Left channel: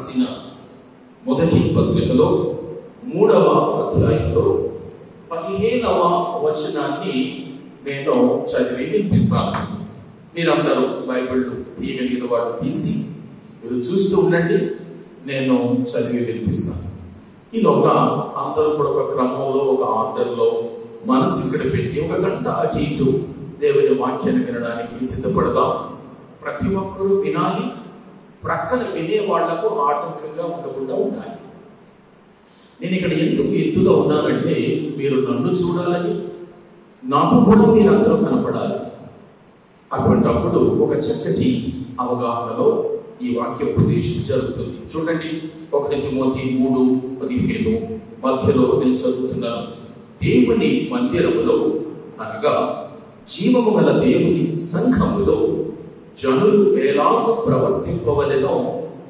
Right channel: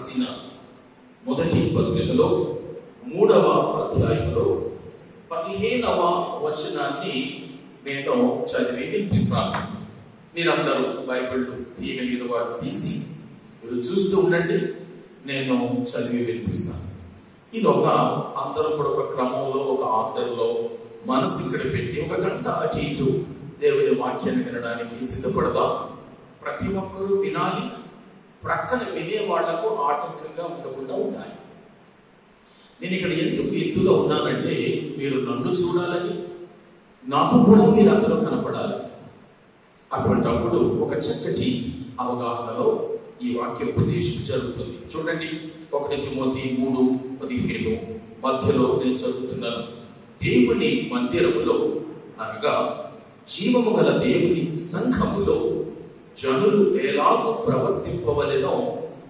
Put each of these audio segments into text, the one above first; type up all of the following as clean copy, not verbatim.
రాసిన మొదటి పత్రికలో 3వ అధ్యాయంలో 15వ వచనాన్ని నేను చదివి వినిపిస్తాను. మీరందరూ బైబిల్ తీయగలిగిన వాడు తీసి మీరు చూస్తూ ఉండండి, నేను చదివి వినిపిస్తాను. ఈలోగా అందరూ కూడా ఒక క్రమంలో, ఒక ఆర్డర్లో మనసు ఇక్కడ పెట్టి ఒక గంట అటు ఇటు దేవుని వాక్యాన్ని వినడానికి సిద్ధపడదాం. ప్రతి ఒక్కరూ వినాలి, ప్రక్కన వినే వాళ్లకు ఆటంకంగా ఉండకుండా ఉండాలి. నేను ఇక్కడ ఎందుకు ఎత్తుగా ఉన్నానంటే, మీరు నన్ను చూడాలని, నాకు కూడా మీరందరూ కనపడాలి. అటువంటప్పుడు ఒక చక్కటి అవగాహనలో ఈ వాక్యోపదేశం జరుగుతుంది. చూడండి, 1 తిమోతి 3:15 మధ్యలో నేను చదువుతున్నాను. దేవుని మందిరములో అనగా జీవము గల దేవుని సంఘములో జనులు ఎలాగూ ప్రవర్తింపవలెనో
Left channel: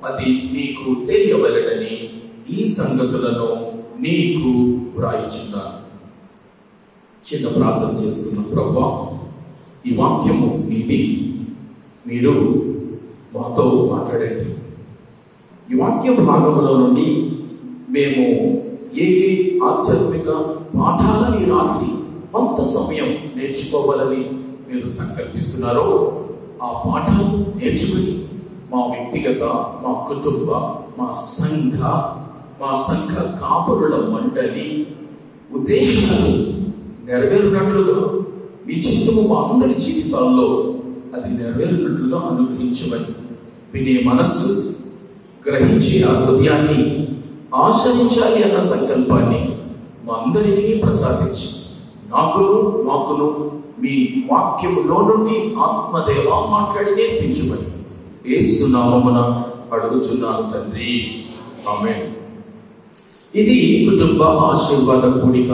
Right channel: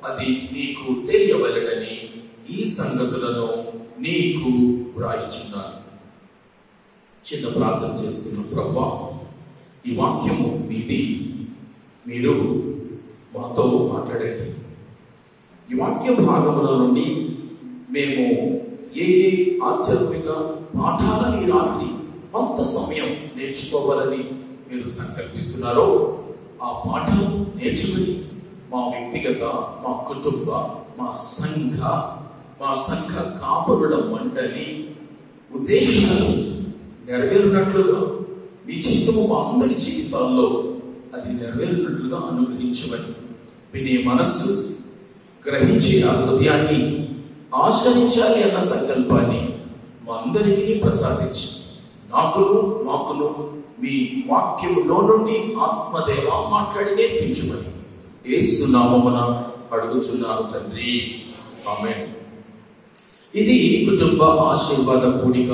అది నీకు తెలియవలెనని ఈ సంగతులను నీకు వ్రాయిచున్నాను. చిన్న ప్రార్థన చేసుకున్న ప్రభువా, ఈ వాక్యము నీది, మీరు మాతో మాట్లాడండి. ఈ వాక్య భాగంలో నుండి మేము ఏ ఆధ్యాత్మిక పాఠాలని రాత్రి కొంత సమయం నేర్చుకోవాలని మీరు సంకల్పిస్తున్నారో ఆ పాఠాలు నేర్చుకుని మా వ్యక్తిగత, మా కుటుంబ, మా సంఘ కాపురుల మండలి ఉద్దేశాలు నెరవేరినట్లుగా మీ చిత్తము మా అందరి జీవితాల్లో అది నెరవేరినట్లుగా అనుగ్రహించమని, వినే మనస్సు, గ్రహించే ఆ హృదయాన్ని ఆచరించాలి అన్న సంకల్పాన్ని మా అందరికీ ప్రసాదించి మాకును మీ వాక్యములో నుండి ఆత్మదేవ మాట్లాడి నేర్పించుమని యేసు నామమున అడుగుచున్నాను తండ్రి, ఆమేన్. ఇది కుటుంబ ఆశీర్వాద కూడిక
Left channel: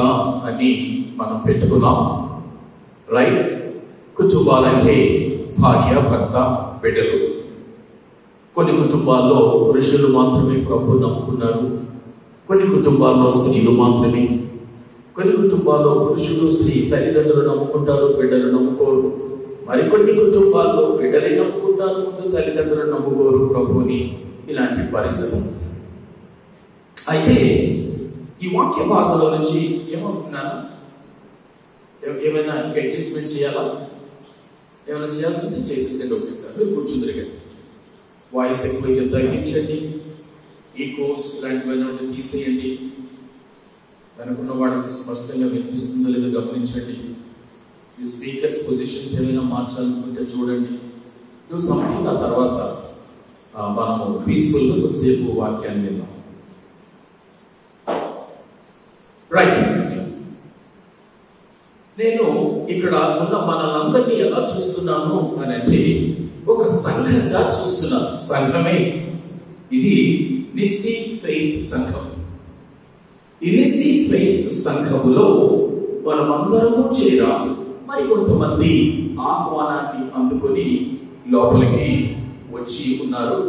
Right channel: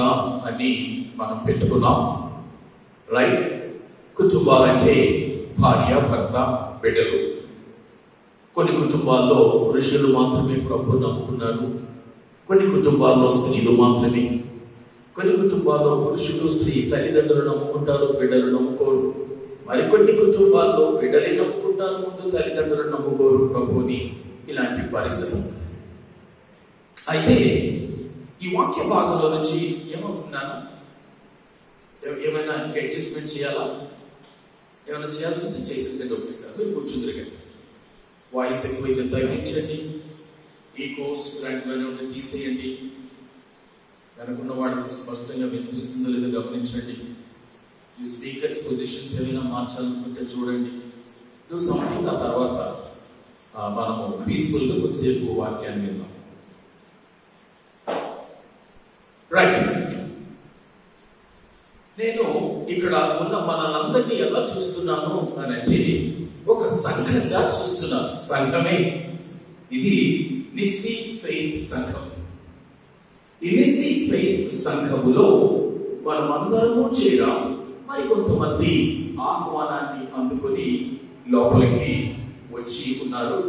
అని మనం పెట్టుకున్నాం, రైట్? కుటుంబాలంటే భార్య, భర్త, బిడ్డలు. కొన్ని కుటుంబాల్లో పురుషులు మాత్రమే ప్రభువును నమ్ముకున్నారు, కొన్ని కుటుంబాల్లో స్త్రీలు మాత్రమే, కొన్ని కుటుంబాల్లో పురుషుడు, స్త్రీ తల్లిదండ్రులు నమ్ముకుంటారు, బిడ్డలు నమ్ముకోరు. మరికొన్ని కుటుంబాల్లో బిడ్డలే నమ్ముకుంటారు, ముందు తల్లిదండ్రులు నమ్ముకోరు ప్రభువుని. ఇలాంటి పరిస్థితి. అయితే ఈ వాక్య భాగంలో నుంచి ఏమవుతున్నాను, ఏమైనా అడ్జస్ట్మెంట్ చేయాలా? ఏమైనా చేయాల్సి ఉంటే చేసేసే పంపిస్తాను. మీరు కూర్చుందరుగా వాయిస్ ఎక్కువైతే తగ్గించండి, ఈ కోర్స్ ఇలాంటివన్నీ తీసేయండి. వెనుకున్న వాడికి స్పష్టంగా వినిపిస్తుందో లేదో గమనించండి. ఈ స్పీకర్స్ పొజిషన్స్ ఏమైనా మార్చాలనుకుంటే చూడండి. నువ్వు సంథింగ్ ఆ తర్వాత మనము పీస్ఫుల్గా కొద్దిసేపు వాక్యాన్ని విన్నాం, రైట్? నేను ఇక్కడ ఉన్న మనందరినీ ఎలా చూస్తున్నాను అని అంటే, ఒక సంఘంగా చూస్తున్నాను. సంఘమే ఇది, నిస్సీ ఫెయిత్ సంఘం. ఈ నిస్సీ ఫెయిత్ సంఘములో మనమందరము చేరాం. మరి కొంతమంది ఆహ్వానాన్ని అందుకొని లోపలికి వచ్చి ఉన్నారు.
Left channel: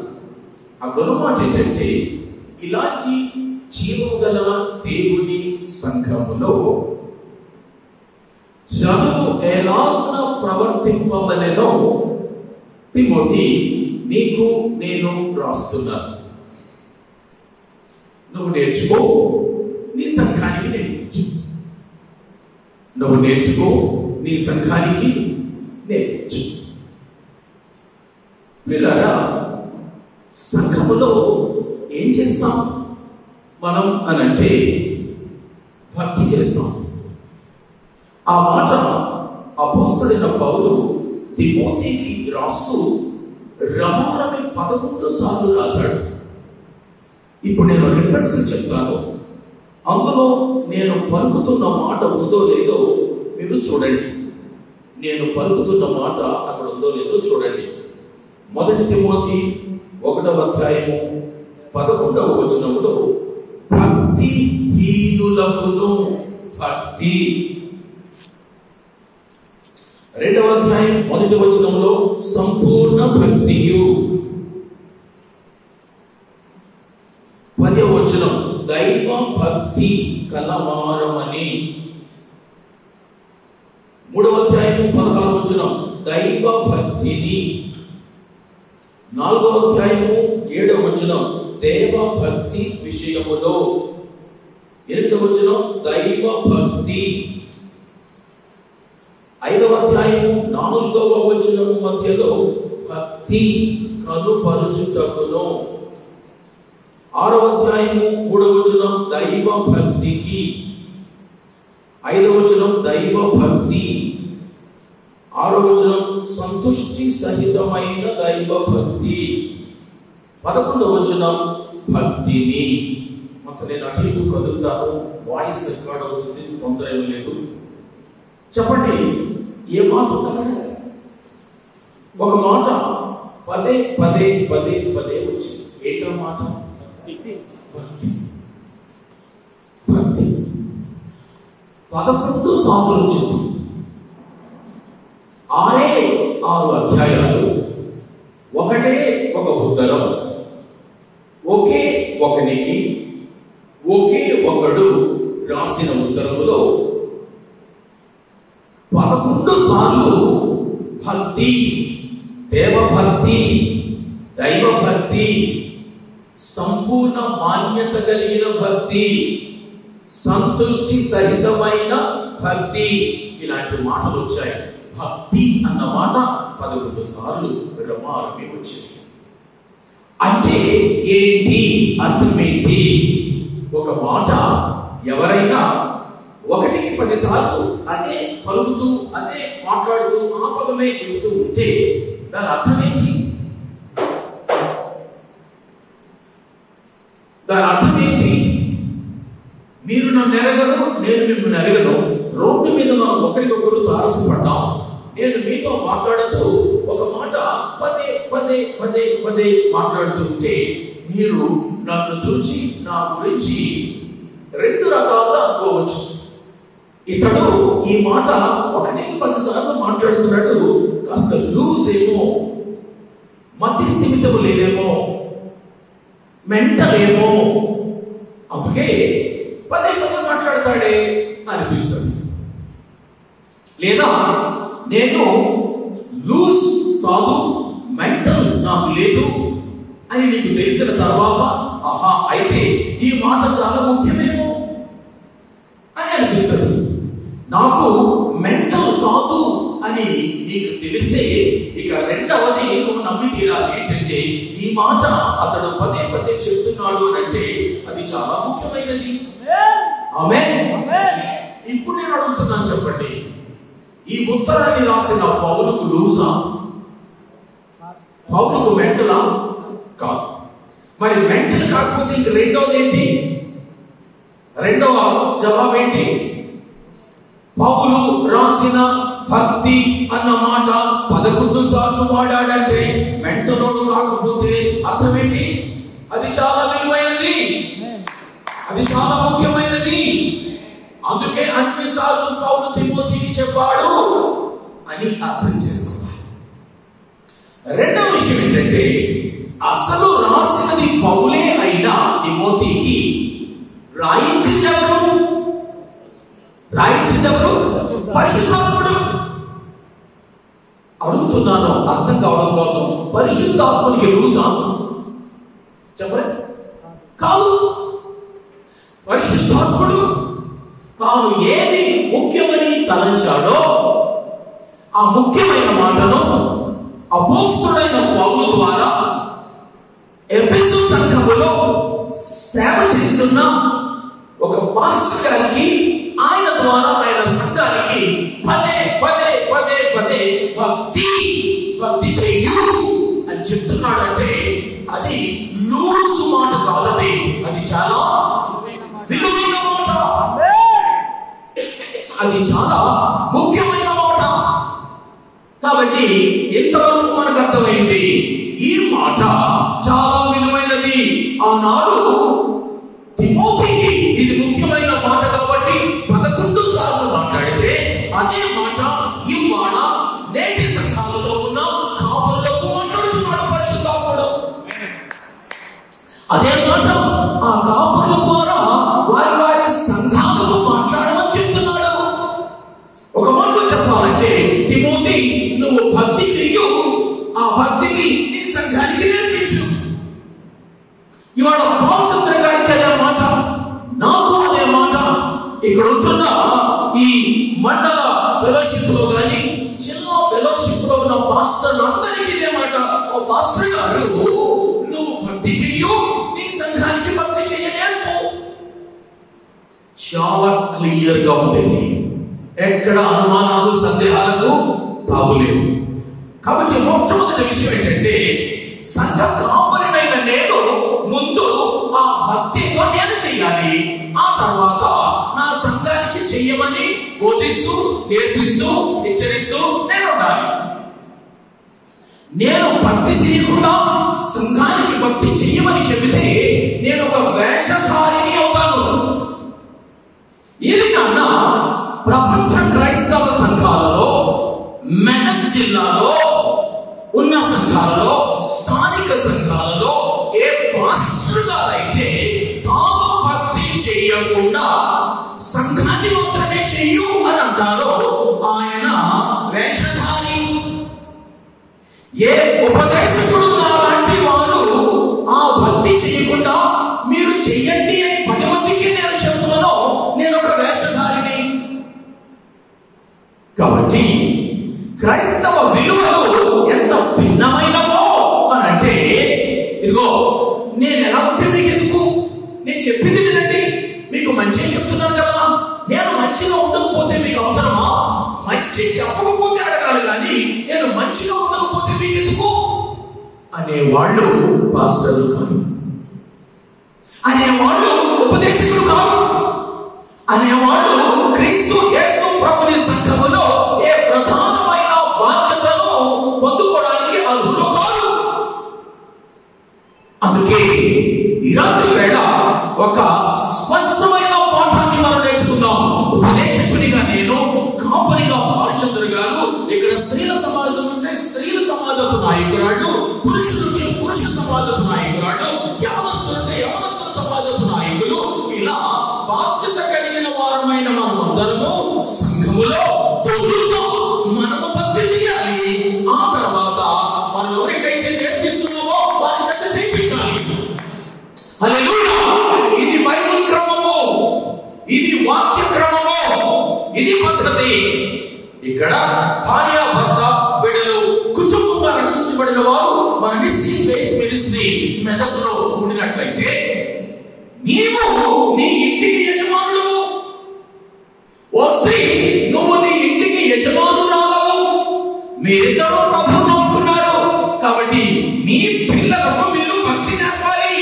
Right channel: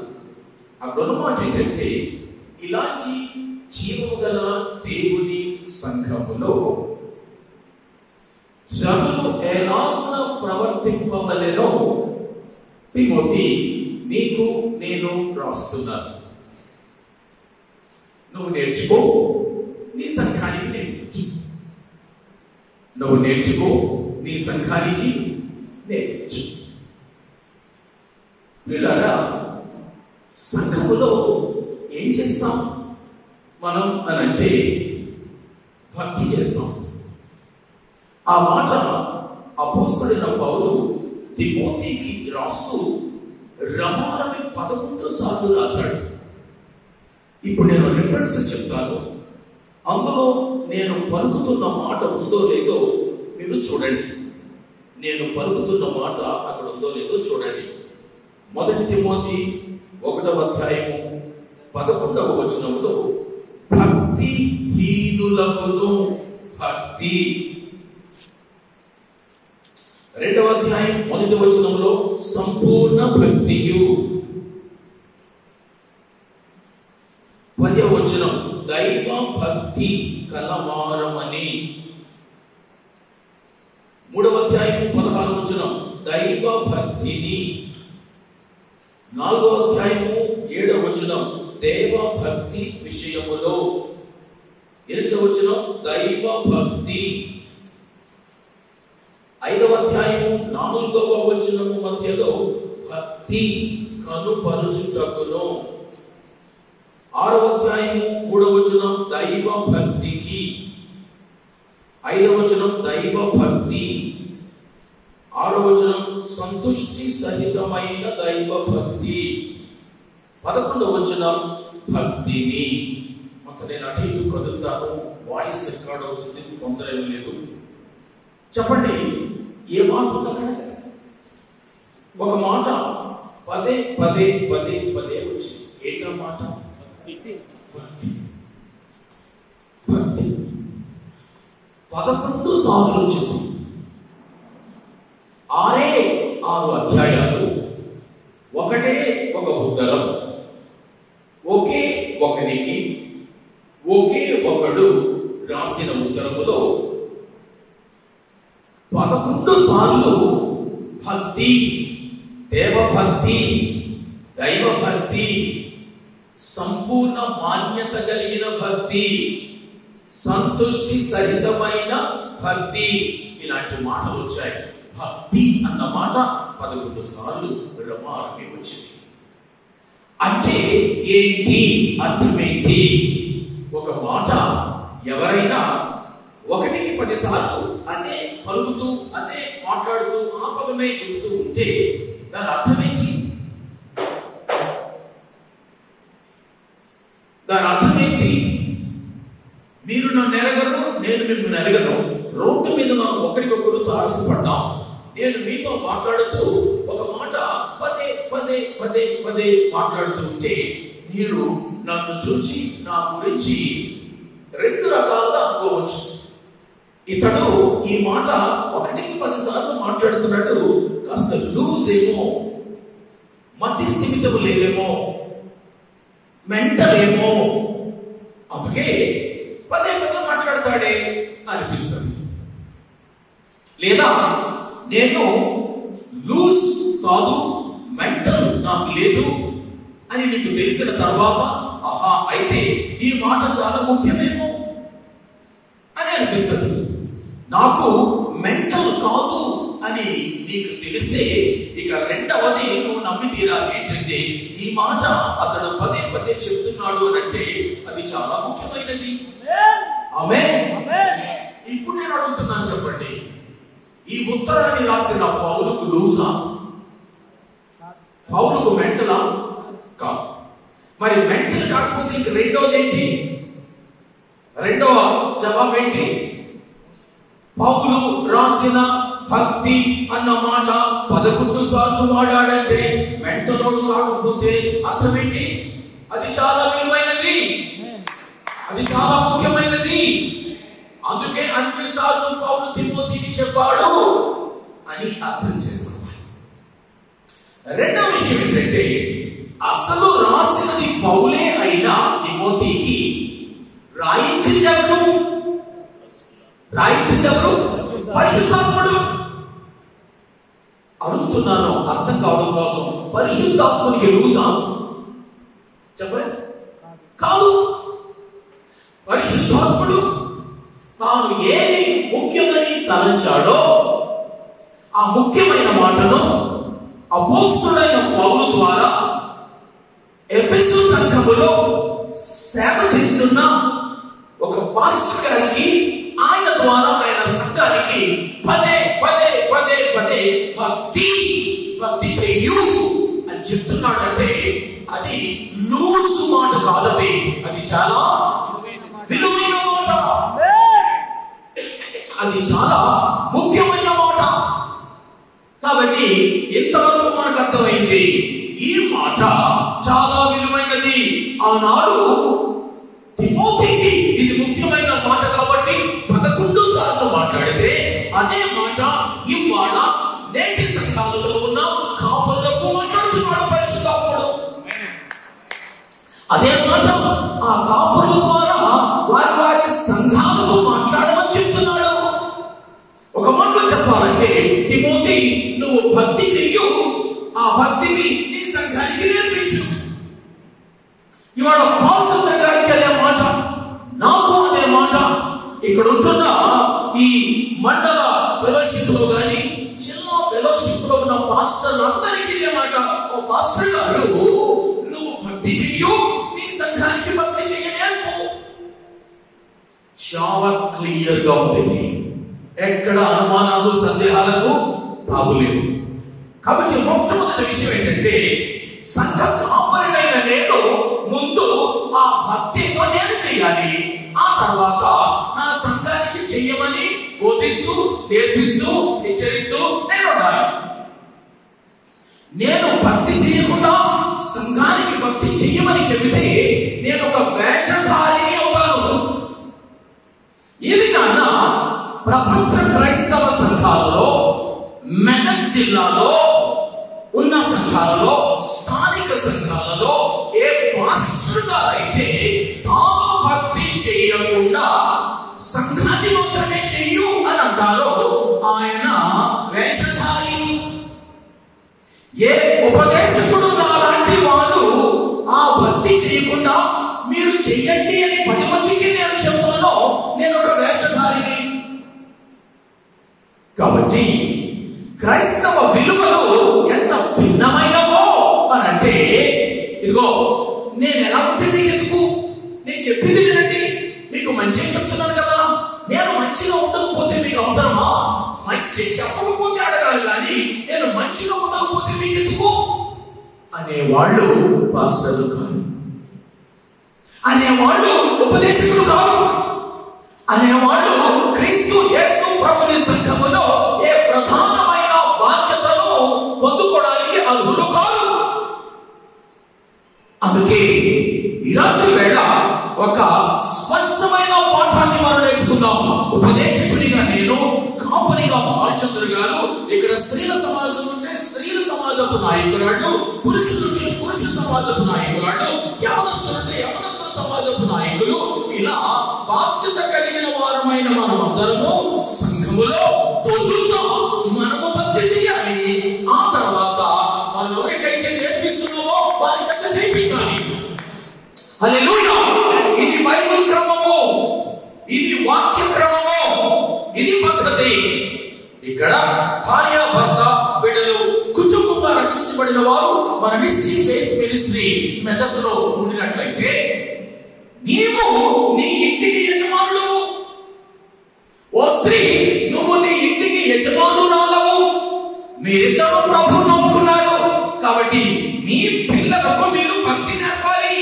అక్కడ మాట ఏంటంటే, ఇలాంటి జీవము గల దేవుని సంఘములో జనులు ఎలాగున ప్రవర్తింపవలెనో తిమోతి నీకు నేను రాస్తున్నాను. నువ్వు నేర్చుకో, నీ సంఘానికి నేర్పించు. నువ్వు నేర్చుకో, నీ సంఘానికి నేర్పించు. వీళ్ళారా సంఘములో ఏం చేస్తాం మనం అనంటే భక్తి చేస్తాం. ఆ మాట అపోస్తలుడైన పౌలు తిమోతికి రాస్తూ రమారమి 11 సార్లు రాశాడు. ఇప్పుడు నేను రిఫరెన్స్ చెప్తాను. అందులో నేను పలుకుతున్న మాట ఉందో లేదో మీరు చూడండి. నేను పలుకుతున్న మాట అక్కడ ఉందో లేదో చూడండి. 1 తిమోతి 1వ అధ్యాయము 11వ వచనములో భక్తి హీనులకును భక్తి. 2వ అధ్యాయం 1వ వచనంలో సంపూర్ణ భక్తియు. 10వ వచనం దైవ భక్తి కలవారమని. 3వ అధ్యాయం 16వ వచనం దైవ భక్తిని. 4వ అధ్యాయము 7వ వచనం దేవ విషయములో. 8వ వచనం దైవ భక్తి. 5వ అధ్యాయము 4వ వచనము మధ్యలో భక్తి కనుపరుచుటకును. 6వ అధ్యాయము 3వ వచనం దైవ భక్తికి. 5వ వచనం దైవ భక్తి. 6వ వచనం సంతుష్టి సహితమైన దైవ భక్తి. 11వ వచనం భక్తిని. మొత్తం నేను అటు ఇటు కదులుతాను, వాయిస్ రికార్డ్ అవుతుంది, తొందర ఏమీ లేదు. చెప్పండి, ఏ మాట ఉందన్నా? ఒక మాట పదే పదే పదే పదే వచ్చింది. ఏంటో మాట? భక్తి. భక్తి 11 సార్లు వచ్చింది. 6 అధ్యాయాలు, ఒకటే ఒక ఉత్తరం, ఒకే ఒకనికి ఒకే ఒకడు రాసిన ఉత్తరములో 11 సార్లు భక్తి, దేవభక్తి, దైవభక్తి, సంపూర్ణ మాన్యత కలిగిన భక్తి, సంతుష్టి సహితమైన భక్తి, ఇలాంటి మాటలు వచ్చాయి. భక్తి అన్న మాట 11 సార్లు రమారమి వచ్చింది. అంటే ఏంటి? అర్థమేంటి? ఒక మాట ఎవరైనా 1కి 10 సార్లు అదే పలుకుతూ, అదే మాట్లాడుతూ, ఆ పదమే చెబుతూ ఉంటే దాని అర్థమేంటి? దాని అర్థమేంటి? మీరు నన్ను ఎరగను, నేను మిమ్మల్ని ఎరగను, రోడ్డు మీద మనం ఒకరికొకరు తారసపడ్డాం. నేను మీతో మాట్లాడుతూ ఒక మాట పదే పదే పదే పదే మాట్లాడుతూ ఉంటే మీరు నన్ను చూచి నా గురించి 2 రకాలుగా అనుకోవచ్చు. ఇతడు ఈ మాట 1కి 10 సార్లు మాట్లాడుతున్నాడు, కాస్త లూజ్ ఏమో, మతి స్థిమితం లేదేమో, మెంటల్ ఏమో, అందుకే పదే పదే మాట్లాడతాడే అనిపిస్తుంది. లేదా నేను లూజ్ కాదు, మెంటల్ నాకు లేదు అని నీకు తెలిసిన తర్వాత, ఆహా అయితే ఈ మాట చాలా ముఖ్యమేమో అని అనిపిస్తుంది. నాకు మెంటల్ కాదు అని నీకు తెలిస్తే ఇక రెండవది నువ్వు నమ్మి తీరాలి. ఏంటంటే ఈ మాట అతడు పదే పదే చెప్తున్నాడు అంటే అది చాలా ముఖ్యమైనది. ఆమేన్. ఇప్పుడు నేను అడుగుతున్నాను, చెప్పండి, ఈ ఉత్తరాన్ని రాసిన పౌలుకు లూజా? పౌలుకు మెంటలా? కాదు. మరి మెంటల్ కాకపోతే ఇంక రెండవది ఏంటి? రెండవ జవాబు ఏంటి? పౌలు రాసిన భక్తి అన్న మాట 11 సార్లు వాడాడంటే మెంటలోడు కాకపోతే అర్థం ఏంటి? అది చాలా విలువైనది, అది చాలా ముఖ్యమైనది. అందుకే అన్ని సార్లు పౌలు తిమోతికి చెప్పాడు అని అర్థం చేసుకోవాలి. రెండవ విషయం ఏంటంటే అసలు రాసినది పౌలే అయినా తిమోతికి రాయించిందెవరు? పరిశుద్ధాత్ముడు. అడుగుతున్నాను అర్థం కావడం కోసం, పరిశుద్ధాత్మునికి లూజా? చెప్పండి. కాదు. పరిశుద్ధాత్ముడు తాను ఏది ముఖ్యమని తలంచాడో ఆ ముఖ్యమైన మాటను అపోస్తలుడైన పౌలు ద్వారా ఎఫెసు సంఘములో సేవ చేస్తున్న ఒక పాస్టర్ గారికి, ఆయన ద్వారా ఆయన సంఘానికి పదే పదే పదే పదే భక్తి చెయ్యు అని చెప్తున్నాడు. అంటే అది లూసు మాట కాదని, అది చాలా విలువైన మాట, అది చాలా ముఖ్యమైన మాట. కాబట్టి ఇంతవరకు మనకు అర్థమైంది, ఈ మాట చాలా విలువైనది. ఆనాడు తిమోతికి ఇది ముఖ్యమైన మాట కాబట్టి 11 సార్లు మాట్లాడితే అదే మాట ఇవాళ నేటి సంఘాలలో ఉన్న కాపురులకు మాట్లాడుతున్నాడు పరిశుద్ధాత్ముడు. అదే మాట ఆ కాపురుల ద్వారా వారి వారి సంఘాలతో మాట్లాడమని చెప్తున్నాడు. ఒక మాటలో చెప్పాలంటే తిమోతి, నువ్వు భక్తి చెయ్యు, ఆ భక్తిని నీ సంఘానికి నేర్పించు. పాస్టర్ గారు నువ్వు భక్తి చెయ్యు, నీ సంఘానికి భక్తి చెయ్యలేము. చాలా క్లియర్ గా ఉండేది, ఎక్కడ అనుమానాలు సందేహాలకు తాగులేదు. కాబట్టి మొట్టమొదటి విషయం ఏంటంటే, సంఘ కాపరినైన నేను ముందు ఆ భక్తి నేను చెయ్యాలి. ఆ తర్వాత నా సంఘానికి చెయ్యమని బోధిస్తూ, నేర్పిస్తూ, హెచ్చరిస్తూ నేను ఉండాలి. నేను భక్తి చేయకుండా సంఘానికి భక్తి చెయ్యమని చెబితే నేను ఒక వేషధారిని అవుతాను. ఇది కన్నా ప్రపంచ క్రైస్తవ సంఘాలలో, మెదక్ జిల్లాలో ఉన్న సంఘాలలో, స్థానిక సంఘాలలో ఏ పాస్టర్ గారైతే తాను భక్తి చేయకుండా సంఘాన్ని మాత్రమే చెయ్యు అని అంటారో ఆయన వేషధారి. ఏ ఉపదేశకుడు నాలాంటి వారు ఆ భక్తి చేయకుండా మీరు చెయ్యండి అని 10 మందికి నేను చెప్తానో నేను ఒక వేషధారిని. కాబట్టి క్రైస్తవ విలువలు ఎంత భిన్నమైనవో అని అంటే, ఇదిగో నేను ఎలా ఉంటే మీకు ఎందుకు, నేను చెప్పింది వినండి, మీకు మంచిగా చెప్తున్నాను కదా, నేను మంచిగా ఉండకపోతే మీకు అవసరమా? మంచి చెప్పకపోతే అడగాలి కానీ నేను మంచిగా ఉండకపోతే మీకు ఎందుకు అనేవాళ్ళు పాస్టర్లు కాదు, అనేవాళ్ళు ఉపదేశకులు కాదు, అనేవాళ్ళు క్రీస్తు యేసు ప్రభుని సంఘములో ఏ ప్రధానమైన బాధ్యతను పొందుకోవడానికి అర్హులు కాదు. అందుకే ఈ రాత్రి వేళ ఒక స్పష్టమైన పాఠాన్ని మనం నేర్చుకున్నాం. ఉపదేశకునిగా నేను, కాపరిగా బాలచంద్ర గారు, ఇక్కడ స్త్రీల సమాజం ఉంటే స్త్రీల సమాజపు నాయకురాళ్ళు, పురుషులకి పురుష సమాజపు నాయకురాళ్ళు, యవనస్తులంటే యవనస్తుల సమాజపు నాయకులు, ఇలా బాధ్యత కలిగిన వారమైన మనమందరము సంఘములో తొలుత మనము భక్తి చేయాలి. ఆ తర్వాత మనం ఎవరికైతే నేర్పిస్తున్నామో వారి చక్క చేయించాలి. హల్లెలూయా! ఇది బైబిల్ క్రమము, ఇది వాక్య క్రమము, ఇది పద్ధతి. ఇక్కడ భార్య భర్త బిడ్డలు కుటుంబంగా రక్షించబడిన వారు మన మినిస్ట్రీ మెదకులో ఉండినట్లయితే, నీవు నీ ఇంటికి యజమానుడు. ఓ స్త్రీ, నువ్వు నీ ఇంటికి యజమానురాలవు. మీరిద్దరూ ప్రభువును నమ్ముకున్నారు కాబట్టి మీ పిల్లలకు మీరు భక్తి నేర్పాలి.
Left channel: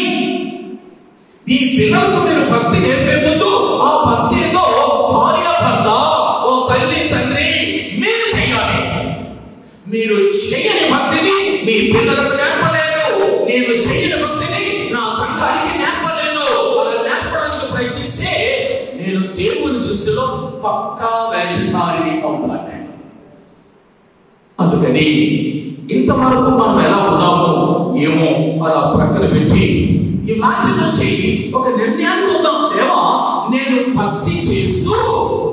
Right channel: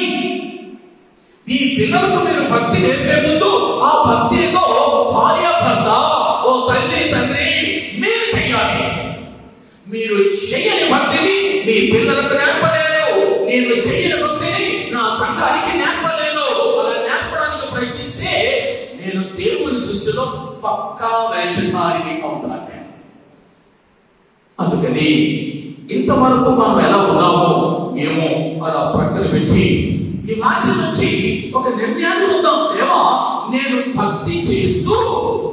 మీ పిల్లలకు మీరు భక్తి నేర్పే ముందు ఆ భక్తిలో భార్య భర్త, ఓ తల్లి తండ్రి మీరు చేయాలి. మీరు చేయని భక్తిని మీ పిల్లలకు నేర్పలేరు, నేను చేయని భక్తిని నా సంఘానికి నేర్పలేను. అలా నేర్పడానికి ప్రయత్నిస్తే నేను దేవుని దృష్టిలో పక్కా వేషధారిని అవుతాను. అందుకని ఇంతవరకు మనం ఎలా ఉన్నామో మేము అలా ప్రక్కన పెట్టి ఈ మాట నుంచి ఒక నిర్ణయాన్ని ఉందాం. దేవా, నేను భక్తి చేస్తూ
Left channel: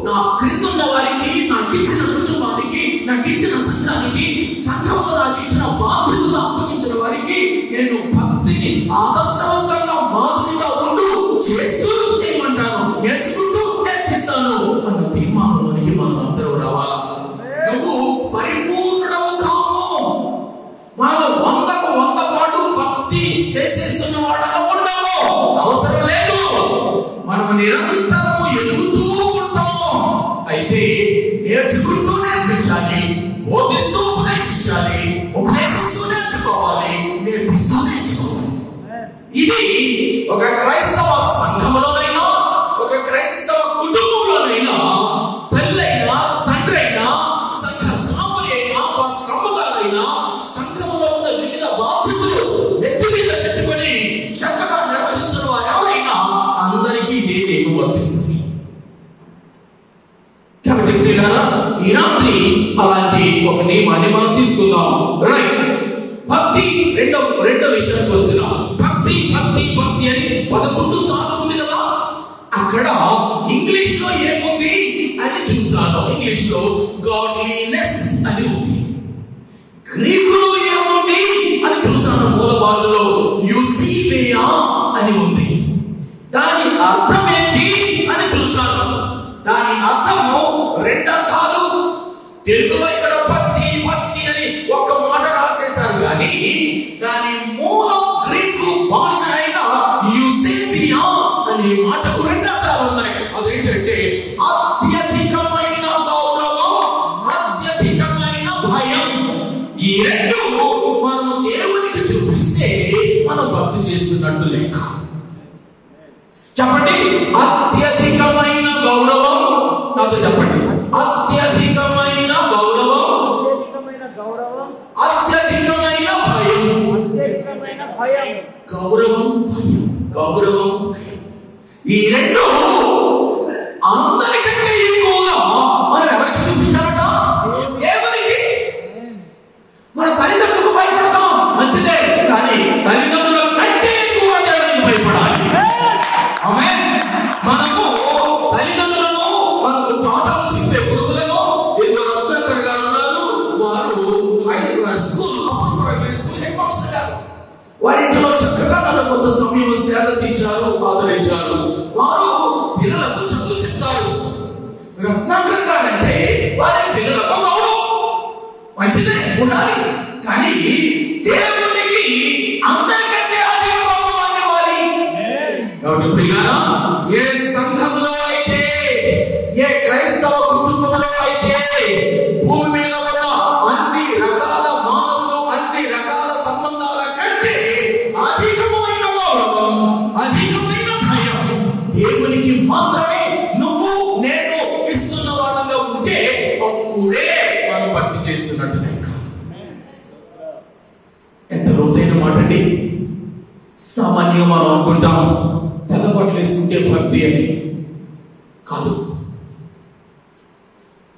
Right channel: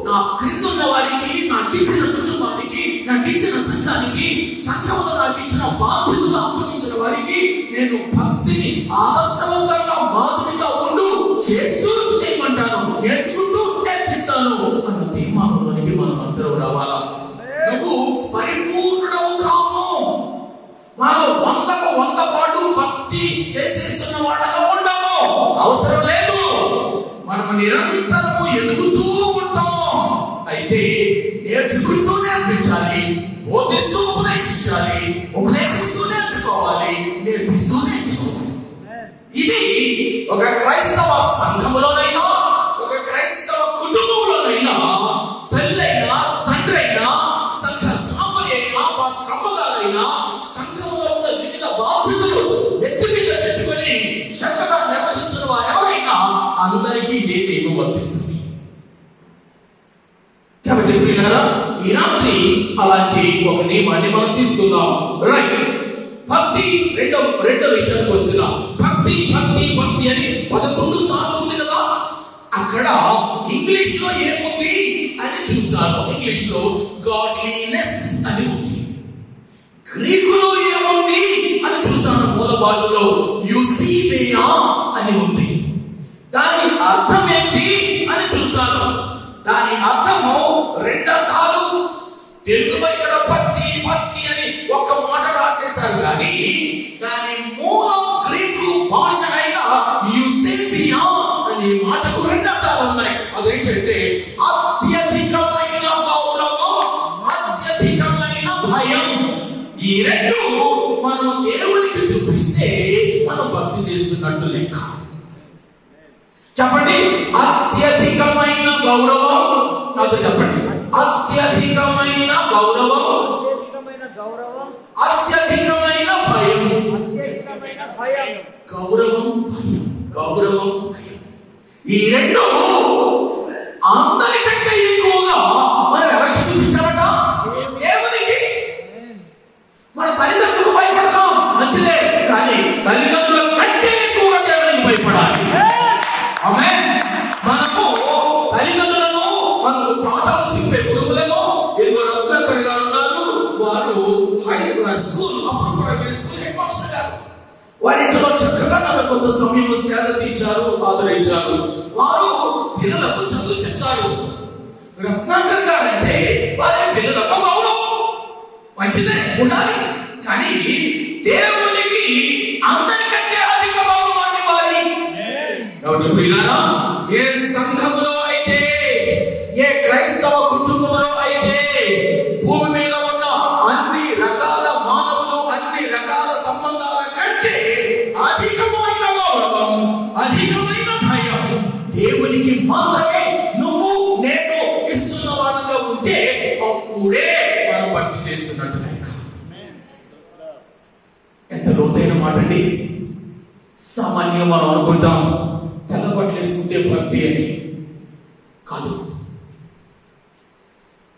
నా క్రింద ఉన్న వారికి, నాకు ఇచ్చిన కుటుంబానికి, నాకు ఇచ్చిన సంఘానికి, సంఘంలో నాకు ఇచ్చిన బాధ్యతలు అప్పగించిన వారికి నేను భక్తిని ఆదర్శవంతంగా మాదిరిగా ఉంటూ చేస్తూ చేయమంటాను, నేర్చుకుంటూ నేర్పిస్తాను అన్న తీర్మానంలోనికి మనం అందరూ రావాలా. నువ్వు పరిపూర్ణుడవు కావు. వాళ్ళు 100 పాటు భక్తి చేసేస్తున్న వాళ్ళగా ఉండవు, అవసరం లేదు. మనం నిరంతరము ఎదుగుతూ ఉంటాం. అయితే నేర్చుకుంటూ నేర్పించాలి, బోధిస్తూ ఉపదేశించాలి, ఉపదేశిస్తూ నేర్చుకోవాలి, నేర్పిస్తూ నేర్చుకోవాలి. ఇది ఒక క్రైస్తవ సంఘములోనైనా, ఒక క్రైస్తవ కుటుంబంలోనైనా, తల్లైనా తండ్రైనా, సంఘ కాపరి అయినా, సంఘాలైనా, సంఘంలో ఉన్న వివిధ బాధ్యతలు నెత్తి మీద పెట్టుకుని చక్కగా నిర్వహిస్తున్న వారు ఎవరైనా అందరికీ ఇదే నియమం వర్తిస్తుంది. కాబట్టి ఈ రాత్రి అలాంటి ఒక నియమాన్ని మనం తీసుకుందాం. రైట్, భక్తి రెండో విషయం చూస్తున్నాం. భక్తి భక్తి భక్తి అని 11 సార్లు ఉంది కదా. అక్కడ ఇంగ్లీష్ లో ఏముంది అని చూస్తాను. ఇంగ్లీష్ లో గాడ్లీనెస్ అని ఉంది. గ్రీకులో ఏముంది అని చూసాను. మూల భాషలో యూసిబియా అని ఉంది. దాని అర్థం ఏంటి అని చూసాను. దాని అర్థము 2 అర్థాలు. తెలుగులో ఇక్కడ భక్తి భక్తి అని ఒక మాట రాసేశారు కానీ మాటకు రెండు అర్థాలు ఉన్నాయి. అదేంటంటే అత్యధికమైన గౌరవం, అత్యధికమైన భయం. ఈ రెండు మనం దేవునికి చూపిస్తే మనం భక్తి చేస్తున్నట్టు లెక్క. చెప్పండి, అత్యధికమైన గౌరవం. నాతో చెప్పండి, అత్యధికమైన గౌరవం, అత్యధికమైన భయం. గౌరవం, భయం, గౌరవం, భయం. ఈ రెండు అందరికంటే ఎక్కువగా మనం ఎవరికి చూపించాలట? దేవునికి. మన తల్లిదండ్రులకు భయపడతాం, మంచిదే, కానీ తల్లిదండ్రుల కంటే ఎక్కువ దేవునికి భయపడాలి. ఆమేన్. మనకు తల్లిదండ్రులను, మనకు పాఠాలు చెప్పే గురువులను ఎన్నో రత్నాకర్ గారు ఉన్నారు. వారు స్కూల్ హెడ్ మాస్టర్ గారు. వారింటిలో చక్కగా మనకు కొంత సమయం సేద తీర్చారు, ఆదరించారు. వారు పిల్లలకు చదువు చెప్తారు. రత్నాకర్ గారు అంటే వారి పిల్లలకు మంచిదే, ఉండాలి, కానీ దేవునికి అందరికంటే అధిక గౌరవాన్ని ఇవ్వాలి. కాబట్టి పిల్లరా, ఏ సంఘంలో అయితే, ఏ క్రైస్తవ కుటుంబంలో అయితే భూమి మీద ఉన్న అన్ని రకాల మానవులు, అన్ని రకాల సంబంధాల కంటే అధికమైన గౌరవం, అధికమైన భయం దేవునికి మాత్రమే నువ్వు నేను ఇస్తున్న వాళ్ళలో ఉంటే అప్పుడే మనం భక్తి చేస్తున్నట్టు లెక్క. ఎంత లోతైన మాట అండి. సామాన్యంగా మనం అనుకుంటాం తెల్లబట్టలు వేసుకుంటే భక్తి అని. కాదు.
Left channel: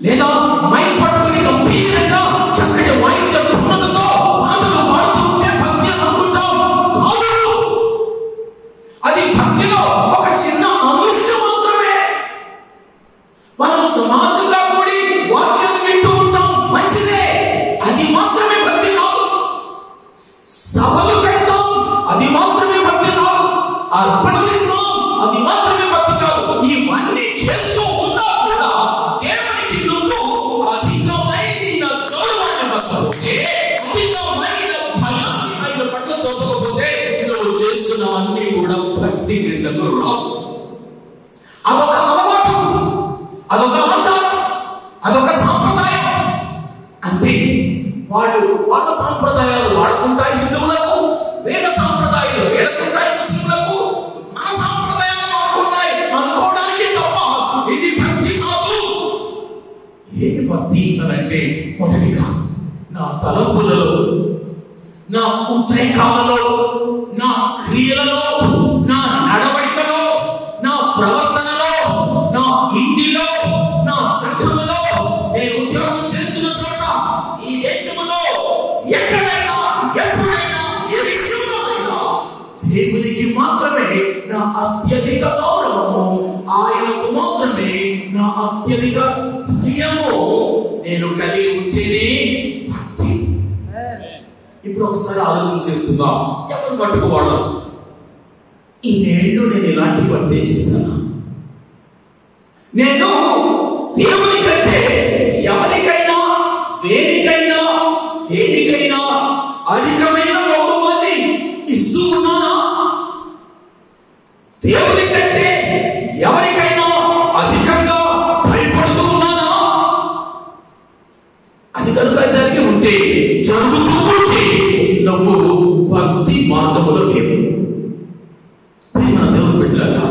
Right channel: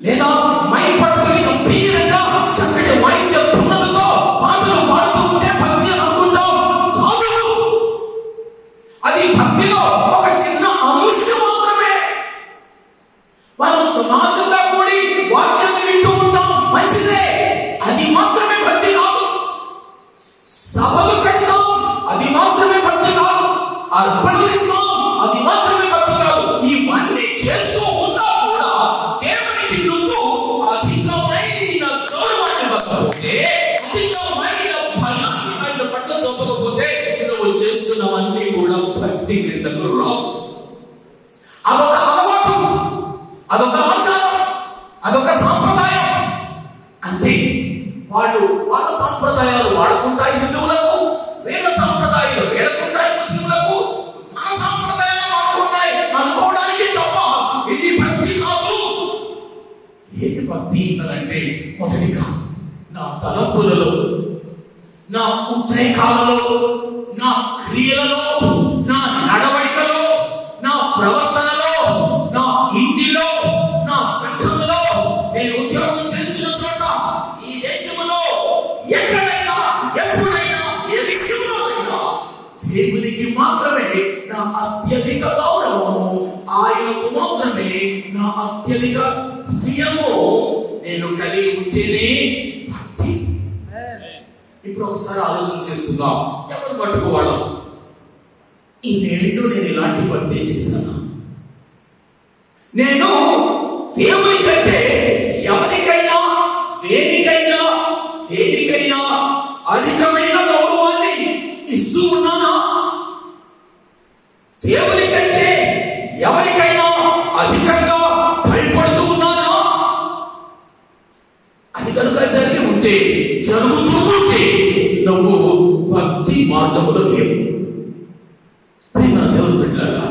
లేదా మై పట్టుకుని గంభీరంగా చక్కటి వాయిద్య ధృవములతో పాటలు పాడుతూ ఉంటే భక్తి అని అనుకుంటాం. కాదు. అది భక్తిలో ఒక చిన్న అంశం మాత్రమే. మనం సమాజంగా కూడి వాక్యాన్ని వింటూ ఉంటాం, మంచిదే, అది మాత్రమే భక్తి కాదు. సభలు పెడతాం, అది మాత్రమే భక్తి కాదు. అర్పణలు ఇస్తాం, అది మాత్రమే భక్తి కాదు. ఇవన్నీ చేస్తూ ఉన్నా కూడా దేవునికి నువ్వు అధికమైన గౌరవాన్ని ఇవ్వకపోతే, అధికమైన భయాన్ని ఆయన పట్ల చూపకపోతే నువ్వు చేస్తున్నవన్నీ కూడా భక్తి క్రిందకు రావు. అదొక అలవాటు, అదొక ఆచారం, అదొక సాంప్రదాయం అంతే. వాళ్ళు వాళ్ళ సాంప్రదాయాలు వాడుకుంటాయి హిందువులకు, వేద సాంప్రదాయాలు వేడుకుంటాయి ముస్లింలకు, మన సాంప్రదాయాలు వాడుకుంటాయి అనుకోవడానికి తప్ప ఇది భక్తి కాదు. ఏది భక్తి అని అంటే, మొదటిగా నా తలపులలో, నా ఉద్రేకాలలో, నా క్రియలలో, నా నడవడికలో, నా ప్రవర్తనలో, నా ఇంటిలో, నా సంఘములో, నేను ఉద్యోగం చేస్తున్న చోట, ఈ దేశంలో ఎక్కడైనా, ఎప్పుడైనా, ఏ విషయంలో అయినా దేవునికి మాత్రమే నా అత్యధిక గౌరవము, ఆయనకు మాత్రమే నా అత్యధిక భయము నేను కలిగి ఉంటేనే భక్తి. ఇప్పుడు ఒకసారి ఆలోచన చేసుకుందాం. ఎవరు పట్టుకోవడం? ఈ నేళ్ళు నేను ఇలాంటి భక్తి చేశాను. నేను దేవునికంటే ఎవరికైనా, వేదికైనా, దేనికైనా అధికమైన గౌరవాన్ని ఇస్తూ ఉన్నానా? దేవునికంటే ఎవరికైనా అధికంగా భయపడుతూ ఉన్నానా? అది కనుక జరిగి ఉంటే, జరుగుతూ ఉంటే నువ్వు భక్తి మార్గంలో లేవు. ప్రేమ దేవుడు పెట్టారా?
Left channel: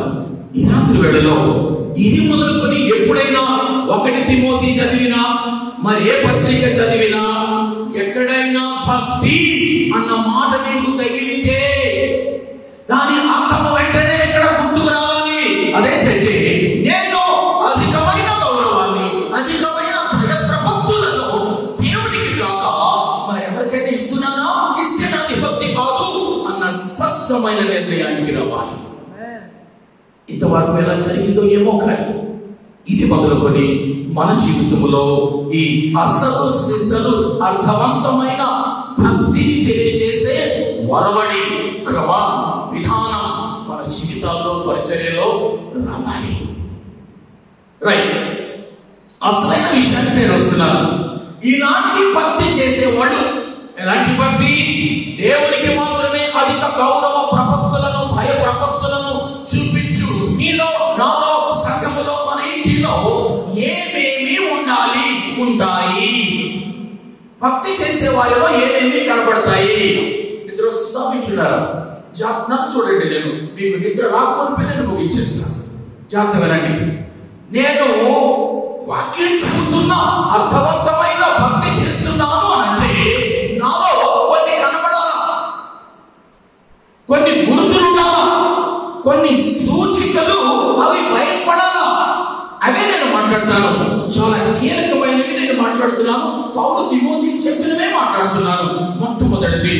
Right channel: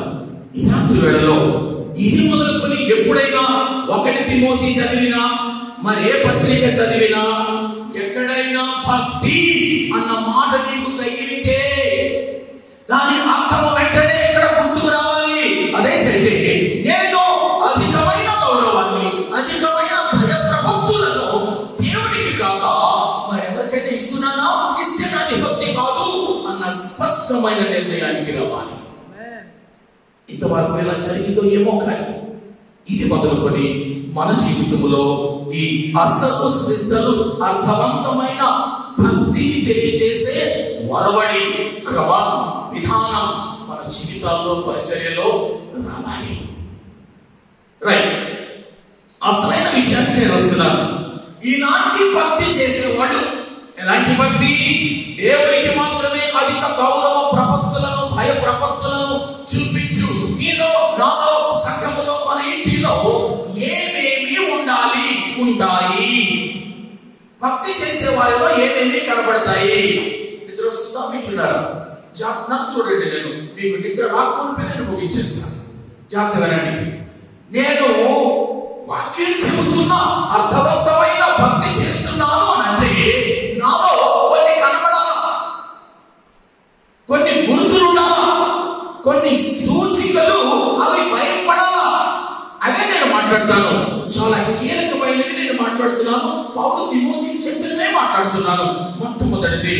ఈ రాత్రి వేళలో ఇది మొదలుకొని ఎప్పుడైనా 1 తిమోతి చదివినా, మరి ఏ పత్రిక చదివినా, ఎక్కడైనా భక్తి అన్న మాట నీకు తగిలితే దాని అర్థం వెంటనే ఎక్కడ గుర్తుకు రావాలి? అదేంటంటే, నేను అధికమైన గౌరవాన్ని, అధికమైన భయప్రభక్తులను దేవుడికి కాక మరి ఎవరికైనా ఇస్తున్నానా? ఇస్తే నాది భక్తి కాదు అన్న స్పష్టమైన నిర్ణయానికి రావాలి. ఇంతవరకు ఎలా జరిగిందో ఏమో, కానీ ఇది మొదలుకొని మన జీవితంలో ఈ అసలు సిసలు అర్థవంతమైన భక్తిని తెలియజేసే వరవడి, క్రమం, విధానం మన జీవితాల్లో, పరిచర్యలో రావాలి. రైట్. అసలైన విషయాన్ని నేను వస్తున్నాను. ఇలాంటి భక్తి చేసేవాడు ఎలాంటి భక్తి? దేవునికి మాత్రమే అధిక గౌరవ ప్రపత్తులను, భయ ప్రపత్తులను చూపించు. ఈ మీలో, నాలో, సంఘములో, మన ఇంటిలో ఏమేమి ఉండాలి? ఉంటాయి. భక్తి చేసే వారిలో ఏమేమి కనబడతాయి? నిద్ర వస్తుందా? వింటున్నారా? నన్ను చూడండి, నేను మీకు నిద్ర రాకపోతే నేను ముగించేస్తాను. జాగ్రత్త వినండి. నేను వాక్యం చెబుతున్నా, అర్థవంతమైన భక్తి చేస్తున్నాను అంటే నాలో కొన్ని కనబడాలా, కొన్ని గుర్తులుండాలా, కొన్ని సూచికలు అవి బయటపడాలా. అవే నేను మాట్లాడతాను. చాలా కీలకమైనవి నేను మాట్లాడుతున్నాను. పౌలు తిమోతికి చెప్పినవే మాట్లాడుతున్నాను. మొట్టమొదటిది,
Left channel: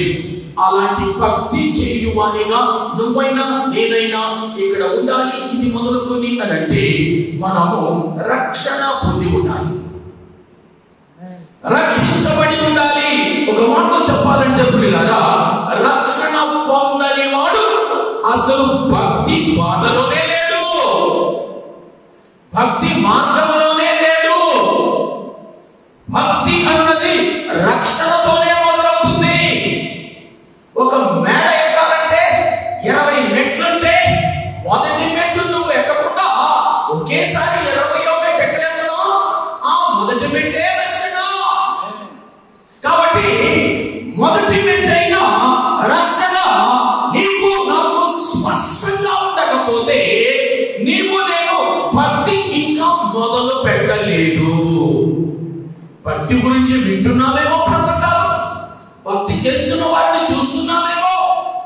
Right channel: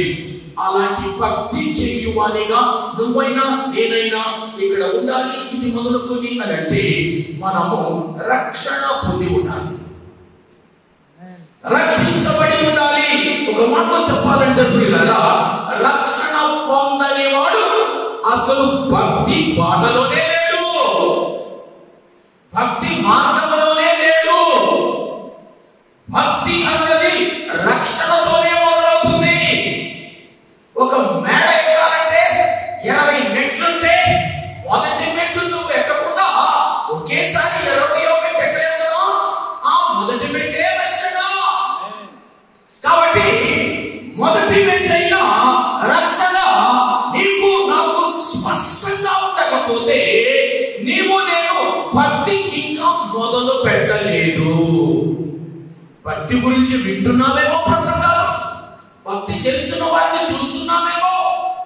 అలాంటి భక్తి చేయువానిగా నువ్వైనా నేనైనా ఇక్కడ ఉండాలి. ఇది మొదలుకొని అంటే మనము రక్షణ పొంది ఉండాలి, రక్షించబడి ఉండాలి. ఒక మాటలో చెప్పాలంటే పిల్లరా, రక్షణ పొందని వాడు అసలు భక్తి బాటలోనే లేడు, భక్తి మార్గంలోనే లేడు. భక్తి అన్నది రక్షణతోనే మొదలవుతుంది. ఒక మేడ ఎక్కాలంటే 20 మెట్లుంటే మొదటి మెట్టు నువ్వు ఎక్కకుండా ఒకేసారి 20వ మెట్టు ఎక్కలేవు కదా. ఆ మొదటి మెట్టే రక్షణ. కాబట్టి మొదటి మెట్టైన రక్షణ నీకు నాకు స్పష్టంగా ఉండకపోతే నీవు నేను భక్తి ఇంకా మొదలు పెట్టలేదు. భక్తి గురించి వింటున్నావేమో ప్రసంగాలు, భక్తి చేస్తున్న వారిని చూస్తున్నామేమో,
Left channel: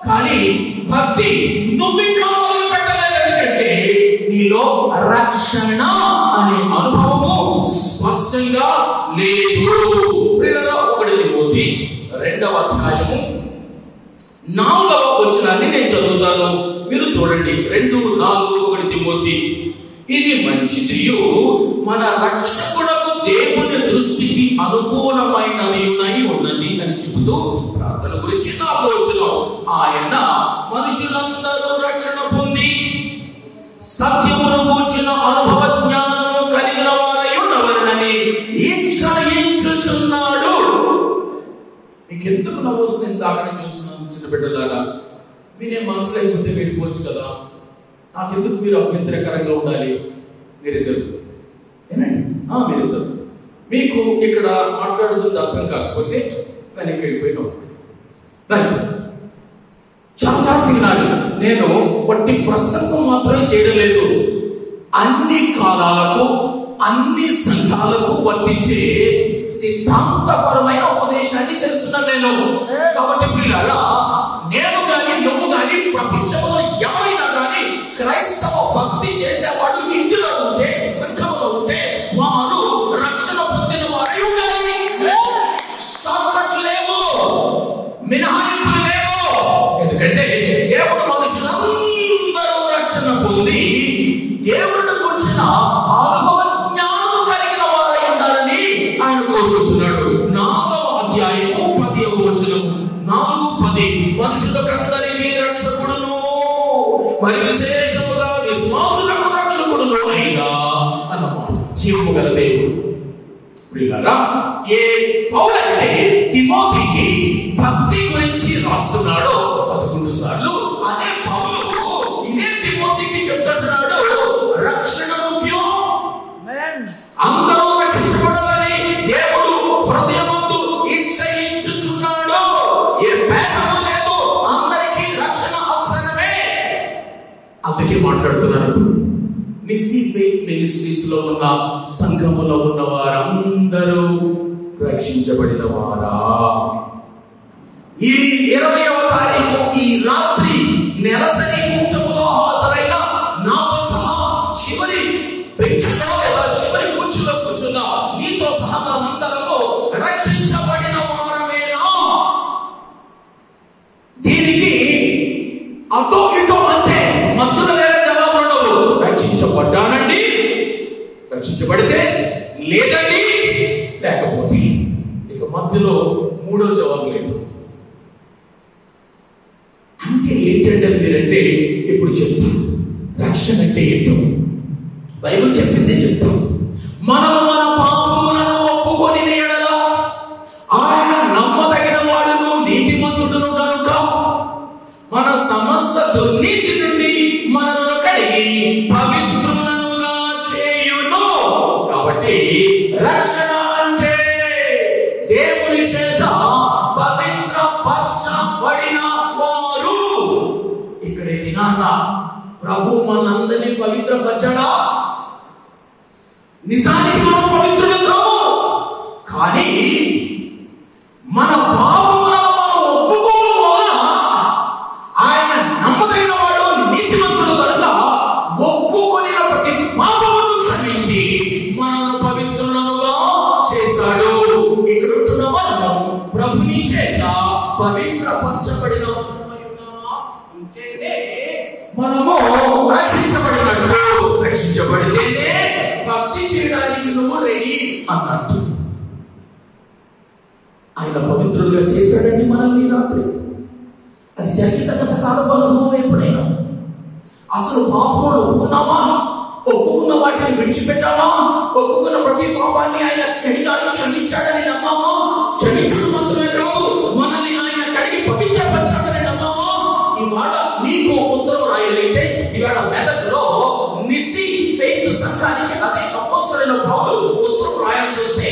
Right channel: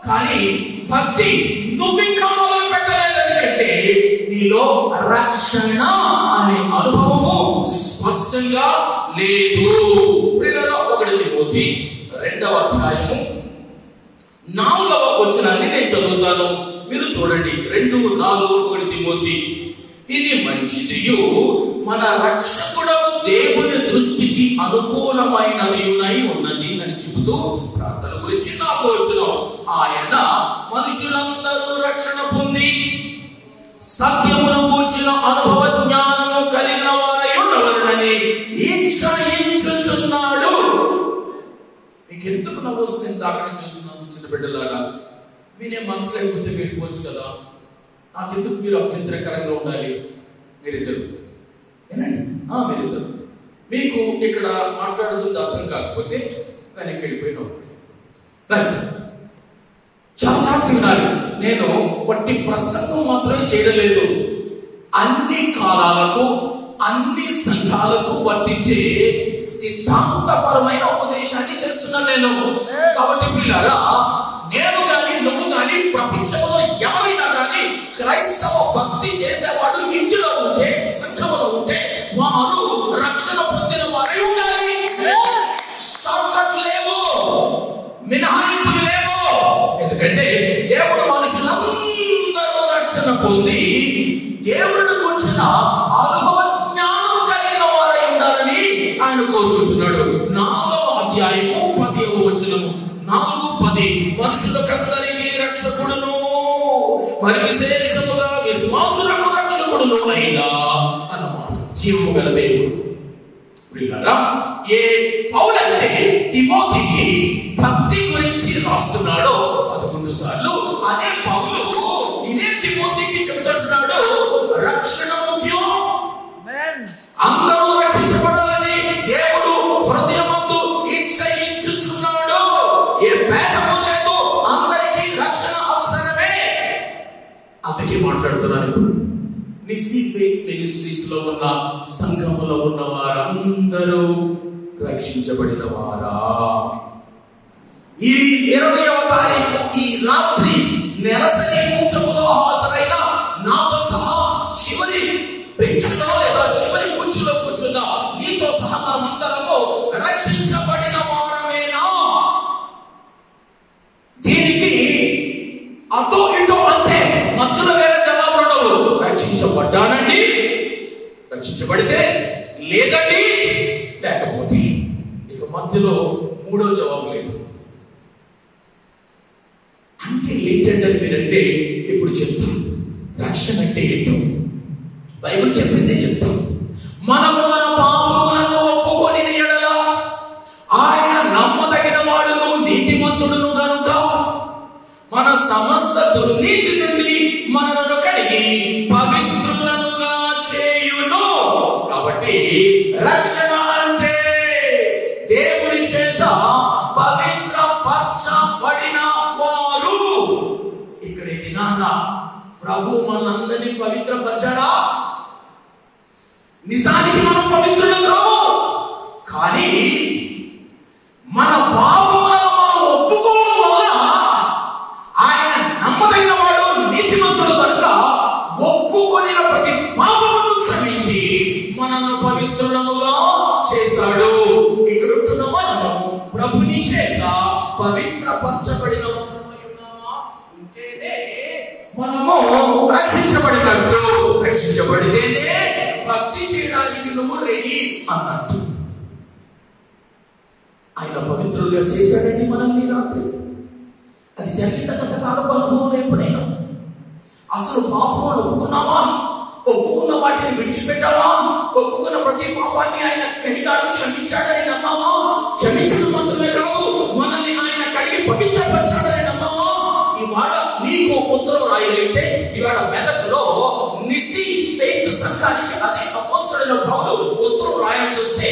కానీ భక్తి నువ్వు ఇంకా మొదలు పెట్టలేదు. ఎందుకంటే నీలో రక్షణ అనే అనుభవము స్పష్టంగా లేదు. 1 తిమోతి 2వ అధ్యాయము 4వ వచనాన్ని నేను చదువుతాను, మీరు చూడండి. 2:4 1 తిమోతి. ఇది మంచిదియు మన రక్షకుడకు దేవుని దృష్టికి అనుకూలమైనవి ఉన్నది అని చెబుతూ ప్రార్థన గురించి 4వ వచనం, ఆయన మనుషులందరూ రక్షణ పొంది సత్యమును కూర్చిన అనుభవ జ్ఞానము కలిగిన వారై ఉండవలెనని ఇచ్ఛయించుచున్నాడు. మీకు ఎందుకు నవ్వొస్తుంది? నేను దాకా చూస్తున్నాను చిన్న బిడ్డలారా. మీరే మనసు లేకపోతే వెళ్ళిపోవచ్చు కదా. నాకెందుకు మీరు అభ్యంతరకరంగా ఉండాలి? మీరిద్దరు ఏనండి, మీరిద్దరు. మీకు ఇక్కడ మాట్లాడుతుంది అర్థం కాకపోతే వెనక్కి వెళ్ళిపోయినాం. చాలా తినాలి. నేను వట్టి ప్రసంగం మాత్రమే చేయడం లేదు, అన్ని కాలాలకు అన్ని సంఘాలకు వర్తించే సిద్ధాంతపరమైన ఉపదేశాన్ని చేస్తున్నాను నేను. కాబట్టి పిల్లరా, నేను కానీ నువ్వు కానీ ప్రపంచంలో ఎవరైనా కానీ క్రైస్తవ భక్తి చేసేవాడు ఇంటిలో ఉంటే, సంఘంలో ఉంటే వారు రక్షణ పొందిన వారై ఉండాలి. షార్ట్కట్ లేవు, మినహాయింపులు లేవు. ఎందుకంటే దేవుడు మనుషులందరూ రక్షణ పొంది దేవుడు కూర్చున్న అనుభవ జ్ఞానం కలిగిన వారై ఉండాలని ఆయన కోరుకుంటున్నాడు. 4వ అధ్యాయము 10వ వచనము 4:10 మనుషులకందరికీ రక్షకుడును మరి విశేషముగా విశ్వాసులకు రక్షకుడును అయినా అన్నమాట. జీవము గల దేవుడు. పిల్లరా, ఏ పౌలంటే తిమోతికి భక్తి గురించి రాస్తున్నాడో 11 సార్లు అదే పౌలు ఇదే తిమోతికి చెప్తున్నాడు, రక్షణ ముఖ్యం, అందరూ రక్షించబడాలని దేవుడు హృదయమందు ఇచ్ఛయించుచున్నాడు. ఏ భేదము లేదు, అందరికీ రక్షణ అవసరమే. అందుకే మాట్లాడుతున్నాను. మిస్సీ ఫెయిత్ మినిస్ట్రీస్ లో ఉన్న సంఘములో ఉన్న వారందరూ రక్షించబడిన వారా? ఈ 20వ తారీఖు ఈ రాత్రి నెలసరి కూటములో హాజరైన నాతో సహా చివరి బెంచ్లో లేదా చివరి కుర్చీలో కూర్చున్న నీతో సహా మనమందరము రక్షించబడిన వారమేనా? దీనికి అటో ఇటో అంటే మధ్యలో వేరే జవాబులు ఉండవు. రక్షించబడ్డానండి, రక్షించబడితే లేదండి, లేకపోతే. ఇక మధ్యలో 3వ జవాబు లేదు. అంటే ఏంటంటే మీరంటే ఇప్పుడు చెప్తాను. రక్షణ అంటే ఏంటో బైబిల్ చెప్పిందే చెప్తాం. మనము మన పాపములను ఒప్పుకొని ఎడల ఆయన నమ్మదగిన వాడును నీతిమంతుడును కనుక మన సమస్త దుర్నీతి నుండి మనలను కడిగి కాబట్టి రక్షణ అంటే దేవుని చేత పవిత్ర పరచబడిన వారు. ఇక్కడ దినాన ప్రభు మనందరినీ పవిత్రపరచాడా? నిజానికి మనం పవిత్రులు కావు, కానీ మన పాపములను మనం ఒప్పుకోవడం వల్ల ఆయన నమ్మదగిన వాడు, నీతిమంతుడు కనుక ఒప్పుకొని ప్రతి పాపమును క్షమించి మనల్ని పవిత్రులుగా చేశాడు. ఇక్కడ ఉంటున్న మనము ప్రభుని చేత పవిత్రపరచబడిన ఉంటేనే మనము రక్షించబడినట్టు. రక్షించబడితేనే భక్తి చేయడానికి నువ్వు రెడీ అన్నట్టు. ఆయన పవిత్రులుగా చేశాడండి మనల్ని రాత్రి. అది జరిగిన గత కాలంలో ఎప్పుడైనా అసలు పాపములు ఒప్పుకున్నావా? ఒప్పుకున్న వాటిని విడిచిపెట్టావా? ఒప్పుకున్న ప్రతి పాపాన్ని ఆయన కడిగాడు, క్షమించాడని నమ్మావా? క్షమించడం మాత్రమే కాదు, మనల్ని ఆయన కడిగి పవిత్రపరచాడని నమ్మావా? ఇవాళ నీకు ఉత్తరం రాయలైతే ఇవాళ మెదక్లో నిస్సి ఫెయిత్ సంఘానికి అదే అపోస్తలుడైన పౌలు ఉత్తరం రాయాల్సి వస్తే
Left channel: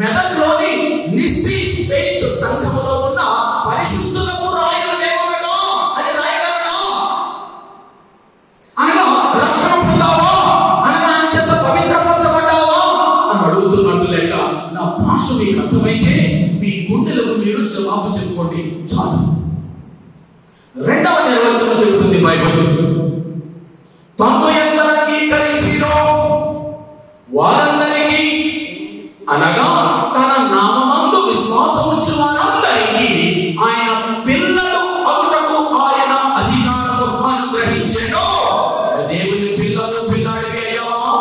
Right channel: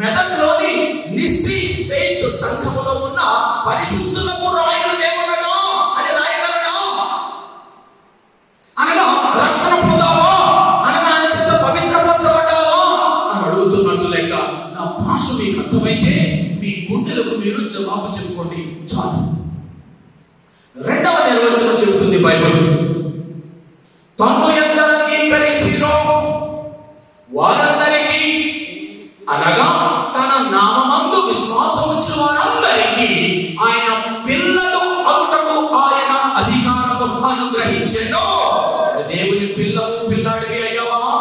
మెదక్లోని నిస్సి ఫెయిత్ సంఘములో ఉన్న పరిశుద్ధులకు రాయల దేవుడగా అని రాయగలడా? అనగా రక్షణ పొందావా? అనగా ఆయన చేత పవిత్రపరచబడ్డావా అని అడుగుతున్నట్టు లేక నా భాష మీకు అర్థమైతే మీ గుండెలకు మీరు జవాబు చెప్పుకోండి చాలు. రెండవ నిర్వచనం చెబుతుంది బైబిల్, తన్ను ఎంత అంగీకరించినో వారందరికీ, అనగా తన నామమందు విశ్వాసం ఉంచిన వారందరికీ ఆయన పిల్లలు అవుటకు ఆయన అధికారము అనుగ్రహించెను. దేవుని పిల్లాడివి అయ్యావా?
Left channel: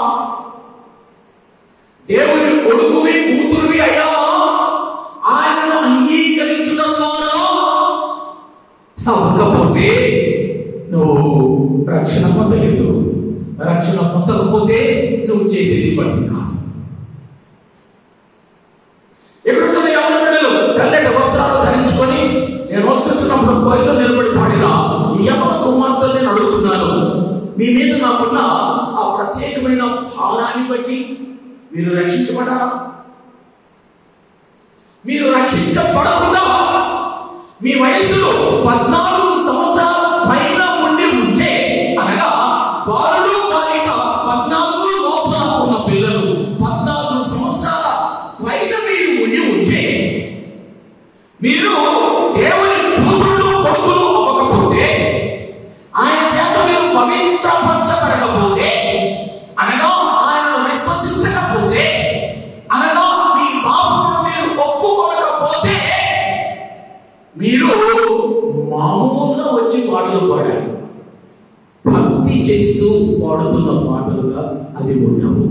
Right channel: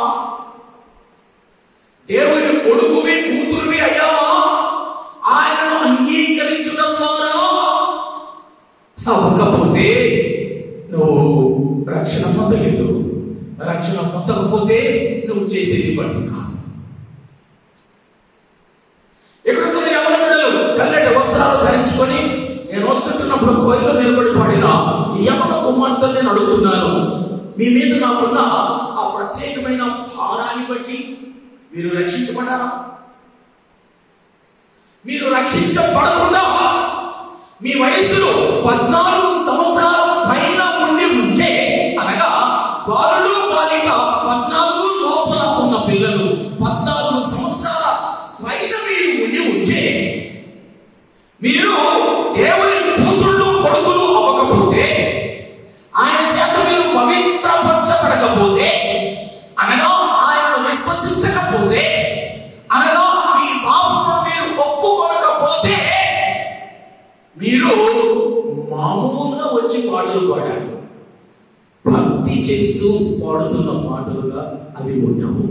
దేవుని కొడుకువి కూతురువి అయ్యావా? ఆయనను అంగీకరించడం ద్వారా అవ్వకపోతే నువ్వు రక్షణ పొందలేదు. రక్షణ పొందకపోతే నువ్వు చేసేది భక్తి కాదు. ఎక్కడున్న ఎవరి బిడ్డలు తెల్లటి వస్త్రాలు ధరించుకొని నేను వస్తున్నప్పుడు కోయిలో నిలబడి పాడిన ఈ యవన కుమార్తెను నేను అడుగుతున్నాను, మీ మీద నాకున్న ఆ ప్రత్యేకమైన భావాన్ని బట్టి మీరు రక్షించబడారా? మీరు రక్షించబడకుండా మీ వయసులో 14 సంవత్సరాల పైన ఉండి ఉంటే, అనగా బాలుడు బాలిక 14 లోపల ఉన్న పిల్లలు 14 సంవత్సరాల పైన మీరు ఉండి ఉంటే, మీరు దేవుని కూతురు కొడుకులు అవ్వకపోతే, ఆయన చేత మీరు పవిత్రపరచబడకపోతే, అనగా ఆయన విశ్వసించకపోతే, అనగా మీ పాపమును మీరు ఒప్పుకోకపోతే, మీరు మామూలుగా వచ్చి పాటలు పాడాలి, భక్తి చేస్తూ పాడుతున్న పాటలుగా అవి ఉండవు.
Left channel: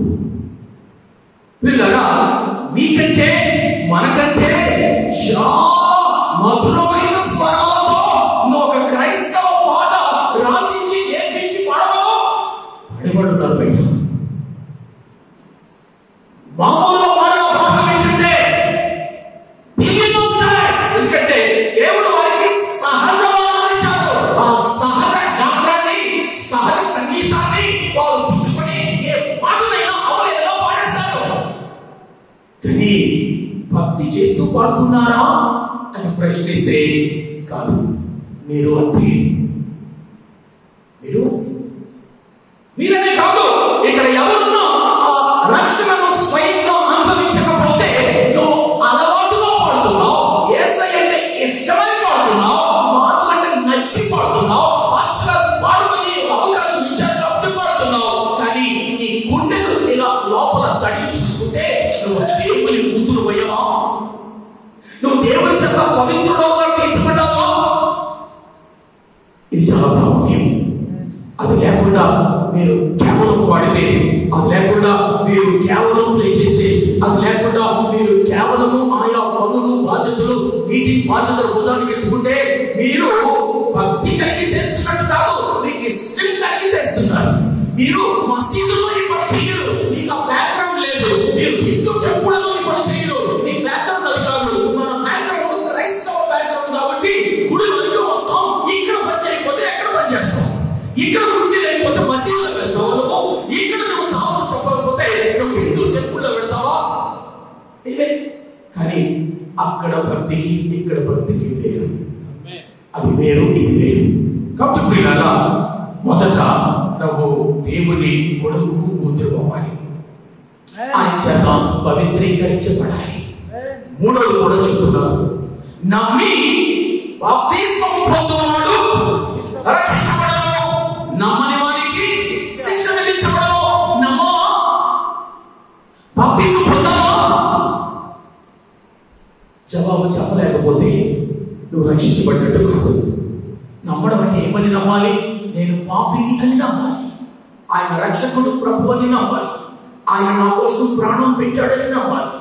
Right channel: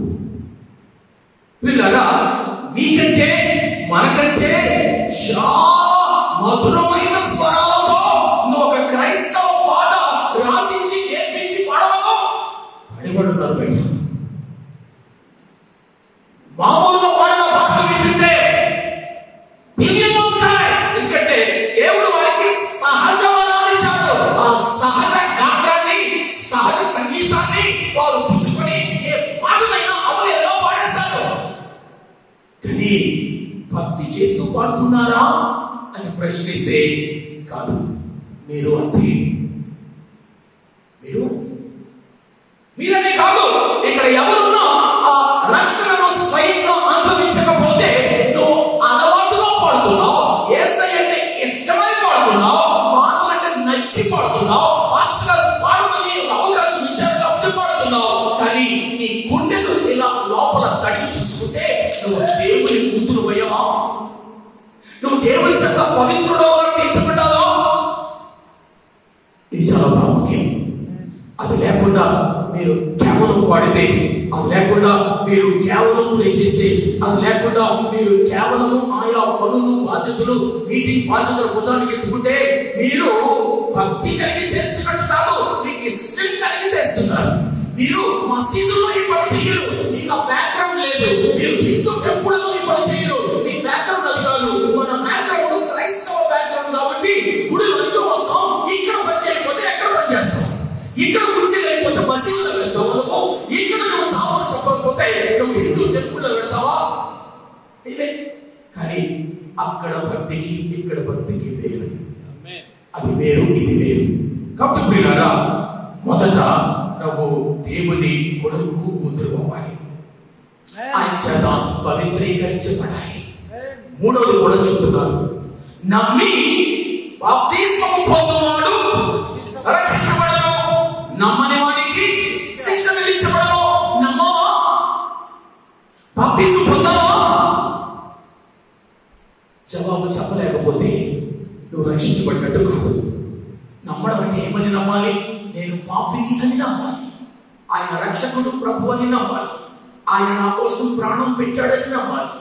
పిల్లగా మీకంటే మనకంటే చాలా మధురమైన స్వరాలతో ఒక క్రైస్తవ పాట రాసించి నేర్పించి పాడవో పడిపడుతున్నారు బయట. మామూలుగా పాడవ పాట వింటుంటే దివ్యంగా ఉంటాయి. ఎందుకంటే దేవుడు వారికి సహజ వరాలు ఇచ్చాడు. ఆ సహజ గాత్రాన్ని, సహజ సంగీతాన్ని వారు పుచ్చుకొని ఏ పాటనైనా అవలేదుగా పాడేస్తారు. కానీ భక్తి చేస్తూ పాడుతున్నారా అని ప్రశ్నిస్తే కాదు, మీరు అంతే, మీరు మీరనే కాదు, ఇక్కడ ఎవరున్నా ఆ రక్షణను స్వయంగా అనుభవించకపోతే నువ్వు అలవాటుగా పాడుతున్నావు, యేసయ్యని ఇష్టమై పాడుతున్నావు, పాటలంటే నచ్చి పాడుతున్నావు, పాస్టర్ పాడుకుని అవకాశం ఇచ్చారు కాబట్టి పాడుతున్నావు. కానీ నీ గుండెను ఇలా లోపల తడిగి చూసుకుంటే నువ్వు దేవుని కూతురు అయ్యావా? నువ్వు దేవుని చేత పవిత్రుడుగా తీర్చబడ్డావా? ఇది చాలా ప్రాముఖ్యం. అది లేకుండా మీరు కేవలం పాడితే, అది లేకుండా మీరు కేవలం ప్లే చేస్తే, అది లేకుండా మీరు కేవలం ఆయా పనులు బాధ్యతలు మీటింగ్ బాధ్యతలు భుజానికి ఎత్తుకుంటే మీరు భక్తి కలిగి చేస్తున్నట్టు కాదు, మీకు ఇష్టం కలిగి చేస్తున్నారు. మీరు మసీదులో ఈ పని చేయరు, మీకు ఆ బ్యాక్గ్రౌండ్ లేదు. మీరు హిందూ టెంపుల్లో ఈ పని చేయరు, మీ బ్యాక్గ్రౌండ్ అది కాదు. మన బ్యాక్గ్రౌండ్ క్రైస్తవ బ్యాక్గ్రౌండ్ కాబట్టి గుడి వరకు వస్తాం, ఇక్కడ పని చేయకపోతే ఎక్కడ పని చేస్తాం, ఇక్కడ కుర్చీ లేకపోతే మసీదులో వేస్తావు, ఇక్కడ నువ్వు చావులు చెప్పకపోతే నువ్వు హిందూ టెంపుల్ భక్తికి ఇక్కడ భక్తికి వేరు. అది వేరు, ఇది వేరు. కాబట్టి ప్రియులారా, మొదట నువ్వు దేవుని కొడుకు కూతురు అవ్వాలి, ఆయన చేత పవిత్రీకరించబడాలి. మూడోది కూడా చెప్తున్నాను, నమ్మి బాప్తిస్మము పొందువాడు రక్షించబడను, నమ్మని వాడికి శిక్ష విధించబడను. నమ్మవా? బాప్తిస్మం పొందావా? జవాబు చెప్పలేకపోతే నువ్వు రక్షించబడినట్టు కాదు. నమ్మడం అంటే ఏమని నమ్మాలి? నేను పాపిని అని నమ్మాలి, ఆయన రక్షకుడు ప్రభు అని నమ్మాలి, ఆయన నా కోసం ప్రాణం పెట్టాడని నమ్మాలి,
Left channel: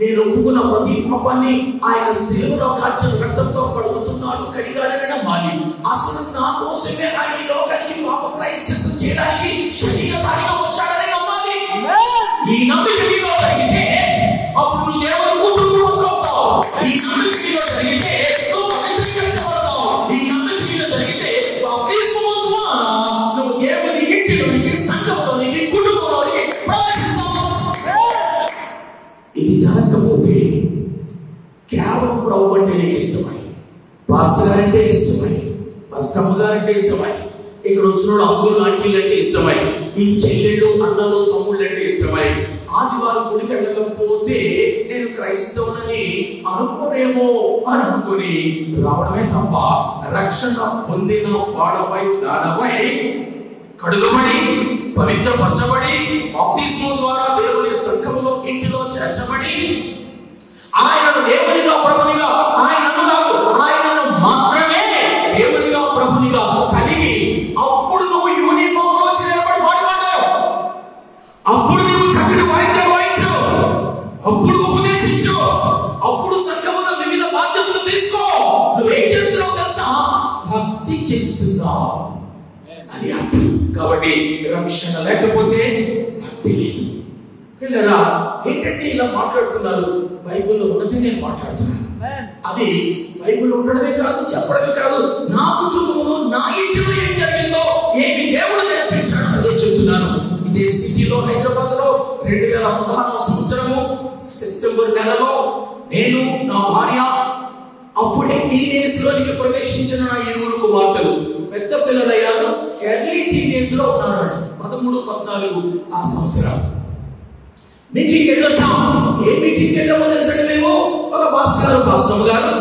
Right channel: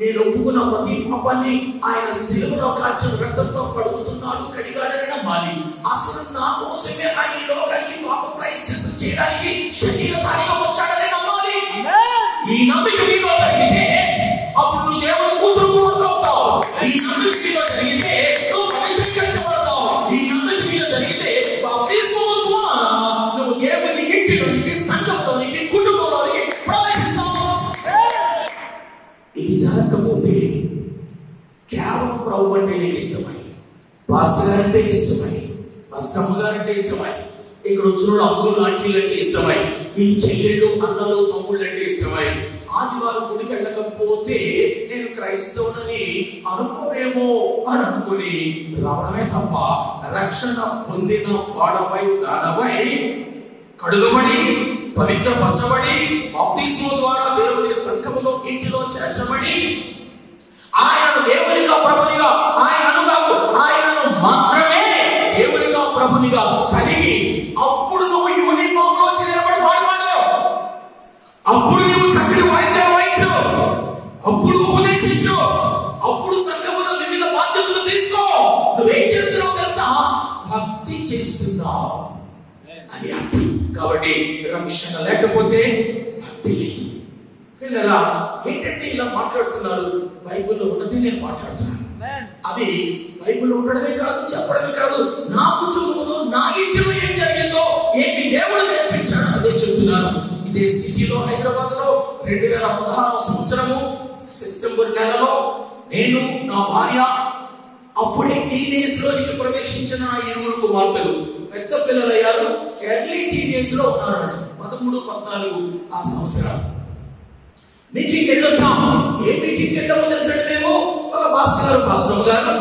నేను ఒప్పుకున్న ప్రతి పాపాన్ని ఆయన శిలువలో కార్చిన రక్తంతో కడుగుతున్నాడు, కడిగాడని నమ్మాలి. అసలు నా కోసమే ఆయన ఈ లోకానికి పాప ప్రాయశ్చిత్తం చేయడానికి శరీరధారిగా వచ్చాడని నమ్మాలి. ఈ నమ్మిక నీలో జరిగితే అప్పుడు నువ్వు దేవుని కూతురు అవుతావు. ఈ నమ్మిక నీలో జరిగితే నువ్వు పవిత్రీకరించబడతావు. ఈ నమ్మిక నీలో జరిగితే బాప్తిస్మం ద్వారా నువ్వు దేవుని ఇంటిలోనికి, సంఘంలోనికి, కుటుంబంలోనికి ప్రవేశిస్తావు. ఇది జరగకపోతే కేవలం ప్రభు అంటే నీకు ఇష్టమై, పాస్టర్ గారంటే ఇష్టమై, బస్కమ్మ గారంటే ఇష్టమై, ఇక్కడ వచ్చిన అబ్బులు ఆంటీలు అంటే ఇష్టమై, ఈ చెల్లెళ్ళు అన్నలు తమ్ముళ్ళు అంటే ఇష్టమై, ఆదివారం గుడికి వెళ్ళకపోతే నేను క్రైస్తవులని అనుకోనేమో అని అనుకుని రావడమే తప్ప రక్షణ పొందిన వాడవై దానవై కడుగబడి పవిత్రపరచబడి బాప్తిస్మం ద్వారా దేవుని సంఘములో ఇంటిలో చేర్చబడి ఆయనను దేవునిగా ప్రభునిగా, ఆయనను కాదు ఆయనను మాత్రమే దేవునిగా ప్రభునిగా కలిగి అప్పుడు నువ్వు యూనిఫామ్ లో చేరబడి పాడుతావు. అప్పుడు నువ్వు చక్కటి వాయిద్యాలు వాయించు, అప్పుడు ఉపదేశించు, అప్పుడు సంఘములో వివిధ బాధ్యతలు తీసుకో. నువ్వేం చేస్తున్నావు తెలుసా? భక్తి చేస్తున్నావు అని అర్థం. కాబట్టి రక్షణ లేకపోతే భక్తి లేదు. పిల్లరా, ఏంటంటే ఇలా మాట్లాడుతున్నారు? బైబిల్లో ఉన్నది నేను మాట్లాడుతున్నాను. అది బైబిల్లో ఉండడమే కాదు, చెప్పడమే కాదు, నా కుటుంబంలో నా ఇంటిలో ఏం జరిగిందో, ఏమి దేవుడు నేర్పించాడు అదే చెప్తున్నాను. ఇదే సిటీలో, హైదరాబాద్ లో 2016 సంవత్సరము సెప్టెంబర్ నెలలో నేను, నా భార్య, అప్పుడే టీనేజ్ లోనికి ప్రవేశించిన నా 7 కుమార్తెలు పెద్ద పిల్లలయ్యారు. ఎర్లీ టీనేజ్ లో ఉన్నారు, 13, 14 ఆ సంవత్సరాలు. మీటింగ్కి వెళ్ళొచ్చాం. ఏ మీటింగ్కి వెళ్ళామో తెలుసండి మేము? ఒక బస్కమ్మ గారు,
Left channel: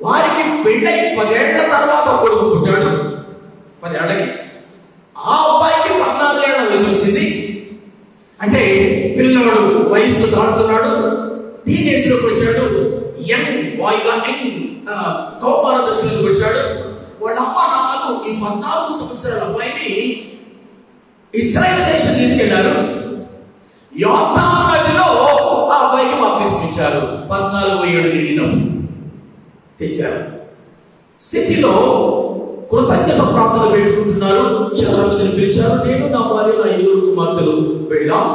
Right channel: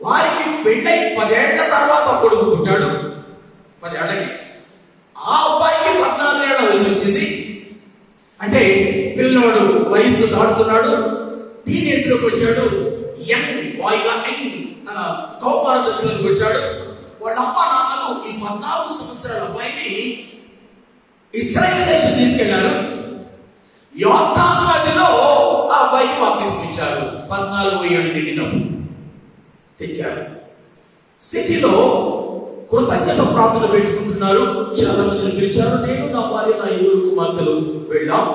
వారికి పెళ్ళై 10 ఏళ్ల తర్వాత కొడుకు పుట్టాడు. 10 ఏళ్ళకి ఆ అబ్బాయికి 14 ఏళ్ల వయసు వచ్చింది. అంటే పిల్లవాడు వయసు దాటుతున్నాడు, టీనేజ్ లోకి వచ్చాడు, యంగ్ బాయ్ గా కౌమార దశలోకి వచ్చాడు. వాళ్ళ అమ్మ నాన్నలు ఈ 14 సంవత్సరాల అబ్బాయిని ఇశ్రాయేల్ దేశం తీసుకెళ్లారు. యోర్దాను నదిలో ఆ అబ్బాయికి బాప్తిస్మం ఇచ్చారు. 14 ఏళ్ళు నిండినప్పుడు తెచ్చారు. సిటీలో కృతజ్ఞత ప్రార్థనలు పెట్టుకుంటున్నారు. చాలా మందిని పిలిచారు. నేను, నా భార్య, నా 7 కుమార్తెలు వెళ్ళాం.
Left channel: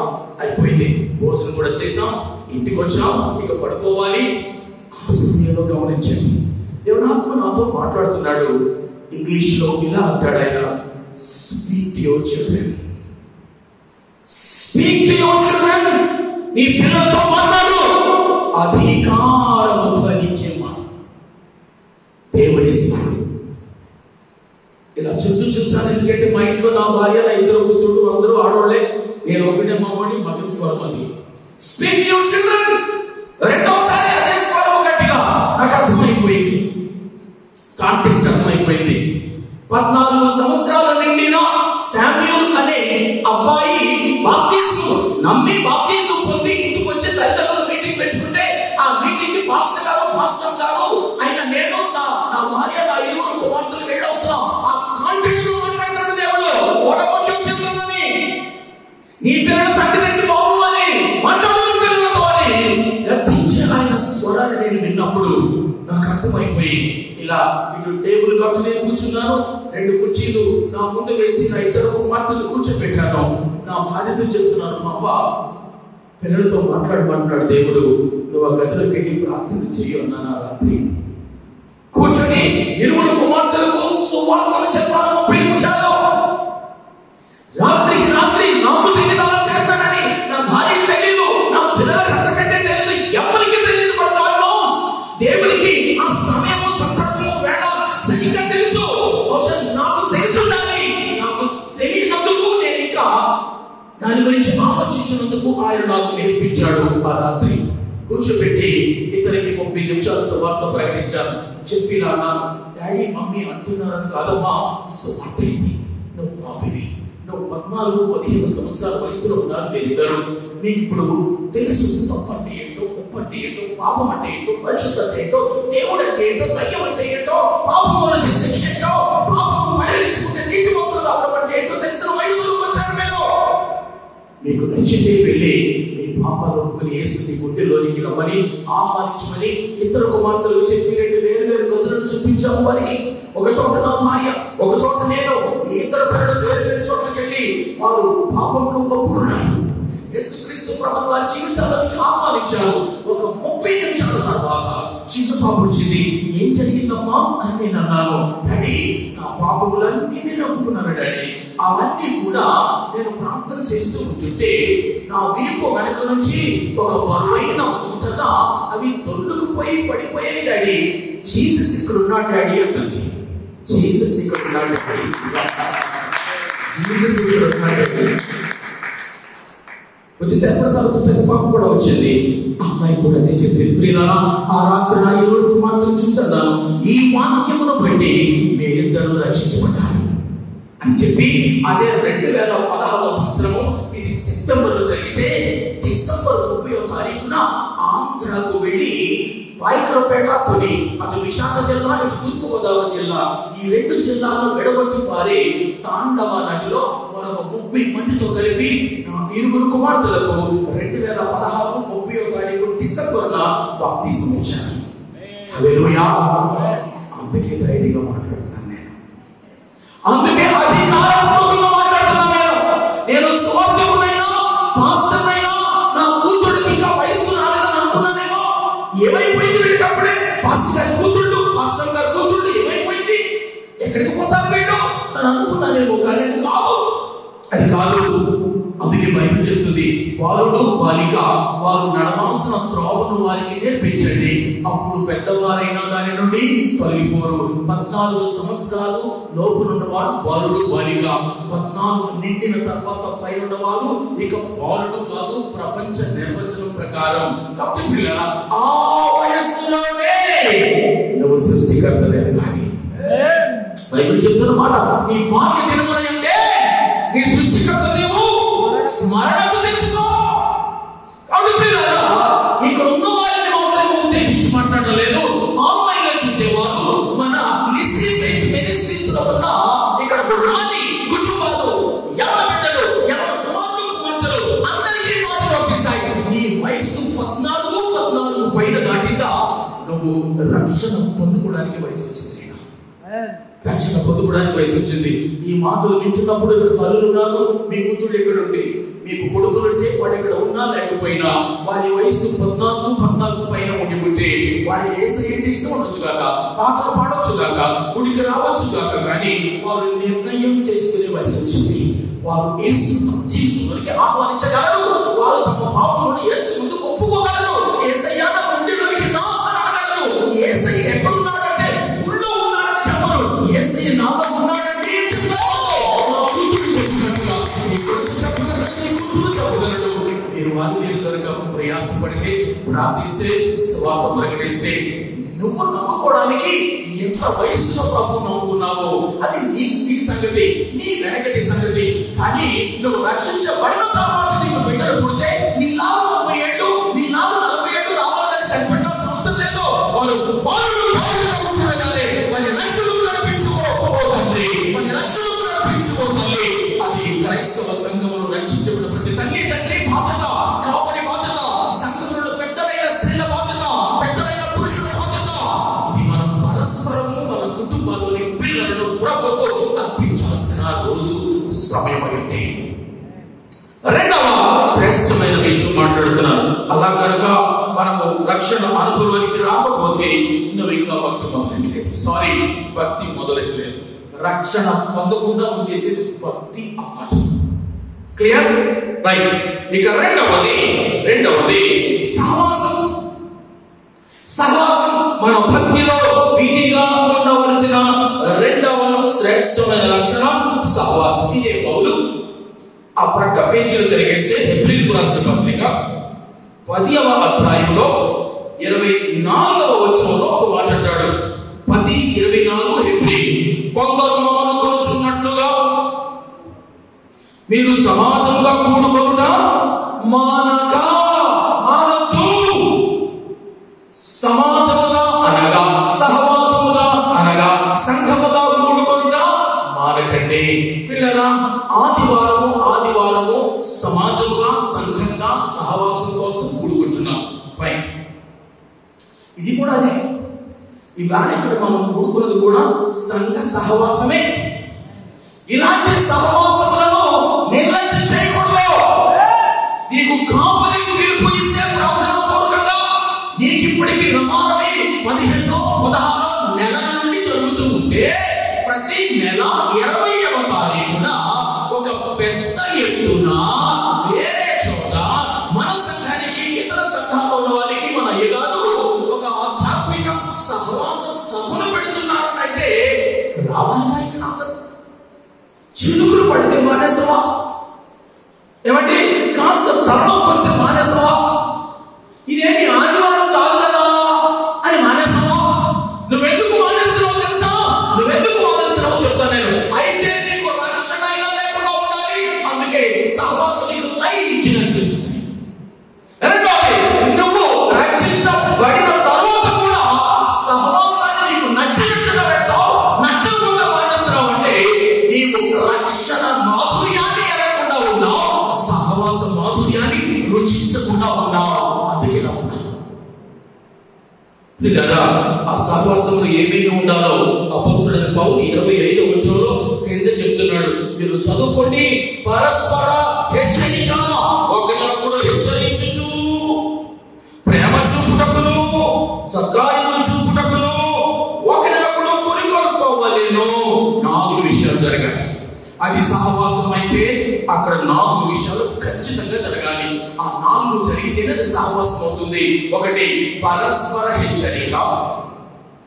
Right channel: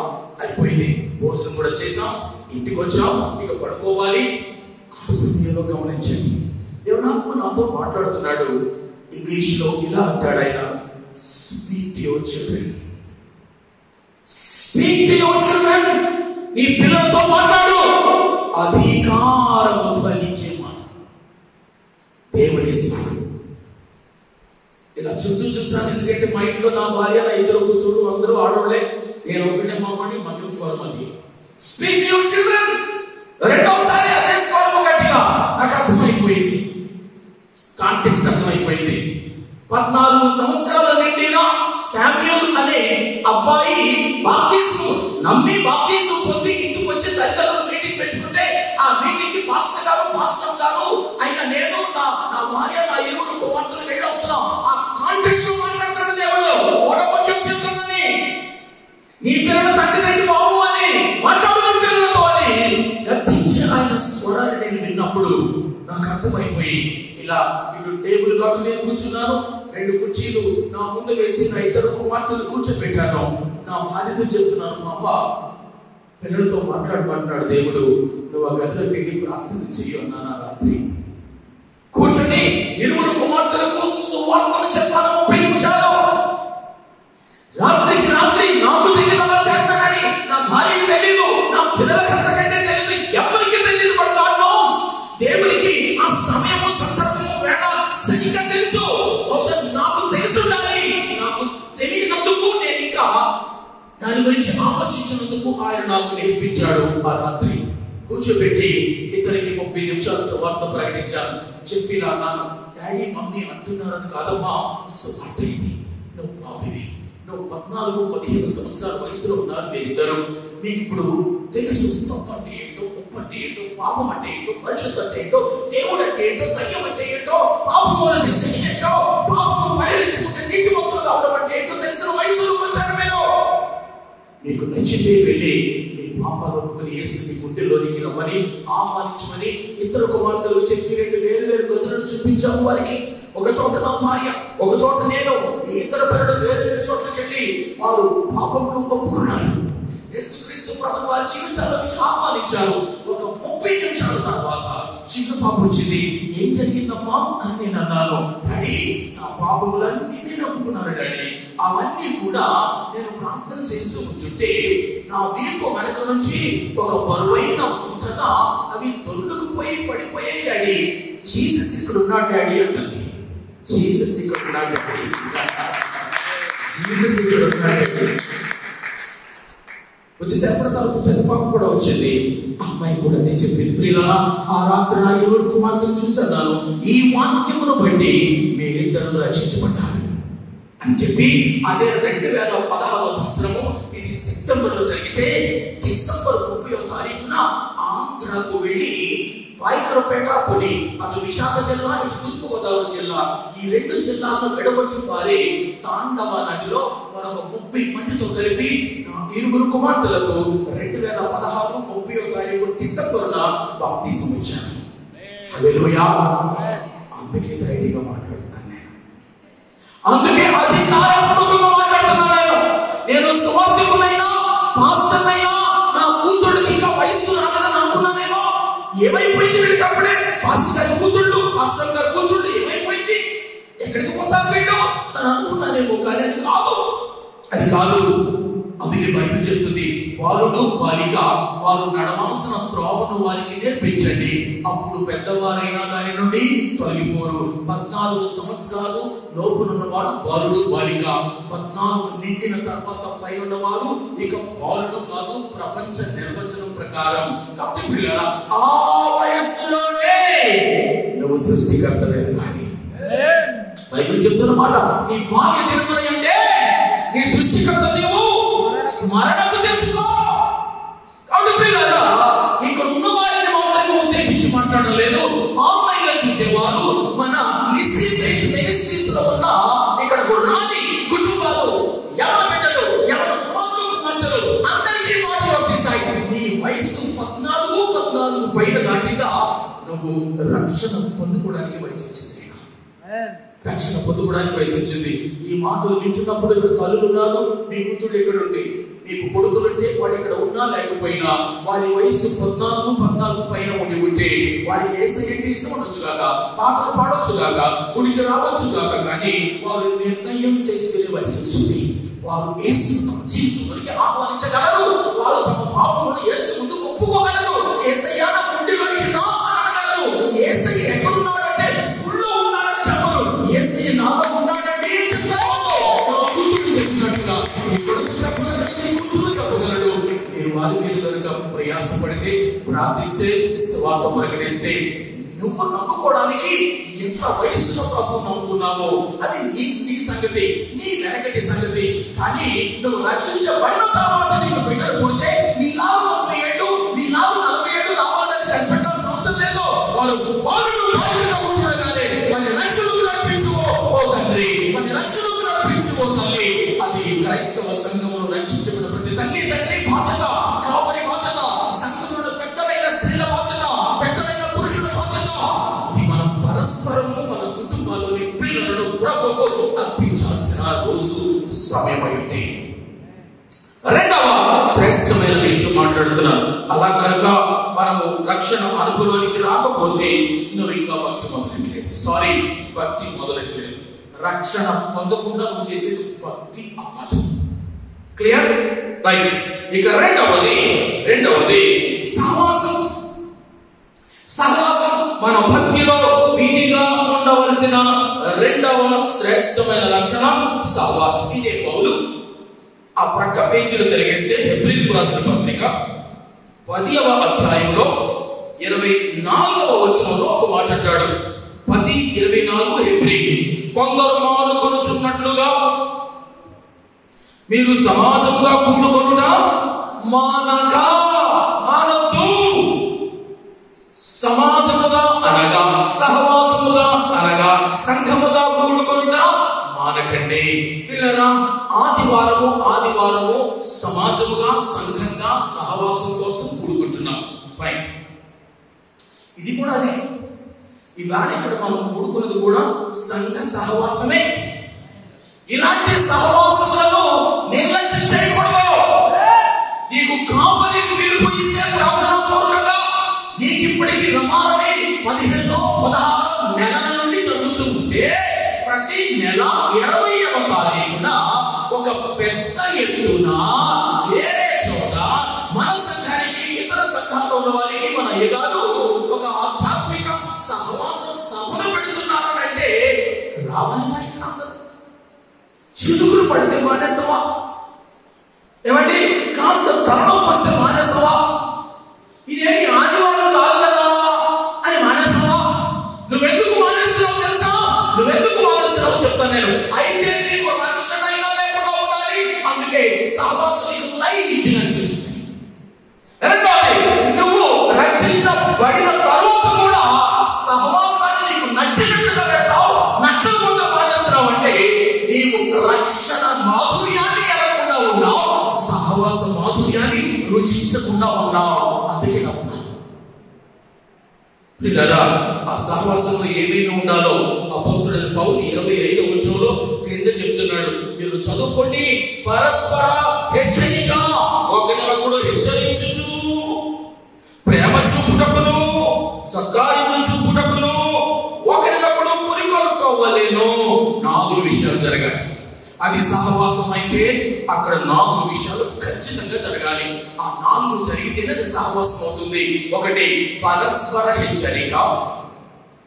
అయిపోయింది, భోజనం కూడా చేసాం, ఇంటికి వచ్చాం, ఇక పడుకోవాలి. ఆ సమయంలో గమనించండి, దేవునాత్మ నాతో మాట్లాడుతున్నాడు. ఇంగ్లీష్ లో ఇలా అంటాడు ఆయన, speak to your children, speak to your children. నీ పిల్లలతో మాట్లాడు. అధికారము తొలగించే మాట దేవుని స్మరణ. ఇలా చుట్టూ చూసాను. ఎందుకంటే మా ఇంట్లో నా భార్య, నా 2 కూతురు అందరూ ఆడవాళ్ళే, నేను ఒకటే మామూలు మగ స్వరం. అది స్పీక్ టు యువర్ చిల్డ్రన్. రెండోసారి అదే స్వరం గట్టిగా నాకు అర్థమైపోయింది, కాంటెక్స్ట్ అర్థమైపోయింది. 14 సంవత్సరాలు నిండిన శామ్యూల్ అనే అబ్బాయి బాప్తిస్మం నమ్మి బాప్తిస్మం పొంది ఇంటికి వచ్చే తల్లిదండ్రులు మీటింగ్ పెట్టుకుంటే ఆ మీటింగ్ కి పాస్టర్ గారు ఆయన, నేను, నా భార్య, నా 7 కుమార్తెలు వెళ్ళి వస్తున్నాం. ఆ కాంటెక్స్ట్ లో మాట్లాడుతున్నాడు దేవుడు. ఓడగొట్టించిందని, నీ పిల్లల సంగతి బాబు అని మాట్లాడుకుని పిల్లలతో అని గర్తించే ఆయన స్వరాన్ని నేను విన్నప్పుడు నాకు అర్థమైపోయి, ఇలా ఇటు టేబుల్ తోట నేను కూర్చున్నాను. 2 కుర్చీలు నా ముందు వేసి నా 2 కుమార్తెలు కూర్చోబెట్టాను. నా భార్యతో చెప్తున్నాను, మా పిల్లలతో మాట్లాడమంటున్నాడు దేవుడు, నువ్వు ఆ గదిలోకి వెళ్ళి ప్రార్థన చెయ్యన్నాను. రాత్రి కూర్చొని 2 కుమార్తెలకు సువార్తను చెప్పాను 30 నిమిషాలు. రాత్రికి రాత్రి నాకు తెలియదు అలా చేస్తానని. నా భార్యకి తెలియదు, నా పిల్లలకు అంతకంటే తెలియదు, ఎవరికి తెలియదు. But God knows. దేవుడు దాని గురించి ఆలోచించినందుకు ఆయన నాకు నేర్పించాడు. ఆ రాత్రి కూర్చోబెట్టి ఇతనికి 30 నిమిషాలు సువార్త ప్రకటించాను. చెప్పి నాన్న, డాడీ మమ్మీ అంటున్నారని కాదమ్మా, సువార్త ఇది. నువ్వు పాపివి, నువ్వు 14-15 సంవత్సరాల వయసులో ఉన్నారు మీరిద్దరు. మీకు ఇప్పుడు తెలుసు తప్పు అంటే ఏంటో, ఉప్పు అంటే ఏంటో, పాపం అంటే ఏంటో, పరిశుద్ధ అంటే ఏంటో, దేవుడు అంటే ఏంటో, దయ్యం అంటే ఏంటో, పాపము నుంచి శిక్ష ఏంటో, పాపము పరిహరించుకుంటే నీతిమంతులు కావడం అంటే ఏంటో తెలిసిన వయసులో వచ్చారు మీరు. మీకు నచ్చితే వెళ్ళి మీ పాపాలు ఒప్పుకొని యేసు మీ గుండెలోనికి రమ్మని ఆహ్వానించమని ఇద్దరు కుమార్తెలు చెప్పి 2 వేరు గదులను చూపించాము వారికి. ఒక చోట నా భార్య, ఒక చోట నేను, ఈ ఇద్దరు పిల్లలు వేరు చోట్లకి వెళ్ళి వారు పాపములు ఒప్పుకున్నారు. యేసుక్రీస్తు ప్రభువు వారి జీవితాలకు ఆహ్వానించారు. ఒక 30 నిమిషాల తర్వాత చిన్న పాప వచ్చింది. ఏం జరిగిందమ్మా అని నేను అన్నాను. డాడీ, నా పాపములన్నీ నేను ఒప్పుకున్నాను డాడీ. అవన్నీ కూడా నేను ప్రార్థన చేస్తూ ఉంటుంటే నా వీపు వెనక నుంచి ఒక బరువైన ఉంటదా అవి తొల్లుకుపోయి పడిపోయాయి డాడీ. జీసస్ ఇక్కడ ఉన్నాడు డాడీ అంటుంది. జీసస్ ఇక్కడ ఉన్నాడు డాడీ. జీసస్ ఇక్కడ ఉన్నాడు డాడీ. కొద్దిసేపు తర్వాత పెద్ద పాప కూడా వచ్చింది. అమ్మాయి కూడా చెప్పింది, ప్రియులా, ఆ రాత్రి నా 2 కుమార్తెలు చూసాను. ఈ వాక్యమును బట్టి మీరిద్దరు రక్షించబడ్డారు అని చెప్పి అదే 2016 సంవత్సరము, ఇది సెప్టెంబర్లో జరిగితే డిసెంబర్ 30వ తారీఖున ఆంధ్రకు వెళ్ళి పాయకరపేట, తొలి, అటు విశాఖ జిల్లా, ఇటు తూర్పుగోదావరి జిల్లా, ఈ 2 జిల్లాలను విడగొట్టి పారి తాండవ నదిలో మనకు 30 మందితో కలిపి నా 2 కుమార్తెలకు 2016 30వ తారీఖు డిసెంబర్న బాప్తిస్మం ఇచ్చాను. హల్లెలూయా. అందుకే ధైర్యంగా మాట్లాడుతున్నాను నేను. అందుకే అధికారపూర్వకంగా మాట్లాడుతున్నాను నేను. స్వార్థకునైనా పాస్టర్నైనా నా కూతుళ్ళకి ఇంకా వయస్సు రాలేదని అనుకున్నానేమో. ఏమైపోయింది వీడికి అప్పుడే? పాస్టర్ గారి కూతుళ్ళు, పాస్టర్ గారి కూతుళ్ళు ఏమైపోయింది, ఎక్కడికి పోతారు వీళ్ళు అని అనుకున్నానేమో. కానీ అది కాదు, అది కాదు. అందుకే బైబిల్ చెప్తుంది, బాలుడు బాలిక వారు నడవాల్సిన త్రోవను వారికి నేర్పించండి, అప్పుడు పెద్దవారైనా దాని నుండి తొలగిపోరు. 14 సంవత్సరాలు లోపునున్నవాడు బాలుడు బాలిక, 14 నిండిన తర్వాత పై ఉన్నవారు ఇక బాలుడు కాదు ప్రపంచ నిర్వచనం ప్రకారం. కాబట్టి పిల్లల ఆ వయస్సులోనే నువ్వు సృష్టికర్తలే. కానీ బైబిల్ చెప్తున్న మాట, నీ బాల్య దినములందే నీ సృష్టికర్త నీవు స్మరణకు తెచ్చుకో. కాబట్టి పిల్లరా, ఇక్కడ ఉన్న వారిని మాత్రమే ఉద్దేశించి మాట్లాడలేదు. ఆన్లైన్ లో చూసేవారు మన మినిస్ట్రీస్ లో ఉన్న ఇక్కడ రాజీ కుటుంబాలు, ఎవరి బిడ్డలు, ఎవరి కుమార్తెలు అందరికీ మాటలు వర్తిస్తాయి. నీ వయసు 14 పైన దాటిందా నువ్వు రక్షణ పొందుకోవడానికి వయసు వచ్చింది. రక్షణ పొందుకోవడానికి వయసు వచ్చింది. ఈ మాటలు నించున్నప్పుడు ఇక్కడ తల్లులు ఉన్నారు, మీ కూతుళ్ళు ఇక్కడ ఉంటే, మీకు కొడుకులుంటే వాడు ఇక్కడ ఉన్నా లేకపోయినా వారి వయసు 14 పైన ఉండి ఉంటే వారికి యేసయ్య ఇష్టం ఉండొచ్చుగాక, పాటలు పాడొచ్చుగాక, గుడికి రావచ్చుగాక, కానీ వారు నిర్ణయం చేసుకునే వయసు వచ్చింది. వారు యేసు జీవితంలోకి ఆహ్వానించగలరు. వారు తమ పాపమును యేసు ముందు ఒప్పుకోగలరు. యేసయ్య నా గుండెలోనికి రా అని అనగలరు. యేసయ్య ఎక్కడున్నాడంటే గుళ్ళో ఉన్నాడని చెప్పరు. యేసయ్య నాలో ఉన్నాడంటే నా కూతురు చెప్పినట్టుగా నీ కొడుకు చెప్పగలడు, నీ కూతురు చెప్పగలడు. నేను వారి మీద కనుక ప్రయాసపడితే, ప్రార్థిస్తే, స్వార్థ ప్రకటిస్తే, నువ్వు నమ్ముకోవడానికి ఎంత వయసులో ప్రభు నమ్ముకున్నావో అది నీ సంగతి, నీ వెనకటి సంగతి. కానీ నువ్వు రక్షించబడిన తర్వాత నీకు బిడ్డలు పుడితే నీ 40 ఏళ్ళు, నీ 40 ఏళ్ళు రావాలని కనిపెట్టాల్సిన అవసరం లేదు. వారు ఉంటుండగానే వారి రక్షణకు నడిపించుకో తండ్రి, వారి రక్షణకు నడిపించుకో తల్లి. అది క్రైస్తవ సంఘమును రక్షించబడిన ప్రతి తల్లి తండ్రి బాధ్యత, కాపరి బాధ్యత, సంఘములో పెద్దలైన స్త్రీల బాధ్యత, పెద్దలైన పురుషుల బాధ్యత. ఇది మనం పరస్పరము మన కుటుంబాలని పిల్లలను ప్రభువుకు అర్పించాల్సిన రోజు సమయమైంది. రెండవ శ్రేష్టమైన విషయం మాట్లాడుతున్నాను. అలా కనుక మనము రక్షణ అనుభవానికి రాకపోతే నువ్వు ఇంకా భక్తి మొదలెట్టలేదు. రక్షణ పొందకుండా నువ్వు చేసేది భక్తి అవ్వదు. క్లియర్? రైట్. ఇక రెండవది సహవాసం. మన భక్తిలో విధిగా ఉండవలసిన రెండవ శ్రేష్టమైన లక్షణం సహవాసం. ఇదే పౌలు ఆ ప్రక్క పేజీలో తిరిగేస్తే హెబ్రీయులకు రాసిన పత్రిక 10వ అధ్యాయంలో 24వ వచనంలో ఒక మాట అంటాడు. 10:24 హెబ్రీయులు. కొందరు మానుకొనుచున్నట్లుగా మీరు సమాజంగా కూడుకొనుట మానొద్దు. సమాజముగా అనగా సహవాసముగా అనగా సంఘముగా కూడుకొనుట మానకండి. పిల్లరా, ఆదివారము సమాజముగా సంఘంగా సహవాసం కోసం కూడుకుంటున్నాం. ఫైన్, ఇది కూడా అదే. ఇవాళ ఇక్కడ మనం కూడుకున్నది కూడా సంఘ సహవాసమే. ఇలాంటి సహవాసములను నిర్లక్ష్యం చేయకూడదు. నీకు కాపరికి పిలుపు ఇస్తే ప్రార్థన పూర్వకంగా నీకు ఇప్పటికీ రమారమి 15-16 నెలల నుండి జరుగుతుంటే ప్రతి నెల 20వ తారీఖున ఒక పెద్ద ఎత్తున వేరే చోట మన సంఘానికి ఇతర సంఘాలు ఉన్న వారికి మన అయ్యగారు ఒక ఆధ్యాత్మిక సహవాస సభను పెడుతున్నారంటే రావాలి. చిలుగులు పడితే మానేస్తావా? ఏమండి, కాస్త తరుణం వస్తే మానేస్తావా? ఇదేమి ఆదివారం కాదు కదా అని మానేస్తావా? నువ్వెందుకు మానేస్తున్నావు తెలుసా? నువ్వెందుకు మానేస్తున్నావు చెప్తాను నేను. అయితే నీకు రక్షణ లేకుండా ఉండాలి. అందుకే సహవాసం నీకు లైట్ అనిపిస్తుంది. నువ్వు రక్షించబడిన తర్వాత కూడా సహవాసాన్ని నీకు నచ్చినట్టుగా పెడతావు, నచ్చకుండా మానేస్తున్నావు అంటే నీకు రక్షణ మాధుర్యాన్ని ఎరగకుండా ఉన్నావు, సహవాస మాధుర్యాన్ని రుచించకుండా ఉన్నావు. అందుకే నా ఉన్నావు. ఆ సహవాసంలో ఏమేమి ఉండాలో అపోస్తలుడైన పౌలు 25వ వచనంలో క్రింద చెప్తున్నాడు. మీరు చదువుకోండి. పరస్పర హెచ్చరిక, ఒకరినొకడు హెచ్చరించుచు, ప్రేమ చూపుటకును, సత్కార్యము చూపుటకును, ఒకరినొకడు పురికొల్పవలెను. 4 విషయాలు జరగాలి. అది సహవాసం అయితే అక్కడ 4 విషయాలు ఖచ్చితంగా జరగాలి. ఆ 4 జరిగితేనే అది సహవాసం అవుతుంది. 1 పరస్పర హెచ్చరిక,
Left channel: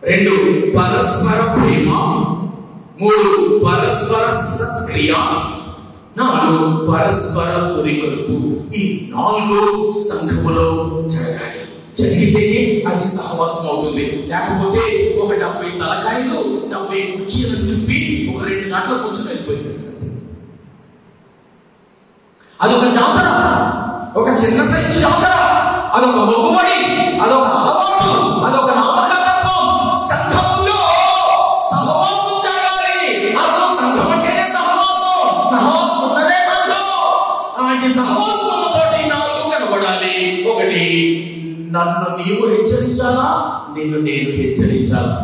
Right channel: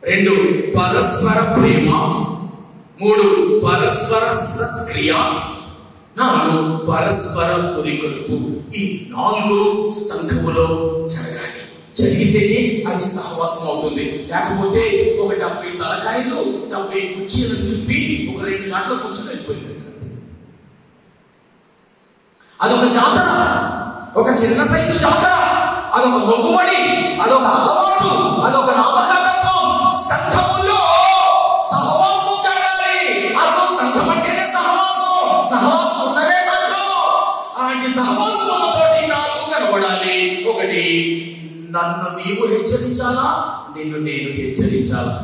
2 పరస్పర ప్రేమ, 3 పరస్పర సత్క్రియ, 4 పరస్పర పురికొల్పు. ఈ 4 సంఘములో జరగాలి. జరిగితేనే అది సహవాసం అవుతుంది. లేకపోతే ఒక 70 తలకాయలు 70 కుర్చీలు తిప్పి ఒక 2 గంటల కూర్చొని వెళ్ళిపోయింది. అదొక జాతర, ఒక చిన్న సైజు జాతర, అదొక మొక్కుబడి, అదొక అలవాటు, అదొక నామకత్వం. సంఘములో సహవాసం జరగాలి. అసలు సంఘం అంటేనే సహవాసం, సహవాసం ఉన్నదే సంఘం. అలాంటి సహవాసం ఉన్న చోట 4 కనబడాలి. 1 నన్ను నీవు హెచ్చరించాలా, నిన్ను నేను హెచ్చరించాలా.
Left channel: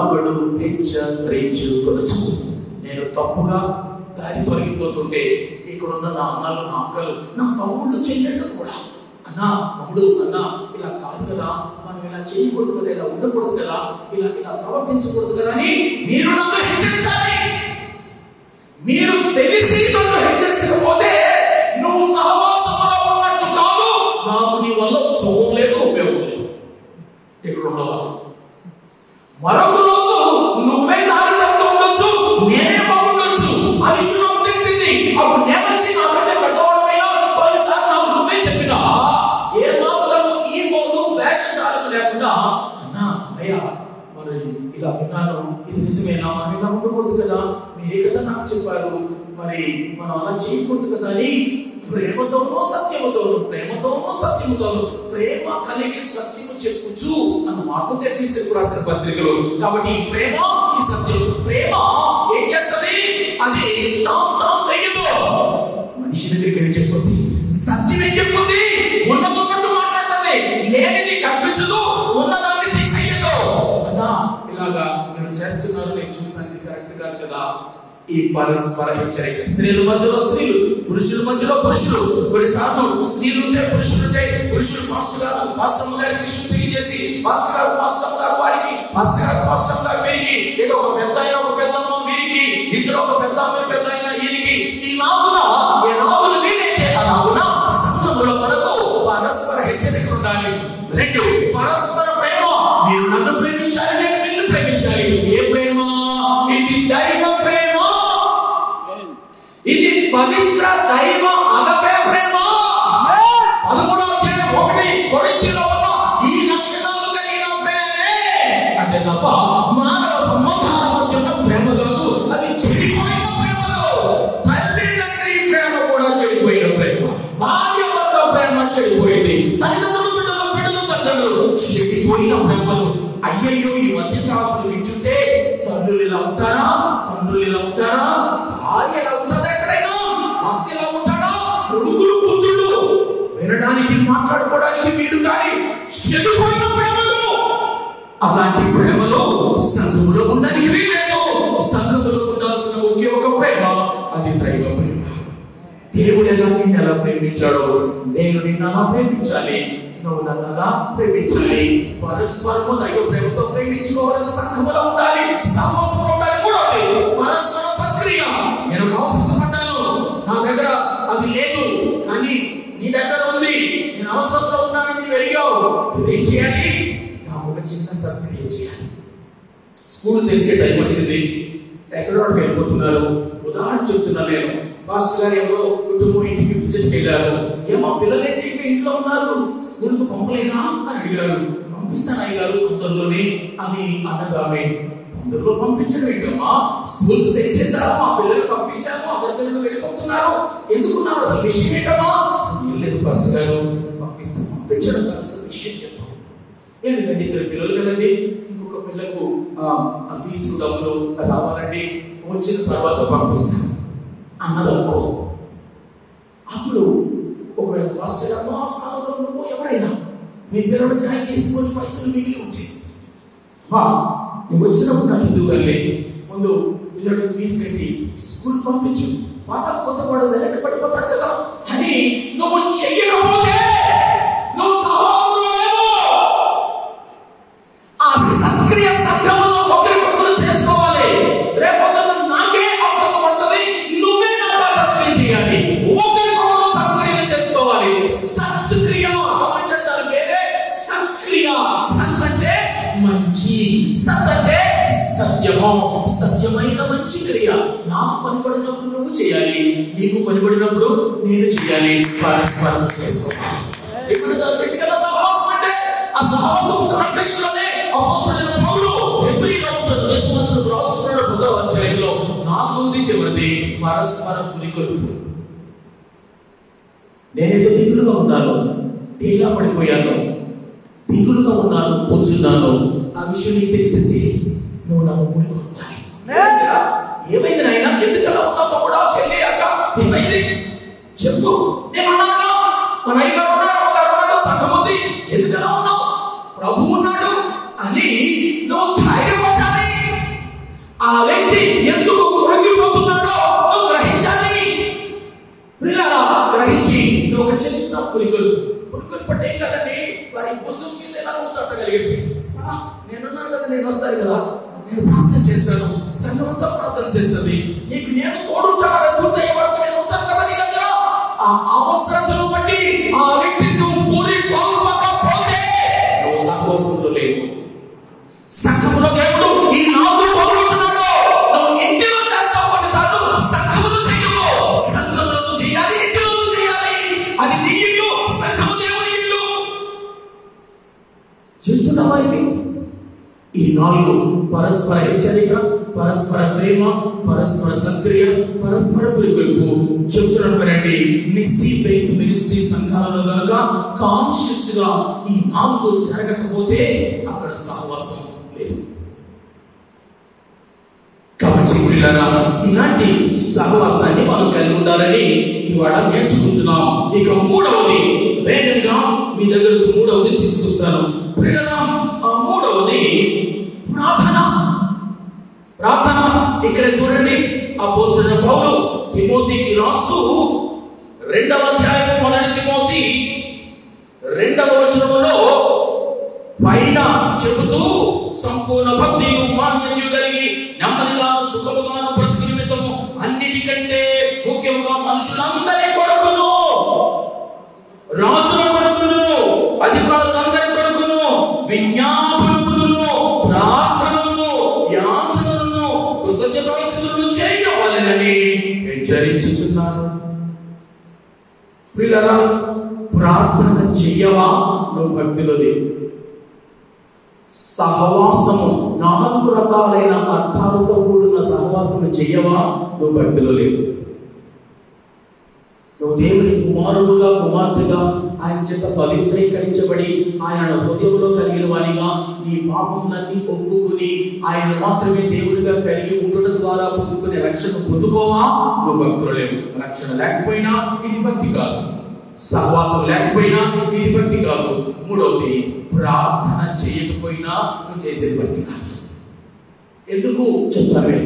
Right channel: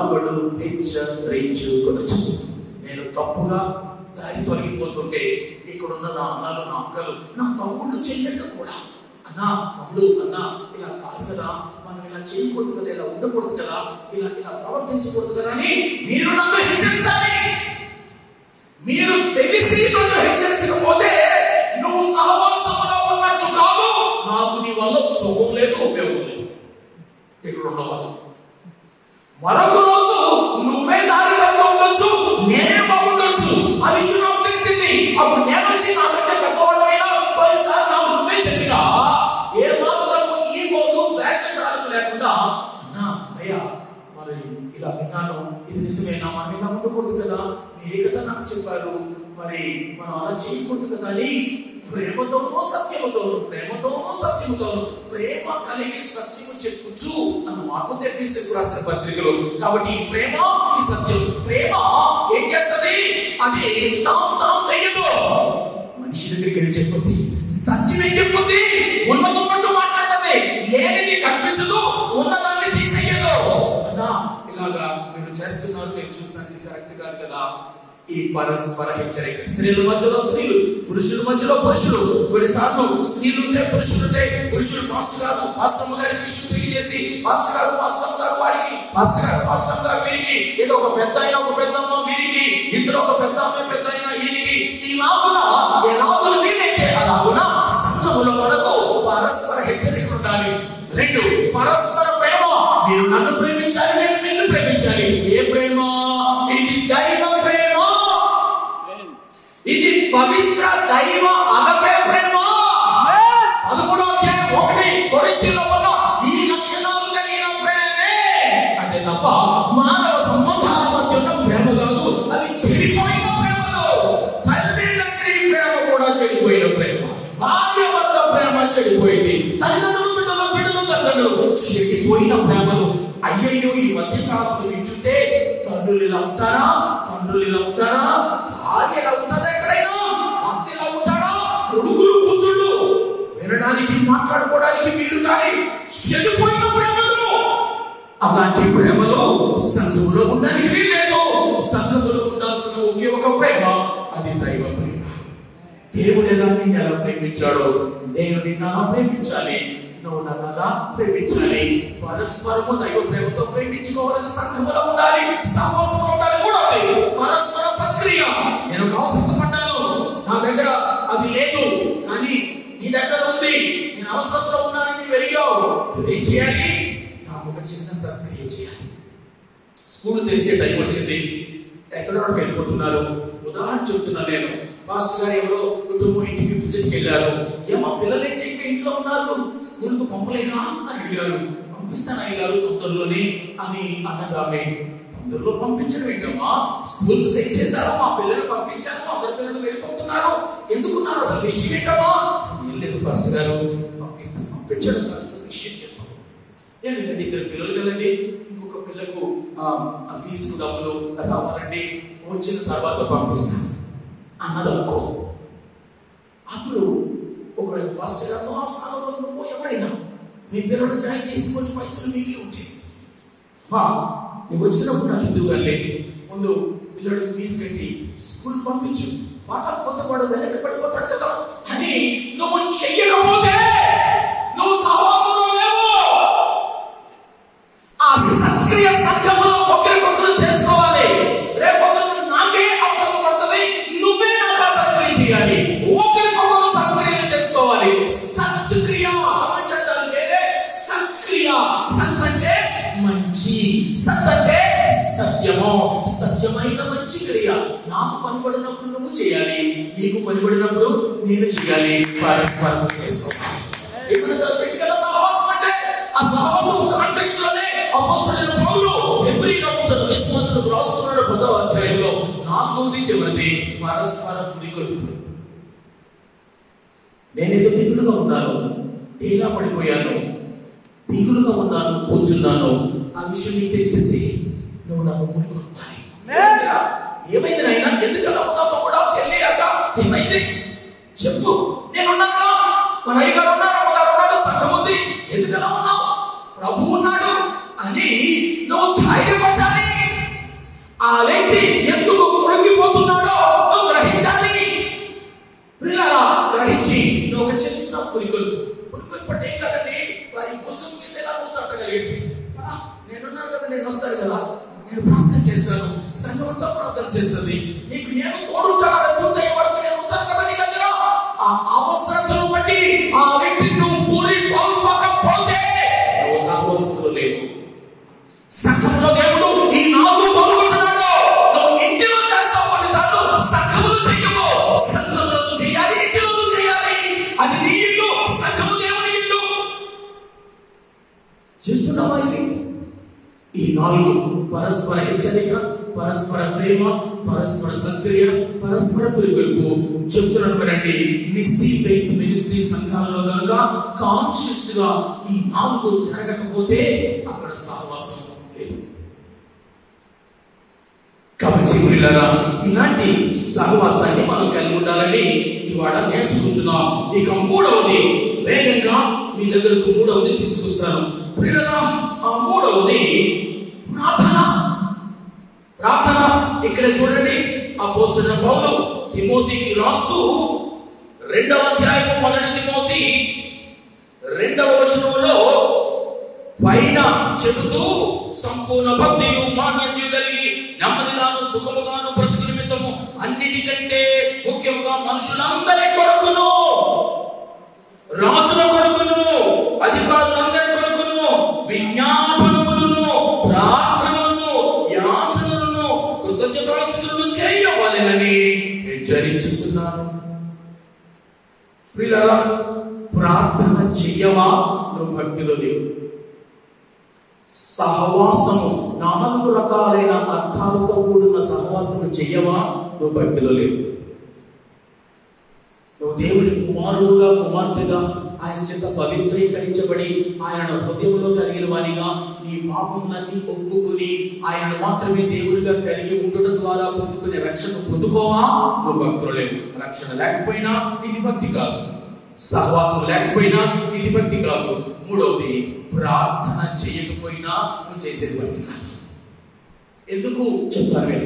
ఒకడు హెచ్చరించుకొనొచ్చు. నేను తప్పుగా దారి తొలగిపోతుంటే ఇక్కడున్న నా అన్నలు, నా అక్కలు, నా తమ్ముళ్ళు, చెల్లెళ్ళు కూడా, అన్నా తమ్ముడు, అన్నా ఇలా కాదు కదా, మనం ఇలా చేయకూడదు కదా, ఇలా ఉండకూడదు కదా, ఇలా ప్రవర్తించకూడదు కదా అని మీరు నన్ను హెచ్చరించాలి. మీరు తెలిసి నన్ను హెచ్చరించకపోతే నువ్వు సహవాసంలో ఉన్నట్టు కాదు. నాకు నీ వల్ల శోభం లేదు, ఉపయోగం లేదు. ఇక్కడ ఉండవాలి. మరొక రోజు నువ్వే దారి తప్పు ఉండొచ్చు, నేనే బాగుండొచ్చు. ఆ విషయం నాకు తెలిసింది. అప్పుడు నేను వచ్చి నాకంటే పెద్దవాడమైనా పోయినసారి నాకు నువ్వే చెప్పినా ఏ మాత్రము ఈ రోజు వేషధారణ లేకుండా, అన్నా అయ్యా మరి ఇలా విన్నాను, ఇది నిజమేనా, మనం ఇలా ఉండకూడదు కదా, మీరే కదా నాకు చెప్పారు, మరి మనం అలా చేయకూడదు కదా అని ప్రేమతోనూ సత్యముతోను, ప్రేమతోనూ సత్యముతోను, ప్రేమ కలిగి సత్యము చెప్పుచు అన్న మాట ఎఫెసీయులకు రాసిన పత్రికలో. కాబట్టి ఈ ప్రేమ, ఈ సత్యం, ప్రేమ ఏం చేస్తుంది? అది మనిషి దగ్గరికి వెళ్ళి చెప్పుద్ది, సత్యం ఏం చెప్పుద్ది? ఉన్నదన్నట్టు మాట్లాడుతుంది, లేనిది కనిపించదు, ఉన్నదాన్ని తీసేయదు. అన్నా ఇలాగా మీరు చేస్తున్నారు, నేను చూసాను, కరెక్ట్ కాదు కదా. ఈ పరస్పర హెచ్చరిక, స్త్రీల మధ్యలో స్త్రీలు, పురుషుల మధ్యలో పురుషులు. కొన్నిసార్లు స్త్రీలు ఉంటే పురుషులు ఉంటే, పురుషులు పాస్టర్ గారు పాస్టమ్మ గారికి విషయం తెలియజేసి, పాస్టర్ గారు పాస్టమ్మ గారు వారికి, పాస్టర్ గారు పాస్టమ్మ గారు వీరికి, ఏదో ఒక పెద్ద ఒక పెద్దమ్మ వీరికి, ఇద్దరు ఒక పెద్ద పెద్ద అయినా ఈయనకి, ఈ నాగున ఏ నాగులు వీలైతే ఆ నాగున సంఘముల వరకు పరస్పర హెచ్చరిక ఉండాలి. 2 పరస్పర ప్రేమ, మీరు నన్ను ప్రేమించాలి, నేను నిన్ను ప్రేమించాలి. ఏ ప్రేమ? ఇది దైవ ప్రేమ, ఇది పవిత్ర ప్రేమ, భార్య భర్త ప్రేమ చెడిపోయింది, తల్లిదండ్రులు బిడ్డలు తల్లిదండ్రులు చెడిపోయిన ప్రేమలు. అయ్యయ్యో, ఈ మధ్య కాలంలో వింటుంటే తండ్రులు ఇలా ఉంటారా, తండ్రులు ఇలా ఉంటారా, భార్య ఎలా ఉంటుందా, ఎక్కడైనా భర్త ఇలా ఉంటాడా, కొడుకులు కూతుళ్ళు వినడానికి మాట్లాడుకోవడానికి వీలు కానీ చెడిపోయిన ప్రేమలు. అలాంటి ప్రేమలో సంఘంలో ఉండడానికి వీలేదు. సంఘంలో ఉండాల్సిన ఒకే ఒక ప్రేమ, అది దైవ ప్రేమ. దేవుడు నిన్ను ఎలా ప్రేమించాడో నేను నిన్ను అలా ప్రేమించాలి, నువ్వు నన్ను అలా ప్రేమించాలి. పరస్పరము దైవ ప్రేమతో ప్రేమించుకోవాలని సంఘంలో ఉండాలి, సహవాసంలో ఉండాలి. మూడవది పరస్పర సక్రియ. నేను అవసరపడ్డాను, నా దగ్గర అది లేదు కానీ నీ దగ్గర ఉంది, నేను అవసరంలో ఉన్నానని వెలిగావు, నువ్వేం చేయాలి? ఒక చిన్న సక్రియ చేయాలి. స్కూల్ తెరిచే టైం వచ్చింది, ఎక్కడో వెళ్ళిపోతున్నారు. ఉదాహరణ చెప్తున్నా నేను. పాస్టర్ గారు ఎవరో కుటుంబం ఇంటికి విజిట్కి వెళ్ళారు. ఏమో పిల్లలేంటి ఇంకా ఇంట్లో ఉన్నారు, స్కూల్కి పంపలేనా అని అడిగారు. పంపిస్తాను అయ్యారు తొందరలోనే అని అన్నదామే. తొందరలో పంపించడం ఏంటమ్మా, స్కూల్స్ తెరిచేశారు, మా పిల్లలు పంపించాము, అందరి పిల్లలు వెళ్ళిపోతున్నారు, ఎందుకున్నారు, అసలు విషయం ఏంటమ్మా? వెళ్ళలేదు పాస్టర్ గారు, పంపించడం కాదు అసలు విషయం చెప్పాం. ఏంటంటే ఇద్దరు పిల్లలు కదండి, ఇంకొక పిల్లకు ఫీజు డబ్బులు రావాలండి, వచ్చిన తర్వాత పంపిస్తాను అన్నదనుకో. అప్పుడు ఒకవేళ పాస్టర్ గారు ఆ స్థానంలో నువ్వు ఎవరైనా మీ పిల్లలు జాయిన్ చేసుకొని పైసలు మిగిలి ఉంటే నువ్వు వచ్చినప్పుడు నాకు ఇందుకు వెళ్ళి ముందు పిల్లలకు ఫీజు కట్టి స్కూల్ పంపించు, పాఠం కొత్తవాడు వెనక పడిపోతాడు కదా అని నువ్వు చెయ్యకపోతే నువ్వు సహవాసంలో లేవు. ఆ సక్రియ సంఘంలో ఒకరికొకరు చేసుకోవాలి. రేపొద్దున నాకే అవసరం పడుతుంది, నువ్వే నాకు సక్రియ చేయాలి, ఒకరికొకరు సక్రియ చేసుకోవాలి. సత్క్రియ గమనించడం వేరే, సక్రియ. సత్ అంటే మంచి, సత్ అంటే సత్యము, సత్యమైన మంచి క్రియ. నాకు పనిపడినప్పుడు నువ్వు చేయాలి, నీకు పనిపడినప్పుడు నేను చేయాలి, పరస్పరం చేసుకోవాలి. ఇక్కడ వ్యక్తిగత సహవాసం అంటే ఆ సహవాసం కాంటెక్స్ట్ లోనే అపోస్తలుడైన పౌలు హెబ్రీయులకు విశ్వాసులకు రాస్తున్నాడు 10వ అధ్యాయంలో 4వ చివరిది పరస్పర పురికొల్పు. నేనైతే దిగులుగా ఉన్నాను, డేగా పడిపోయాను, దిగులుగా ఉన్నాను, కూర్చున్నాను, ఆ విషయం నీకు తెలిసింది, నువ్వు నాకు పురికొల్పాలి. ఏమైంది నాయన, ఎందుకు అలా ఉన్నావు కూడా, చెల్లి అక్క ఏమైంది చెప్పు, నేను ఉన్నాను, మన అయ్యగారు ఉన్నారు, సంఘం ఉంది, ఎందుకలా ఉన్నావు, ప్రభు ఉన్నాడు అని నువ్వు ధైర్యపరచాలి. ఆ వ్యక్తి ఎందుకు కృంగిపోతున్నాడో నువ్వు గ్రహించాలి. పిల్లరా గ్రహించి నువ్వు ఒక చిన్న పురికొల్పంటే ఏం కదండి, వారి భుజం మీద ఎలా తట్టగలిగేది. నేనున్నాను కదా, నేను వస్తాను కదా, నేను ప్రార్థన చేస్తాను, సంఘం అంతా ప్రార్థన చేస్తుంది, నీకు నేను తోడుంటాను, పూర్తయ్యే వరకు నేను ఉంటాను కదా నీ దగ్గర. ఆ అవసరతను బట్టి ఆ వ్యక్తిని నువ్వు పూరికొల్పకపోతే నువ్వు సహవాసంలో లేవు. సంఘంలో దేవుడు ఈ 4 పంపించున్నాడు. నువ్వు ఇంటిలో చేస్తావు, కొన్నిసార్లు సంఘంలో చెయ్యవు. సంఘంలో చేయాలి, ఇంటిలో చేయాలి. అది నీ ఇల్లు, సంఘము దేవుని ఇల్లు. చేస్తున్నావా ఇది? ఈ 4 పరస్పర హెచ్చరిక, పరస్పర ప్రేమ, పరస్పర సక్రియ, పరస్పర పురికొల్పు చెప్తున్నాను. మరండి మిస్సీ ఫెయిత్ మినిస్ట్రీ సంఘాలలో కనుక కాన్షియస్ గా ఈ 4 జరగకపోతే అక్కడ సహవాసం లేదు. కాబట్టి పిల్లరా ఇలాంటి సహవాసాన్ని మనం కలిగి ఉండాలని ఇవాళ నేర్చుకుంటున్నాం. ఇక 3వది వేగంగా మీ దగ్గరకు 3వది తీసుకొస్తాను. పిల్లరా 3వది ప్రార్థన. ప్రార్థన ఇక్కడ చూడండి, అపోస్తలుడైన పౌలు తిమోతికి రాస్తూ 2వ అధ్యాయం 1 తిమోతి 2వ వచనంలో పైన చెబుతూ సంపూర్ణ భక్తియు మాన్యతయు కలిగి నెమ్మదిగాను సుఖముగాను బ్రతుకు నిమిత్తము అన్నిటికంటే ముఖ్యముగా మనుషులందరి కొరకును, రాజుల కొరకును, అధికారులందరి కొరకును విజ్ఞాపనములను, ప్రార్థనలను, యాచనలను, కృతజ్ఞతాస్తుతులను చేయవలెనని హెచ్చరించుచున్నాను. పిల్లరా ప్రార్థన చెయ్యవా, నువ్వు భక్తిలో లేవు. సహవాసము 4 రకాలైన అర్థాలతో కూడిన సహవాసము చెయ్యవా, నువ్వు భక్తిలో లేవు. నువ్వు దేవుని కుమారుడుగా కుమార్తెగా ఆయన చేత పవిత్రీకరించబడి ఆయన హృదయంలో కలిగిన వారిగా నీ పాపములన్నీ ఒప్పుకుని ఆయన మాత్రమే దేవుడిగా కలిగి ఉండడం ద్వారా పొందుకునే రక్షణ పొందుకోవా నువ్వు భక్తులు లేవు. రక్షణ లేకపోయినా ఇది భక్తి కాదు, సహవాసం లేకపోయినా ఇది భక్తి కాదు. మూడవది, ప్రార్థన చేయకపోయినా నువ్వు చేసేది భక్తి కాదు. ఎందుకు చెప్తారు?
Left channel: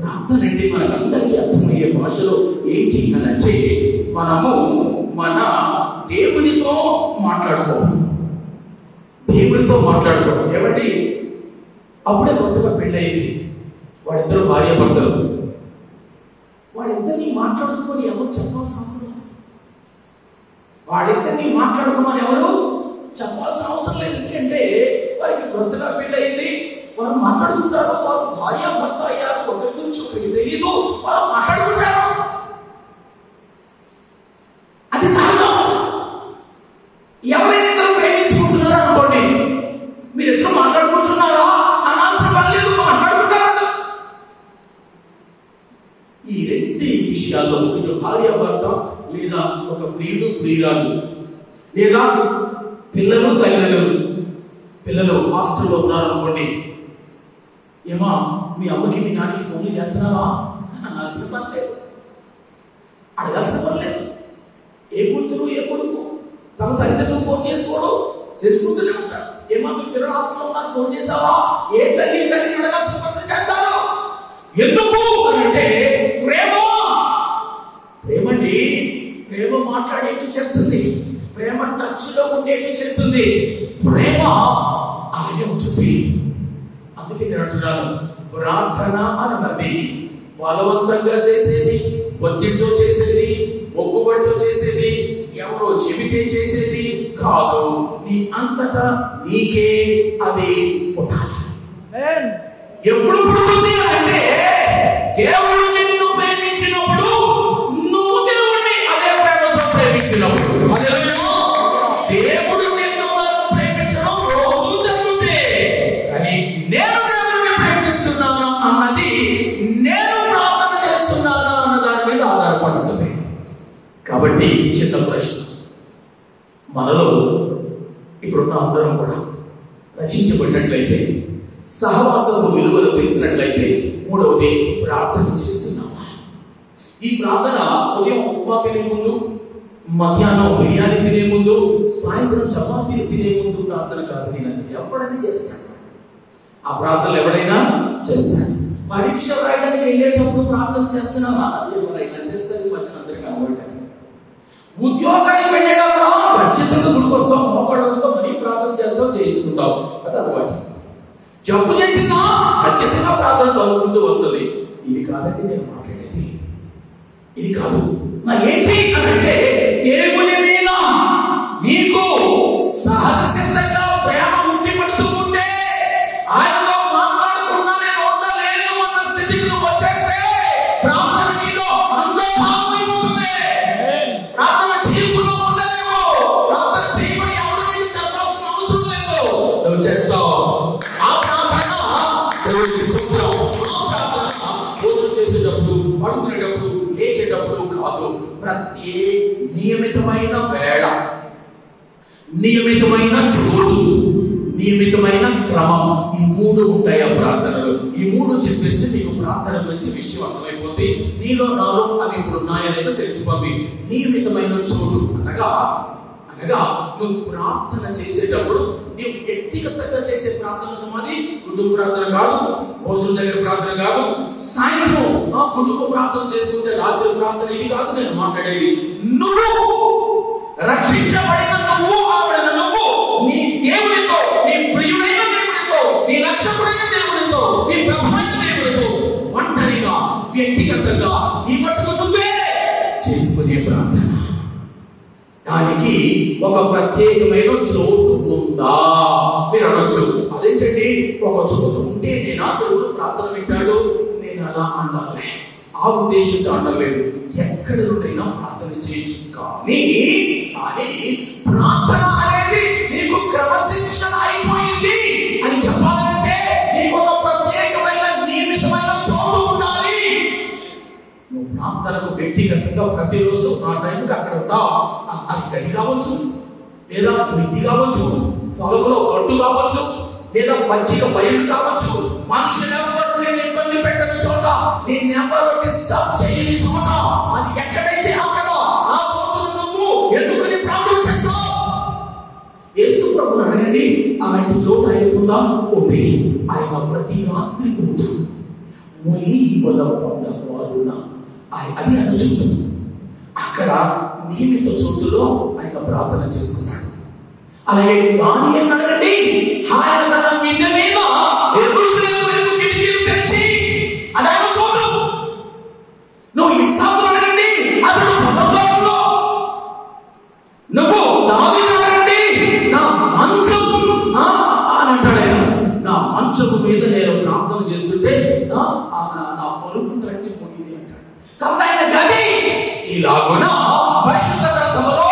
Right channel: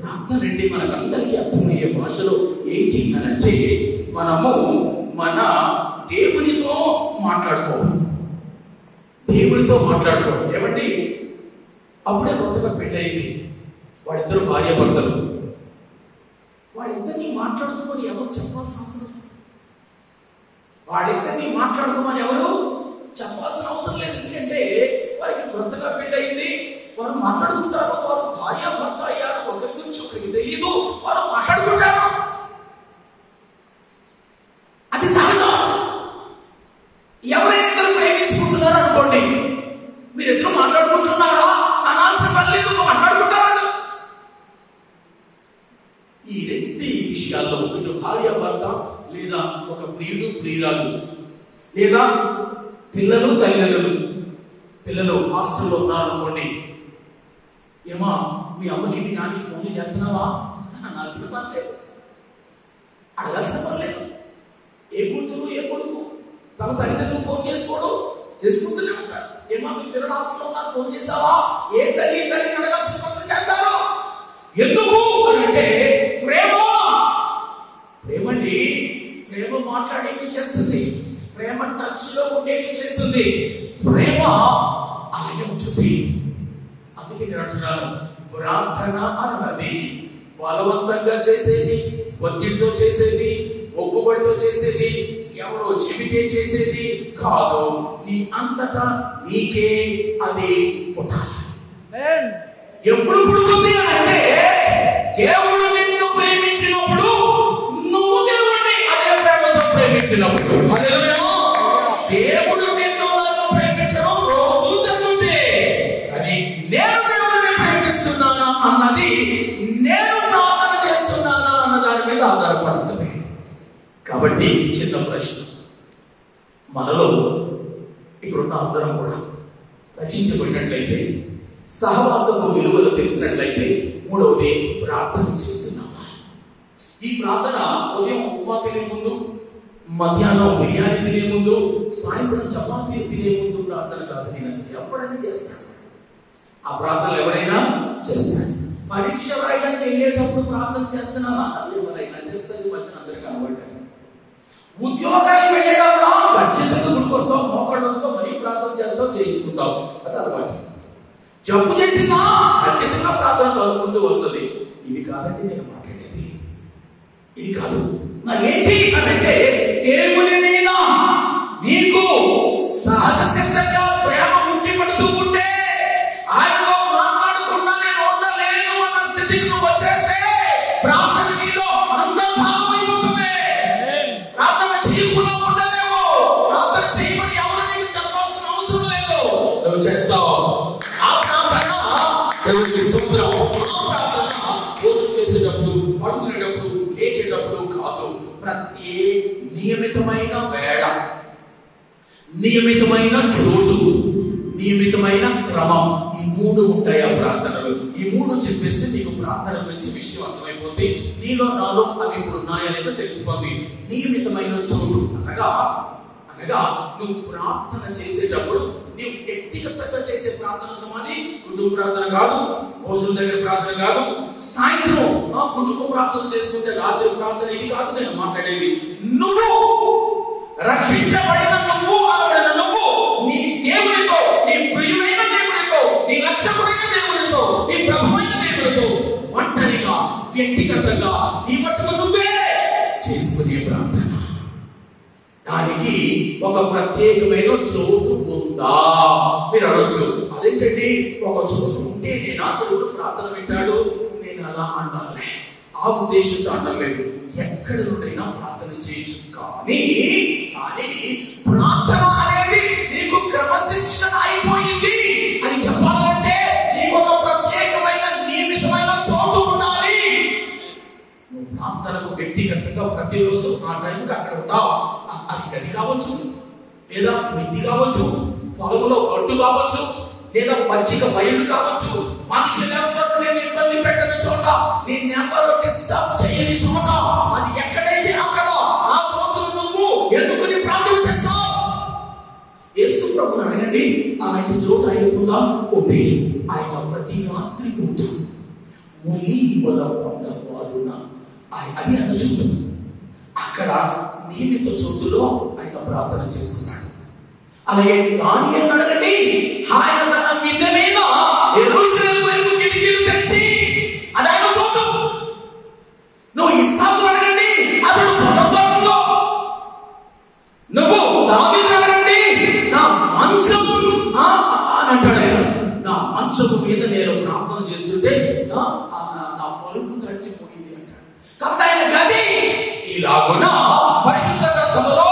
ప్రార్థన అంటే మనకందరికీ అర్థమయ్యే భాషలో ఏంటి అని అంటే, మనము మన దేవునితో మాట్లాడుకోవాలి. దేవునితో మాట్లాడుకోవాలి. ఏమండి, అప్పుడే కొత్తగా పెళ్ళయింది, వాళ్ళిద్దరు భార్య భర్తలు, వాళ్ళిద్దరినీ మాట్లాడుకోమని ఎవరు చెప్పాల్సిన అవసరం? వాళ్ళిద్దరినీ మాట్లాడుకోమని ఎవరు చెప్పాల్సిన అవసరం లేదు. ఎందుకంటే వారికి కొత్తగా పెళ్ళయింది, వారు మాట్లాడుకుంటారు. వారు భార్య భర్త అయ్యారు, ఒకరి గురించి ఒకరికి తెలియదు, వారు మాట్లాడుకుంటారు. అది సహజం. ఎవరైనా ఇద్దరు ప్రేమించుకుంటున్నారో అనుకోండి, మీరిద్దరు మాట్లాడుకుంటున్నారా అనాల్సిన పర్లేదు, మాట్లాడుకుంటారు. ఈ రెండు విషయాల్లో ఇటు భార్య భర్త, లేదా ఒక ప్రియుడు ప్రియురాలు, లేదా పిల్లలు తల్లిదండ్రులు, పిల్లలు హాస్టల్లో ఉన్నారనుకోండి, ఏమా మీ అమ్మకి మీ నాన్నకి ఫోన్లు చేస్తున్నావా అనాల్సిన పర్లేదు, అడగాల్సిన పర్లేదు. ఏ కూతురు ఏ కొడుకు తమ తల్లిదండ్రులు ఫోన్ చేసుకోవడం చేసుకుంటూనే ఉంటారు. ఏమా మీ పిల్లలు హాస్టల్లో ఉన్నారు ఫోన్ చేసావా? ఏ తల్లిని అడగాల్సిన పర్లేదు చేస్తారు. ఎందుకు అని అంటే ప్రేమ. ప్రేమండి, ప్రేమ మాట్లాడేట్టు చేస్తుంది, ప్రేమ టచ్ లో ఉండేట్టు చేస్తుంది, ప్రేమ ఆలయం చూపి. అందుకే నేను అంటున్నాను, ప్రార్థన అన్నది బలవంతంగా చేసేది, ఒత్తిడితో చేసేది, మొక్కుబడితో చేసేది, ఎవరో చెబితే చేసేది కాదు. నీ అంతటా నీకే అది పుట్టాలి. ఎప్పుడు పుడుతుంది అంటే, దేవుడు నిన్ను ప్రేమించినప్పుడు, నువ్వు దేవుడిని అదే ప్రేమతో ప్రేమించినప్పుడు. దేవుడు నిన్ను నన్ను ప్రేమించడం రోజు జరుగుతుంది. కానీ నేను దేవుడిని ప్రేమిస్తున్నానా అన్నది, నేను ప్రార్థన చేస్తున్నానా అన్న దాని మీద ఆధారపడుతుంది. కాబట్టి చిన్న ప్రశ్న, మనలో ఇప్పుడున్న అందరం కూడా రక్షించబడినట్లయితే, సహవాసపు విలువలు తెలిసినట్లయితే, మూడవది ప్రార్థన చేస్తున్నామా? ఈ ప్రార్థన ఉదయం ఉప్మా తినే ముందు, మధ్యాహ్నం బిర్యానీ తినే ముందు, సాయంత్రం చపాతీలు తినే ముందు ప్రార్థన కాదు. నేను ఎవడైనా చేస్తాను, ఆ ప్రార్థనలు ఎవడైనా చేస్తాను. పరీక్ష రాయడానికి వెళ్ళేటప్పుడు ప్రార్థన చేస్తున్నావా? ఎవరైనా చేస్తారు, మధ్యన అందరు కాబట్టి. ఉద్యోగానికి వెళ్ళేటప్పుడు ఖచ్చితంగా గుడికొస్తావు, మోకాళ్ళతో మరీ ప్రార్థన చేస్తావు, చేయించుకుంటావు, అది అలవాటు. జబ్బు చేసిందా ఖచ్చితంగా ప్రార్థన చదువుకుంటూ వస్తుంది. ఇది కాదండి నేను మాట్లాడేది, ఇది కాదు. మరి ఏంటి అంటే, దేవుని మీద నీకు సహజ సిద్ధంగా ప్రేమ ఉట్టి పడుతూ ఉంటే, ఆయనతో మాట్లాడకుండా నేను ఉండలేను అన్న స్థితికి నువ్వు వచ్చేస్తే, ప్రార్థన నీలో అంతర్భావం అయిపోతుంది. ప్రార్థన చేయకుండా ఉండలేవు. ప్రార్థన చేయమని ఎవరు నీకు చెప్పాల్సిన అవసరం లేదు, నువ్వు చేస్తావు. ఆ ప్రార్థన దేవుడికి స్తోత్రం. ఆ ప్రార్థన భోజనం చేసేటప్పుడు, పడుకునేటప్పుడు, లేచేటప్పుడు కాదు. ప్రతి నియమితమైన వేళ, నియమితమైన చోటు, నియమితమైన క్రమం, ఈ మూడు ఉంటాయి ఆ ప్రార్థనలు. ఈ మూడు చెప్పేస్తే నీకు ప్రార్థన గురించి విషయం అర్థమైపోతుంది. నీలో నాలో అవి ఇప్పుడు ఉన్నాయనేది తెలిసిపోతుంది. నియమితమైన చోటు అనగా నువ్వు ప్రార్థన చేసేటప్పుడు, నీవు వ్యక్తిగతంగా చేసే ప్రార్థన సమాధి, కుటుంబ ప్రార్థన కాదు, భోజనం దగ్గర ప్రార్థన కాదు, సాయంత్రం కుటుంబ ప్రార్థన చేసుకుంటే రాత్రి ప్రార్థన, ఇది కాదు నేను మాట్లాడేది. నువ్వు రక్షించబడిన నువ్వు నీ దేవునితో, నీ ప్రియుడైన దేవునితో, నీ రక్షకుడైన దేవునితో, నీ ప్రభువైన దేవునితో ఒంటరిగా వ్యక్తిగతంగా నీ మట్టుకు నువ్వే చేసుకునే ప్రార్థన. దానికి ఒక ప్రత్యేకమైన చోటు ఉందా మీరు అనొచ్చు. అదేంటండి ఒక చోటు ఉంటే నేను ఆ దేవుడు ప్రార్థన వింటాడు, నేను అలా అంటానులే, ఆ ఉద్దేశంతో అంటలేదు. ఎక్కడ నుండైనా ప్రార్థన చేయొచ్చు, కానీ ప్రార్థన అనేది నీకు క్రమశిక్షణ అయిపోయింది అని చెప్పాలంటే నీకు ఒక ప్రత్యేకమైన నియమితమైన చోటు ఉండాలి. నువ్వు ప్రార్థనకు వ్యక్తిగతంగా ప్రతిరోజు ఆ టైంకి అక్కడ ఉంటావు. కావచ్చు, లేదా మిద్ది కావచ్చు, పొలంలో గడ్డు కావచ్చు, లేదా పచ్చిక బయలు కావచ్చు, మనుషులెవరు నేను ఇబ్బంది పెట్టిన చోట, నేనెవరో డిస్టర్బ్ చేయని చోట, అది ఎక్కడైతే అక్కడ ఆ చోట నువ్వు ఎందుకని ప్రార్థన చేస్తావు? యేసు ప్రభువుని అడగండి, అలాంటి చోట ఆయనకుందా? ఉంది. ఆయన ప్రతి రాత్రి పూట ఒలీవల కొండ వారున అది అనుచు అక్కడ నియమిత చోటులో ఆయన ప్రార్థన చేస్తున్నాడు. అలాగే దానియేలుని అడగండి, ఆయన తన మిద్దె మీద యెరూషలేము వైపు కిటికీలు తెరిచి అది ఆయన చోటు. నువ్వు ఇస్సాకును అడగండి, అతడు పర్వతంలో. నువ్వు దావీదుని అడగండి, నా మంచము అని అంటాడు. నా మంచము మీద నేను ప్రార్థన చేస్తుంటే నా పలుకు తడిచిపోయింది అంటాడు. కాబట్టి ఆయన గది ఇలాగున పరిశుద్ధ గ్రంథములో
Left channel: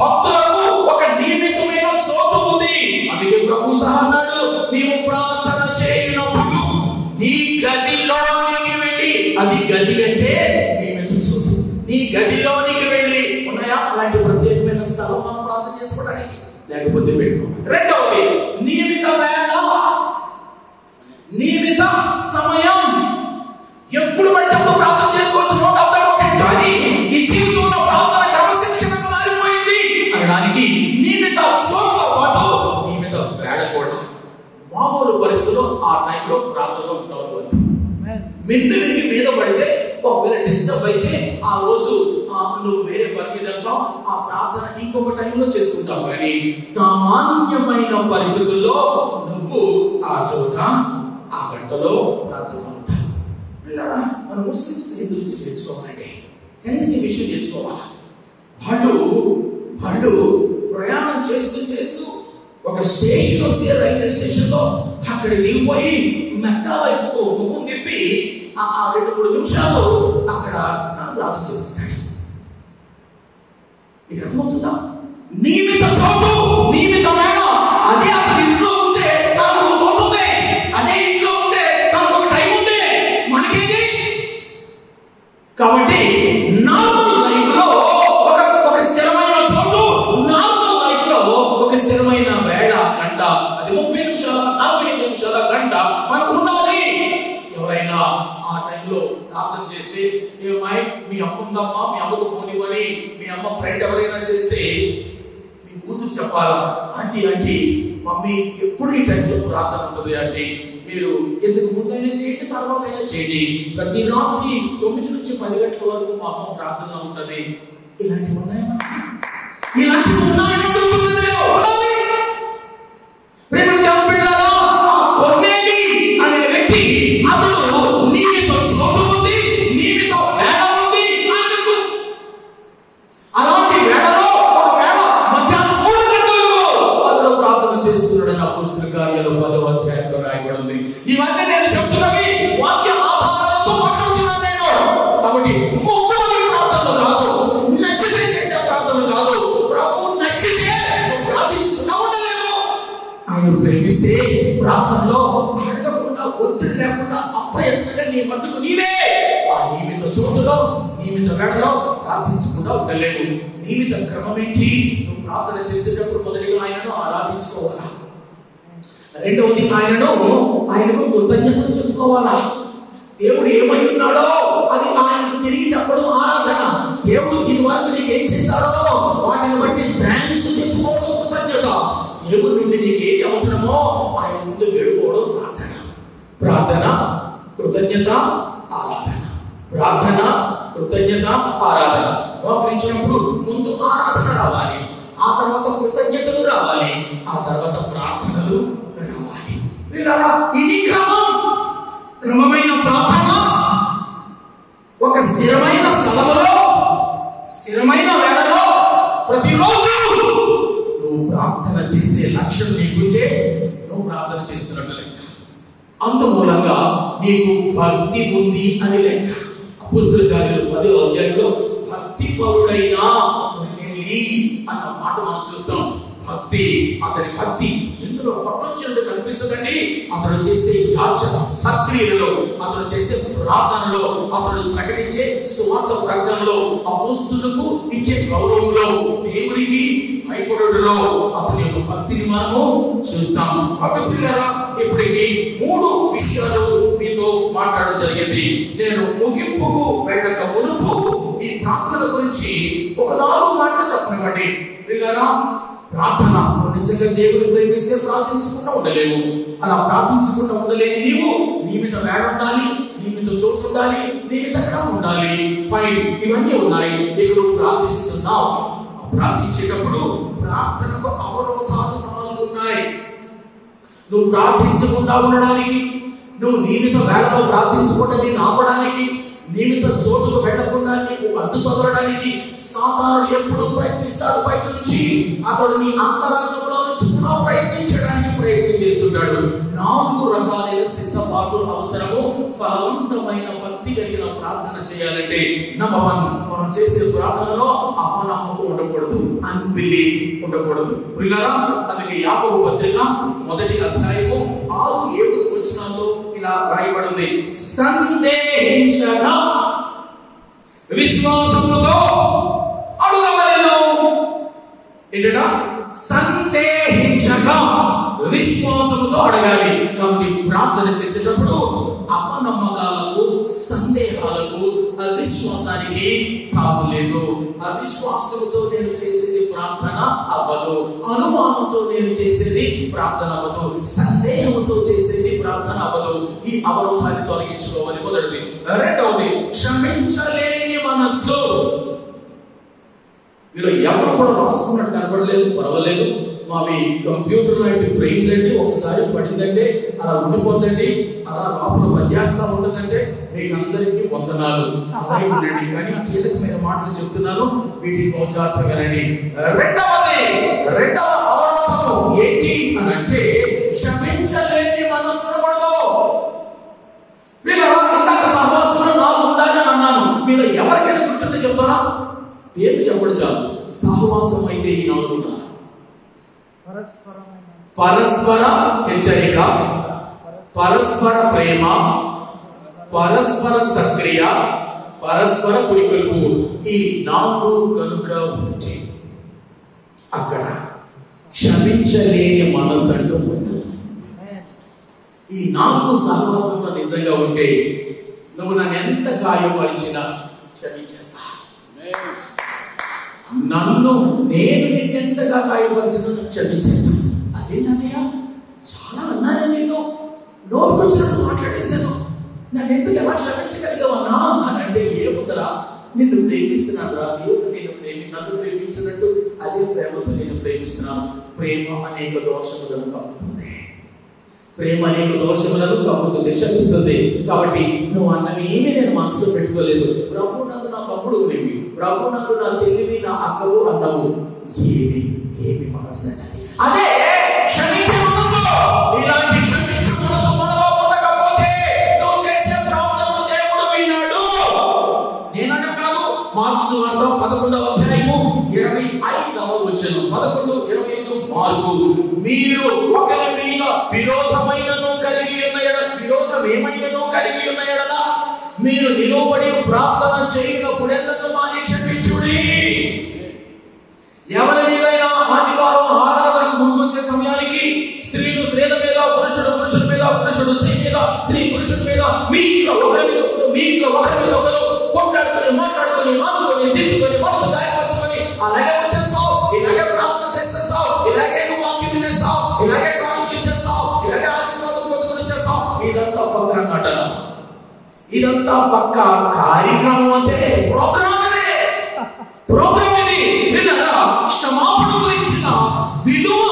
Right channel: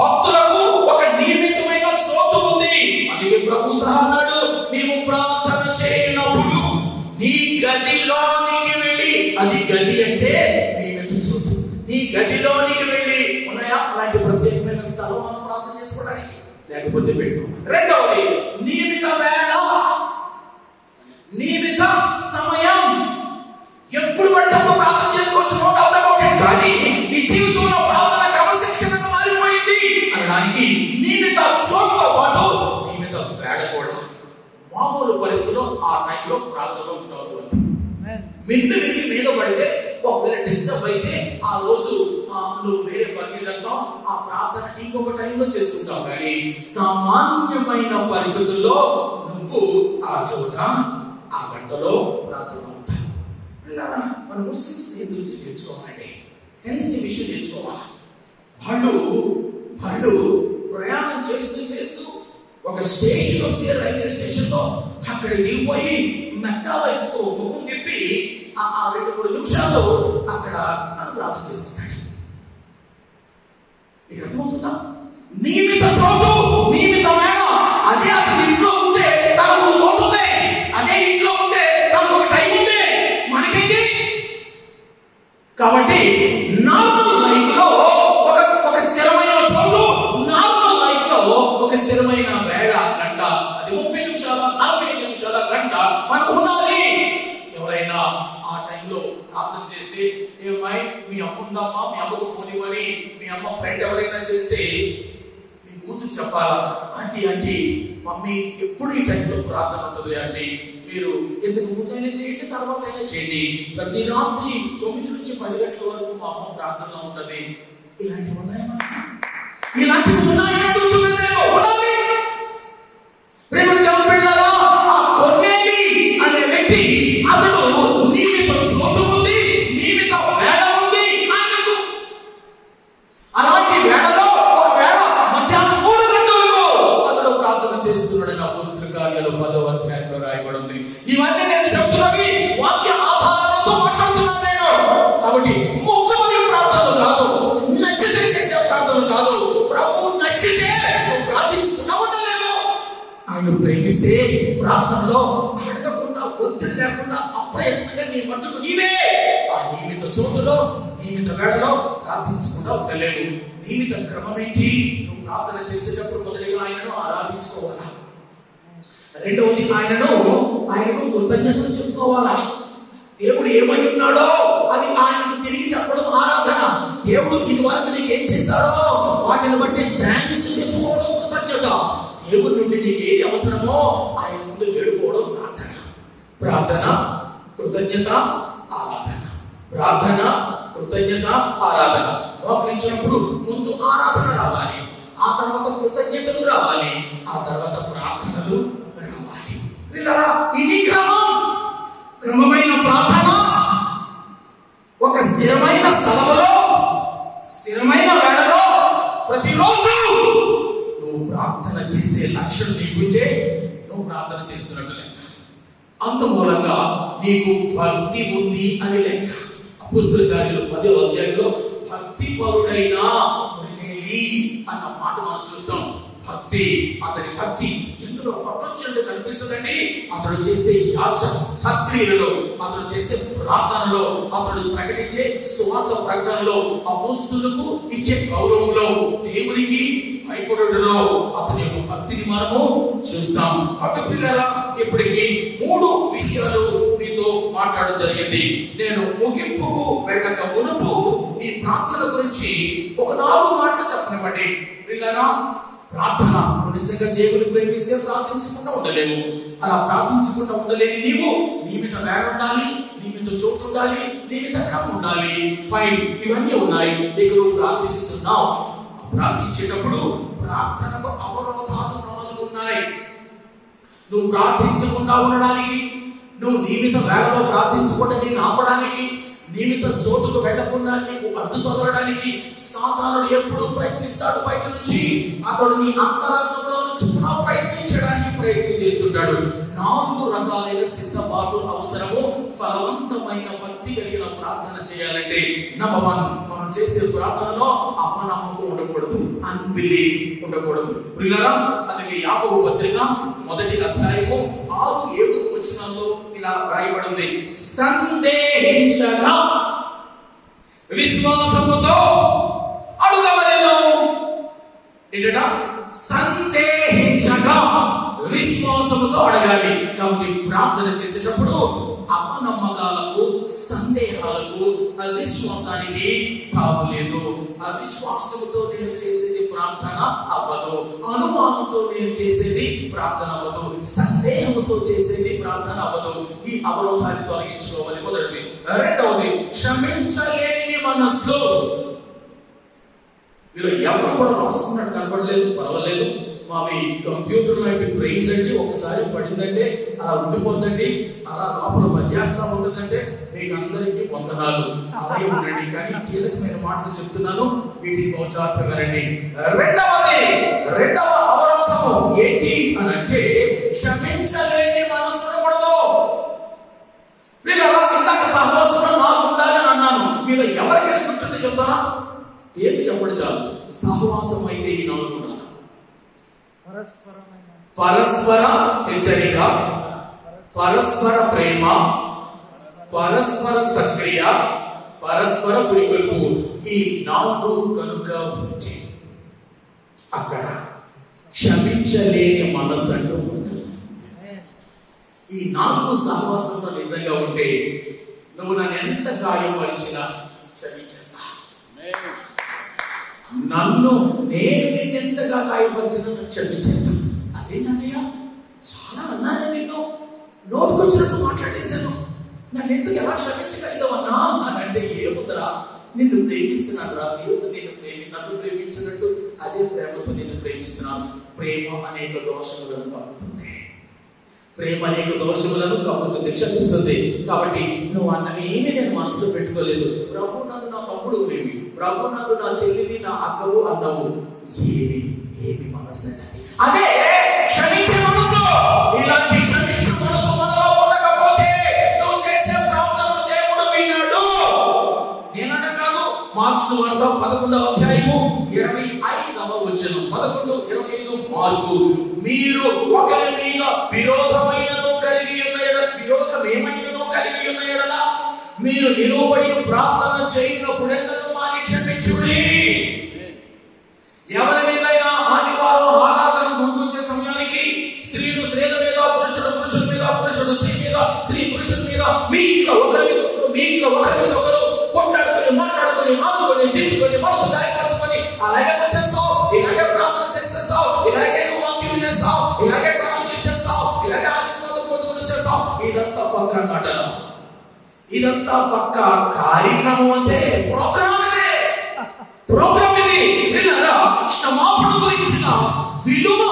భక్తులకు ఒక నియమితమైన చోటు ఉంది. అందుకే ప్రభు సహా అన్నాడు, నీవు ప్రార్థన చేయనప్పుడు నీ గదిలోనికి వెళ్ళి, అది గది అంటే నియమిత చోటు, నీ గదిలోనికి వెళ్ళి ఉన్నాయా అలాంటి ప్రత్యేకమైన స్థలం మనం ప్రార్థన చేసుకోవడానికి? లేకపోతే పెట్టుకోవాలి. రెండవది నియమిత వేళ, నియమిత సమయం. ఎప్పుడు పడితే అప్పుడు ప్రార్థన చేసుకోవచ్చు, నోట్ అవుతాడు. కానీ నీ జీవితంలో ప్రార్థన క్రమశిక్షణ మారిపోయింది అనడానికి నియమిత చోటుతో పాటు నియమిత వేళ కూడా. మామూలు పరిస్థితుల్లో ఆ టైంలో ప్రార్థనలో ఉంటారు. మిన్ను విరిగి మీద పడితే ఒకవేళ డిస్టర్బ్ అయితే ఆ రోజు నువ్వు వేరే పని మీద వెళ్తావు, ఆ ప్రార్థన ఇంకొక టైంలో చేసుకుంటావు. కానీ సామాన్యమైన పరిస్థితుల్లో నువ్వు ఆ చోట ఆ గంటలో ప్రార్థన ఉంటావు. మన ముస్లిమ్స్ ఎదురు నేర్చుకోవాలండి, కనీసం ఈ విషయం నేర్చుకోవాలి. వాళ్ళు ప్రయాణం చేస్తూ ఒక స్టేషన్ వస్తే రైల్వే స్టేషన్ లో అక్కడ దిగిపోయి మెక్కా వైపు ముఖం తిప్పి ఆ 2-3 నిమిషాలు అక్కడ ప్రార్థన చేస్తుంటాడు. నీకు అర్థమవుతుందా? నియమిత చోటు, నియమిత వేళ. అదే అతను ఇంట్లో ఉంటే తనకు చోటు ఉంది, అదే ఇంట్లో ఉంటే తనకు ఒక టైం ఉంది. మనకేంటి? కాబట్టి నార్మల్ లైఫ్ లో ఒక స్థిరమైన చోటు, నార్మల్ లైఫ్ లో ఒక స్థిరమైన వేళ, గంట, అది 30 నిమిషాల 45 నిమిషాల గంట మనకు ఉండాలి. ఎవరైనా ఆ టైంలో ప్రార్థన చేస్తే, మీ అమ్మ ఉందమ్మా, మీ అమ్మకు ఫోన్ ఇవ్వని మీ అమ్మ ఫ్రెండ్ ఎవరైనా చేస్తే మీ కూతురు చెప్పాలా, ఆంటీ మమ్మీ ఎప్పుడు ఈ టైంలో ప్రార్థన ఉంటుంది అంటే, మీరు ఎందుకు ముందైనా చేయండి, తర్వాత అయినా చేయండి, ప్రతి రాత్రి 9 నుంచి 10 గంటల వరకు మా అమ్మ ప్రార్థనలో ఉంటుంది. ఇలాంటివి ఉన్నాయా? ఇలాంటివి ఉన్నాయా? ప్రేమ కొన్నేటి అనే వ్యక్తి అతడు నియమిత చోటు ఉంది, నియమిత వేళ ఉంది అన్నట్టు. అలాంటి వేళలో ఒకవేళ మధ్యాహ్నం 3 గంటలకు అతడు ప్రార్థన చేస్తున్నాడని అపోస్తలుల కార్యాలు 10వ అధ్యాయంలో రాయబడింది. ఇవన్నీ నేను చెప్తున్నవి వాక్య ఆధారాలతో మాట్లాడుతున్నాను నేను. కాబట్టి ముఖ్యమైన ప్రార్థనలు కాదు, నచ్చితే చేసే ప్రార్థనలు కాదు. ప్రభు నచ్చితే నువ్వు ప్రార్థించుకున్నా ఉండలేను. ఆయన ప్రేమిస్తే ప్రార్థనలో అడగకుండా, ఒత్తిడి లేకుండా, అప్రయత్నంగా నీ మట్టుకు నీవే ఆ నియమిత చోటులో, నియమిత వేళలో ప్రార్థించకుండా ఉండలేవు. నియమిత క్రమం ఏంటి? నువ్వు ప్రార్థన చేసేటప్పుడు మొదటిగా ఆయనను ఆరాధించుకోవాలా. రెండవది ఆయనకు కృతజ్ఞతలు చెప్పుకోవాలా. దేవుడు ఏమై ఉన్నాడో అది ఆయనకు తిరిగి చెప్పడం ఆరాధన. దేవుడు ఇది వరకు నీకు ఏం చేశాడో వాటిని బట్టి థ్యాంక్స్ చెప్పుకోవడం కృతజ్ఞత. దేవుడి నుండి నీకు ఏది అవసరమో ఆయన ముందు వేడుకోవడం ప్రార్థన. ప్రార్థన, కృతజ్ఞత, ఆరాధన. ప్రార్థన, కృతజ్ఞత, ఆరాధన. మోకరించినప్పుడు ముందు ఆరాధన రావాలి, ఆ తర్వాత కృతజ్ఞతలు రావాలి, ఆ తర్వాత ప్రార్థనలు రావాలి. ఇది క్రమమైన ప్రార్థన. ఒక స్థిరమైన స్థలంలో, స్థిరమైన వేళలో ప్రతిరోజు నువ్వు ప్రార్థన చేసే లక్ష్యం నీకుంటే నువ్వు ప్రార్థన చేస్తున్నట్టు లెక్క. అంత మూలంగా నీకు భక్తి ఉంది అని లెక్క. అపోస్తలుల కార్యాలు 10వ అధ్యాయంలో భక్తి పరుడైన అన్న మాట మనం చూస్తాం. భక్తి, అతని భక్తి ఎందులో ప్రపంచంలో కనిపిస్తుందండి. అతడు చేసే యాచన సక్రియలలో, అతడు చేసే ప్రార్థనలో, అతడు ప్రకటించే సువార్త ప్రకటనలో, అపోస్తలులకు ఇచ్చే గౌరవంలో, దేవుడికి చెప్పండి ప్రియులారా, ప్రార్థన నిజంగా దేవుని ప్రేమిస్తే ప్రార్థించకుండా ఉండలేము. అలా ప్రార్థించకుండా ఉండలేని నీవు నీ మీద వేడ ఉండాలి, నీ మీద చోటు ఉండాలి, నీ మీద క్రమం ఉండాలి. ఫైన్, ఇవన్నీ ఉన్నాయి. దేవుడు ప్రార్థిస్తున్నావు. ప్రార్థించేటప్పుడు ప్రార్థనకు అవరోధాలు 4 ఉన్నాయి. నువ్వు ప్రార్థించకుండా ఉండడానికి, నువ్వు నియమిత వేళలో ప్రార్థించకుండా నేను ఆపడానికి, నియమిత చోటుకు వెళ్లకుండా నీకు అడ్డు తొలగడానికి సాతానుడు ఎప్పుడు ప్రయత్నిస్తాడు. బయట నుంచి అతడు నీ అంతరంగంలో నుంచి ప్రయత్నించడానికి ప్రయత్నం చేస్తుంటాడు. 4 రకాలైన సిద్ధపాటు అవసరము. ఫలవంతమైన భక్తి కలిగిన ప్రార్థన చేయాలంటే నంబర్ 1, మనం చేసే ప్రార్థనలో అపనమ్మకం ఉండకూడదు, అన్బిలీఫ్ ఉండకూడదు. ప్రియులారా, అందుకే యాకోబు పత్రిక 1వ అధ్యాయము 6-7 వచనాల్లో ఇలా రాయబడింది, సందేహించగా విశ్వాసముతో అడుగవలెను. ఏంటట? సందేహించగా విశ్వాసముతో అడగాలి. కాబట్టి ప్రార్థన చేసేటప్పుడు అపనమ్మకాలకు, సందేహాలకు, అవిశ్వాసానికి తావు లేదు. అవిశ్వాసంతో నేను చేసేది ప్రార్థన అవ్వదు, అనుమానంతో నేను చేసేది ప్రార్థన అవ్వదు, సందేహంతో చేసేది ప్రార్థన అవ్వదు. ఈ అవరోధాన్ని తొలగించుకోవాలి. మొదటిది. రెండవది, క్షమించలేని మనస్సు. ఇలా ఎవరు కూడా రాసుకున్నట్టు కనపడలేదు, పర్వాలేదు, మావి కంప్యూటర్ లాంటి బ్రెయిన్స్ అంటే ఒకసారి పడిందంటే అలా ఉండిపోద్దండి, అలా లోపల పనిచేస్తా ఉంటుందంటే మీకు అందరికీ వందనాలు, అలాగే ఉండండి. కానీ కీలకమైన మాటలు చెప్తున్నాను, వీటికి పౌచార్థమేనండి. రెండవ అవరోధం ఏంటి అని అంటే క్షమించలేని మనసు ఉండకూడదు. మీరు అలా ఇందాక సహవాసంలో 4 ఉండాలి అని అన్నాను. మీరు ఎవరికైనా గుర్తుంటే చెప్తారా? పేరు చెప్పడు చాలు. సహవాసం అయితే ఈ 4 ఉండాలి. పరస్పర హెచ్చరిక, పరస్పర ప్రేమ, పరస్పర సక్రియ, పరస్పర పురికొల్పు. ఈ 4 కనుక ఉంటే అక్కడ క్షమించలేని మనసు అంటూ ఉండదు. ఈ 4 సహవాసంలో నిజంగా ఉంటే నువ్వు నన్ను ఎంత గాయపరిచినా క్షమించేస్తా. నేను నిన్నెంతగా గాయపరిచినా క్షమించేస్తాను. అదేంటన్నయ్య, చాలా అన్నాను, నిన్ను నోటుకొచ్చినట్టు మాట్లాడేశాను, నన్ను ఎందుకు ఎలా క్షమించగలిగావన్నా అని అంటే, ఏముందరా, నిన్ను ప్రేమిస్తున్నాను రా, దేవుడు నన్ను ప్రేమించినట్టు అదే ప్రేమతో నిన్ను ప్రేమిస్తున్నాను. ప్రేమ అనేక దోషములను కప్పుతుంది, ప్రేమ అనేక దోషములను కప్పుతుంది, క్షమిస్తుంది. కాబట్టి నువ్వు అన్నవేమీ నేను మనసులో పెట్టుకోలేదు. ప్రభు నందు నా తమ్ముడు నీవి, ప్రభు నందు నా చెల్లివి, నా అక్కవు అన్నవు. ఏమి మనసు అదే క్షమించే మనసు. ఇలాంటి క్షమించే మనసు మనలో ఉండకపోతే నువ్వు చేసే ప్రార్థనను దేవుడు విన్నాడు. నేనన్నా కాదు, మార్క్స్ 11వ అధ్యాయము 25వ వచనం, 11:25 మార్కు, మీరు ఒకరి మీద విరోధమైనను కలిగి ఉన్న ఎడల, విరోధమేమైనను కలిగి ఉన్న ఎడల మీరు నిలువబడి ప్రార్థన చేయనప్పుడెన్నడూ మాని క్షమించుడి. ఎవరి మీదైనా ఆదివారం ఆరాధనకు గుర్తొచ్చే సమయానికి స్త్రీలు స్త్రీల మీద, పురుషుడు పురుషుల మీద, పురుషుడు స్త్రీ మీద, స్త్రీ పురుషుల మీద, మీ ఇంట్లో ఒకరి మీద ఒకరు కొట్లాడుకొని, మాట్లాడుకొని, ఆనుకొని, తిట్టుకొని, మనసు గాయపరచుకొని అలాగే చేస్తావు, ఇలాగే ప్రార్థన చేసేస్తావు, ఇలాగే వాక్యం వినేస్తావు, ఇలాగే కానుకలు చేస్తావు, ఇలాగే ఆశీర్వాదం పొందుకొని చేస్తావు. ఇదంతా పక్క నటన, ఇదంతా పక్క కార్యక్రమం. అంటే ప్రోగ్రామ్ ఇది. క్షమాపణ గురించిన విలువ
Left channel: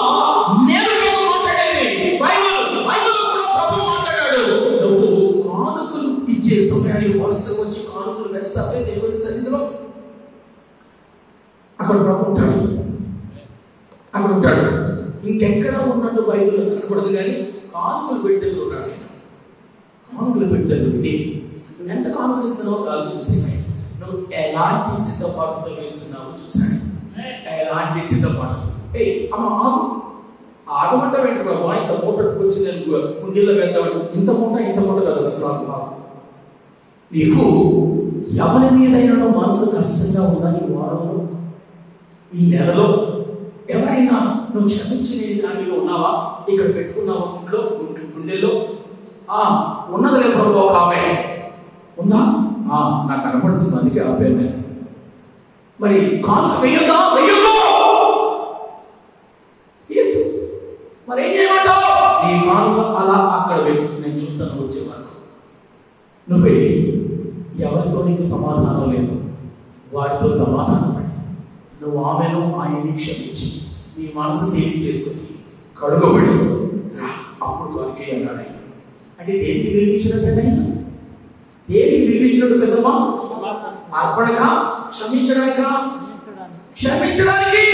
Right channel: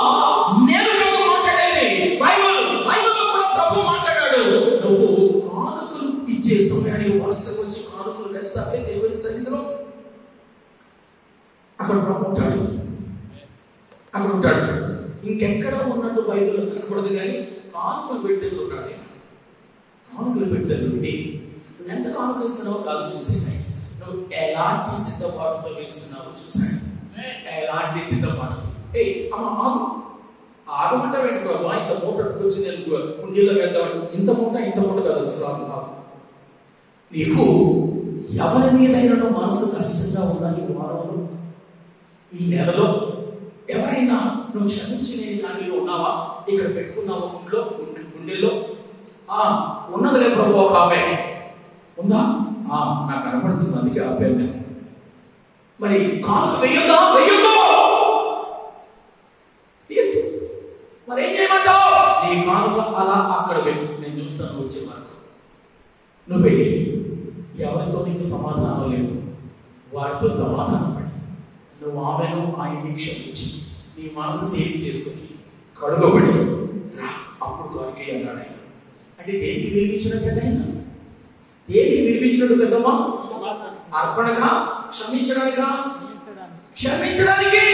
నేను మాట్లాడేది. బైబిల్లో కూడా ప్రభు మాట్లాడాడు. నువ్వు కానుకలు ఇచ్చే సమయానికి వరుసగా వచ్చి కానుకలు వేస్తావే దేవుని సన్నిధిలో, అక్కడ ప్రభు ఉంటాడు, అక్కడ ఉంటాడు. ఇంకెక్కడ ఉన్నట్టు బైబిల్లో కనపడదు, కానీ కానుకలు పెట్టి దగ్గర ఉన్నాడు. కానుకలు పెట్టి దగ్గర ఉండి నువ్వు ఎంత కానుక ఇస్తున్నావో కాదు చూసేవాయి, నువ్వు ఎలాంటి సిద్ధపాటుతో వేస్తున్నావో చూసాను. ఎలాంటి సిద్ధపాటు. ఆగమంటే వెంట ప్రభు, ఇంత మూట వచ్చి నేను కుండీలో వెళ్తాడు, ఇంత మూట కాదు అసలు. నీకు ఎవరి మీదైనా మనసు కష్టంగా ఉందా ఈ వారంలో, ఈ నెలలో? ఎవరైనా నువ్వు క్షమించే దానిలో ఉన్నావా? ఇక్కడ పెట్టుకున్నావా గుండెల్లో? ఉన్నదిలే ప్రభు, ఒక ఆమె ఉందా? నాకు కనపడుతుంది, అందుకే ఆపే. మరి కానుక వెయ్యొద్దా? నువ్వు వెళ్ళి ఎవరితో నీకు సమాధానం లేదు వారితో సమాధానం పడి నువ్వు ఆమెను ఆయన్ని క్షమించి నీ మనసు తేలి చేసుకుని కడుగబడి అప్పుడు దొరికే అన్నాడు ఆయన. అంటే దేనికి వినిపించడం పెద్దయినా, దేనికి వినిపించడం పెద్దమ్మా? అర్పణగా, క్షమించడానికా? క్షమించడానికి.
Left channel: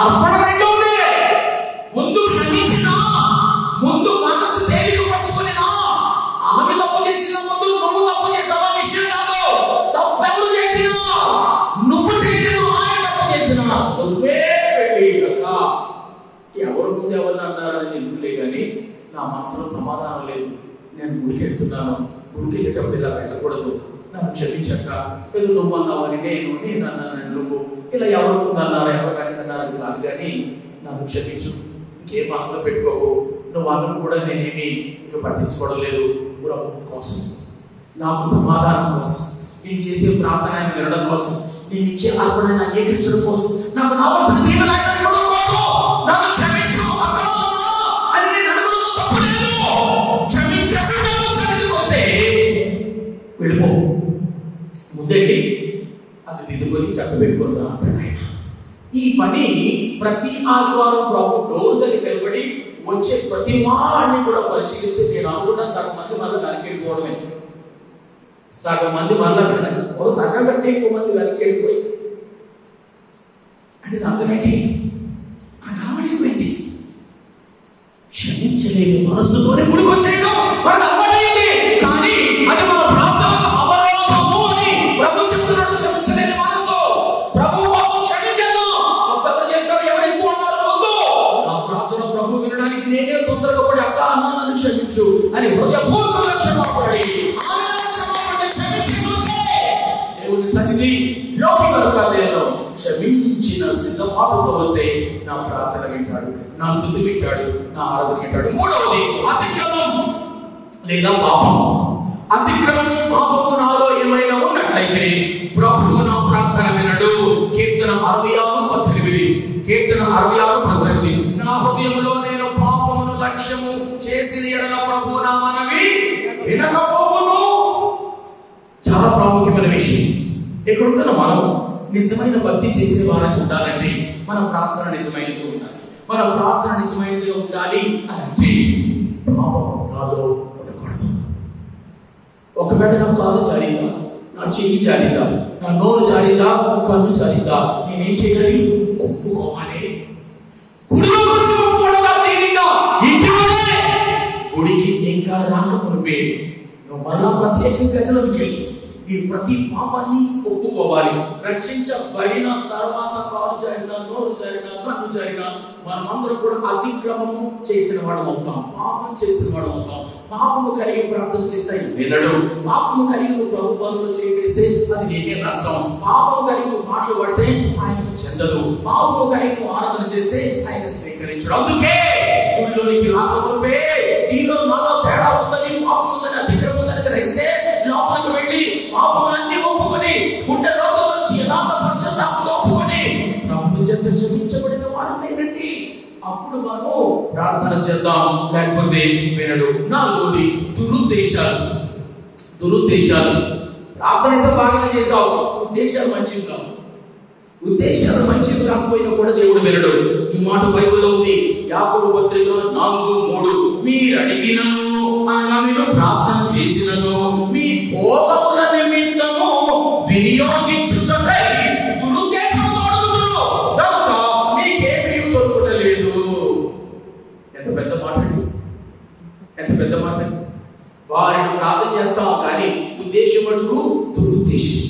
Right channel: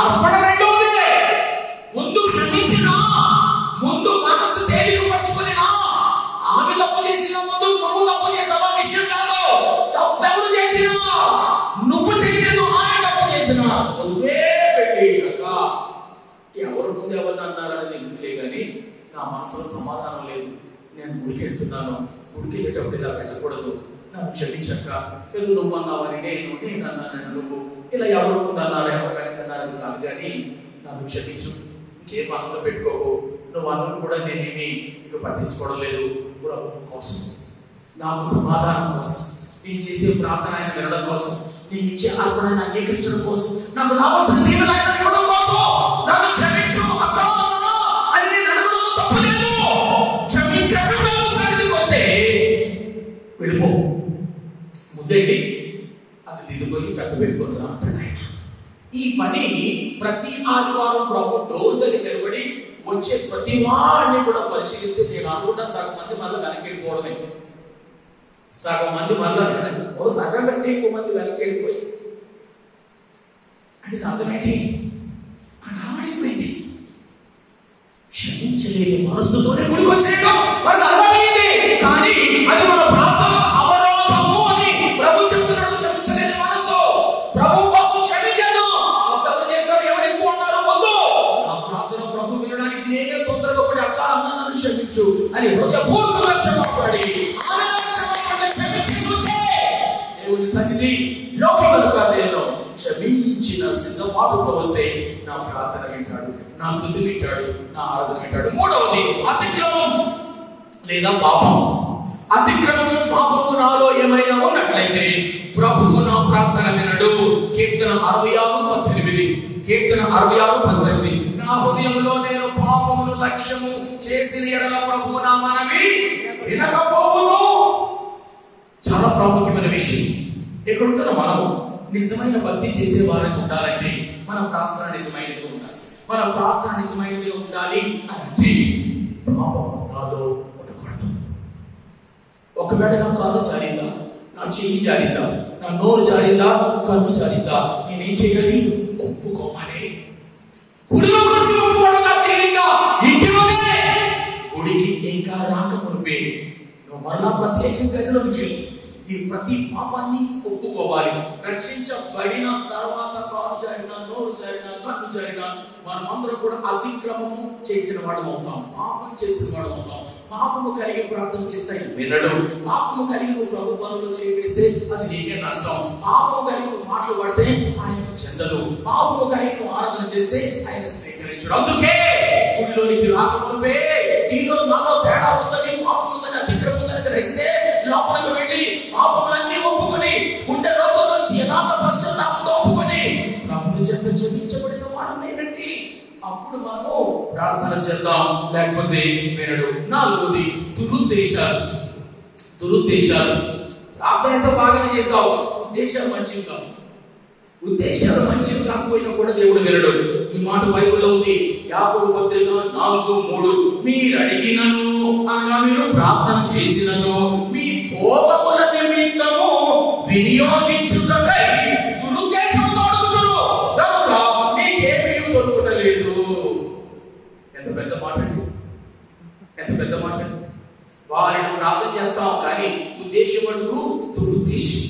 అర్పణ రెండోదే. ముందు క్షమించినా, ముందు మనసు తేలిక పరుచుకునినా, ఆమె తప్పు చేసిన ముందు నువ్వు తప్పు చేసావా విషయం కాదు. తప్పు ఎవరు చేసినా, నువ్వు చేయలేదు, ఆమె తప్పు చేసినా నువ్వే వెళ్ళి ఎవరు ముందు ఎవరు అన్నారని ఎందుకులే కానీ నా మనసులో సమాధానం లేదు, నేను గుడికి వెళ్తున్నాను, గుడికి వెళ్ళేటప్పుడు ఇలా వెళ్ళకూడదు, నన్ను క్షమించక, ఏదో నువ్వు అన్నావని నేను అన్నానని నువ్వు, ఇలా ఎవరు ముందు అన్నారు ఎవరు వెళ్తున్నారని కాదు కానీ నన్ను క్షమించు, ఇంకేం మనసులో పెట్టుకోకు, నువ్వు అన్నది కూడా నేనేమి ఇక పట్టించుకోవడం లేదు, ప్రభు కోసం, నాకు సమాధానం కోసం, నేను చేసే ప్రార్థన ఆయన వినడం కోసం, నేను ఇచ్చే అర్పణ అంగీకరించడం కోసం, నాకు కావాల్సిన దీవెన ఆయన ఇవ్వడం కోసం నన్ను క్షమించు అని నేను అడగడం తప్పలేదు. క్షమించడం వస్తే వెళ్ళిపో, ముందండి అది దిద్దుకొని చక్క పెట్టుకుని అంటాడు ఆయన. ఈ పని ప్రతి ఆదివారం ప్రభు డోర్ దగ్గర నిలబడి వచ్చే ప్రతి వాడిని కూడా పరిశీలిస్తే నేను అనుకున్నా సగం మంది మళ్ళీ వెనకెళ్ళిపోవడమే, సగం మంది మళ్ళీ సగం కంటే ఎక్కువ మంది వెనకెళ్ళిపోయి అంటే అర్థమేంటి? మనకు అలవాటైపోయింది. క్షమించలేని మనస్సుతోనే గుడికి చేయడం మనకు అలవాటైంది. కానీ అది మన ప్రార్థనకు అవరోధము అని ప్రభు చెప్తున్నాడు. క్షమించలేని మనస్సు ప్రభు కోసం క్షమించను. అర్థం చేస్తారు ఎవరు ఎక్కువ అన్నారు వద్దు, నా ప్రార్థన ప్రభు వినడానికి నేనే తొందరగా పడి అక్క అన్న నన్ను క్షమించు అని హృదయపూర్వకంగా క్షమాపడి దేవుని సన్నిధి లోకిలో క్షమించిన సిద్ధపాటుతో వస్తే నా ప్రార్థన వింటాడు, నా స్తుతి వింటాడు, నా ఆరాధన వింటాడు. మూడవది అతిక్రమం లేదా పాపం. అతిక్రమము పాపము నాలో ఏమైనా ఉన్నట్లయితే ప్రభువు నా ప్రార్థన వినడు. కీర్తన 66:18. కీర్తన 66:18. నా హృదయంలో నేను పాపమును లక్ష్యము చేసిన ఎడల ప్రభువు నా మనవి వినకపోవును. చాలా ప్రాముఖ్యమైన విషయం. ఎక్కడుంటున్నా మనం నిజమైన భక్తి చేసే వారికి ఉండాలంటే మన ప్రార్థన నిజమైనది ఉండాలి. మన ప్రార్థన నిజమైనది ఉండాలి అని అంటే పాపంలో ఉండకూడదు. ఒకవేళ నా కాలు జారిందా, నా చెయ్యి జారిందా, నా నోరు జారిందా, కన్ను జారిందా, నేనేం చేయాలి? ఒప్పుకోవాలి. గుడిలో వచ్చి ఒప్పుకోవడం తీరిగా ఇంట్లోనే గుడికి ఇంకా రాకమునిపే నువ్వు మళ్ళా ప్రత్యేక గదిలోకి వెళ్ళి ఈ ప్రతి పాపాన్ని ఒప్పుకోవాలి. రక్షించబడిన తర్వాత కాలు జారినా, నోరు జారినా, కన్ను జారినా మనమందరం కూడా అతిక్రమము చేసిన వాడు అవుతాం, పాపం చేసిన వాడు అవుతాం. పాపము కలిగి ప్రార్థన చేస్తే వినడు. పాపము కలిగి నువ్వు ప్రభు పనులు చేస్తే అది నీకే నష్టం. పాపము కలిగి నువ్వు మాటలు పడితే ఆయనకు చెందదు. పాపము కలిగి నువ్వు ఆరాధన చేస్తే ఆయన స్వీకరించడు. అందుకే గుడిలోనికి రాకమునిపే నీలో నాలో తేడా ఉందని, పాపం ఉందని, అతిక్రమం ఉందని గ్రహిస్తే లోపలికి వెళ్ళి పాపములన్నీ ఒప్పుకొని గుండె లోపల నుంచి యథార్థ పశ్చాత్తాపంతో ఒప్పుకొని ప్రభువు చేత క్షమించబడిన వాడు నేనండి. అప్పుడు మనం ప్రార్థన చేద్దాం, లేకపోతే వినడు. నాలుగోది దురుద్దేశాలు. దురుద్దేశాలు. ప్రార్థన అయితే బాగానే చేసావు, ఉద్దేశాలు మంచివి కావు. ఉద్దేశాలు మంచివి కాకపోయినా కూడా దేవుడు వినడు. ఈ మాట బైబిల్లో ఉంది. యాకోబు పత్రికలో 4:3 మీరు అడిగినను అనగా మీరు ప్రార్థన చేసినను మీ భోగముల నిమిత్తము వినియోగించుటకై దురుద్దేశంతో అడుగుతున్నారు కనుక మీకేమీ దొరుకుటలేదు. ఎంత పెద్ద మాట, ఎంత పెద్ద మాట. వారిని ప్రార్థన చేస్తాం కానీ ఉద్దేశం మటుకు దురుద్దేశం.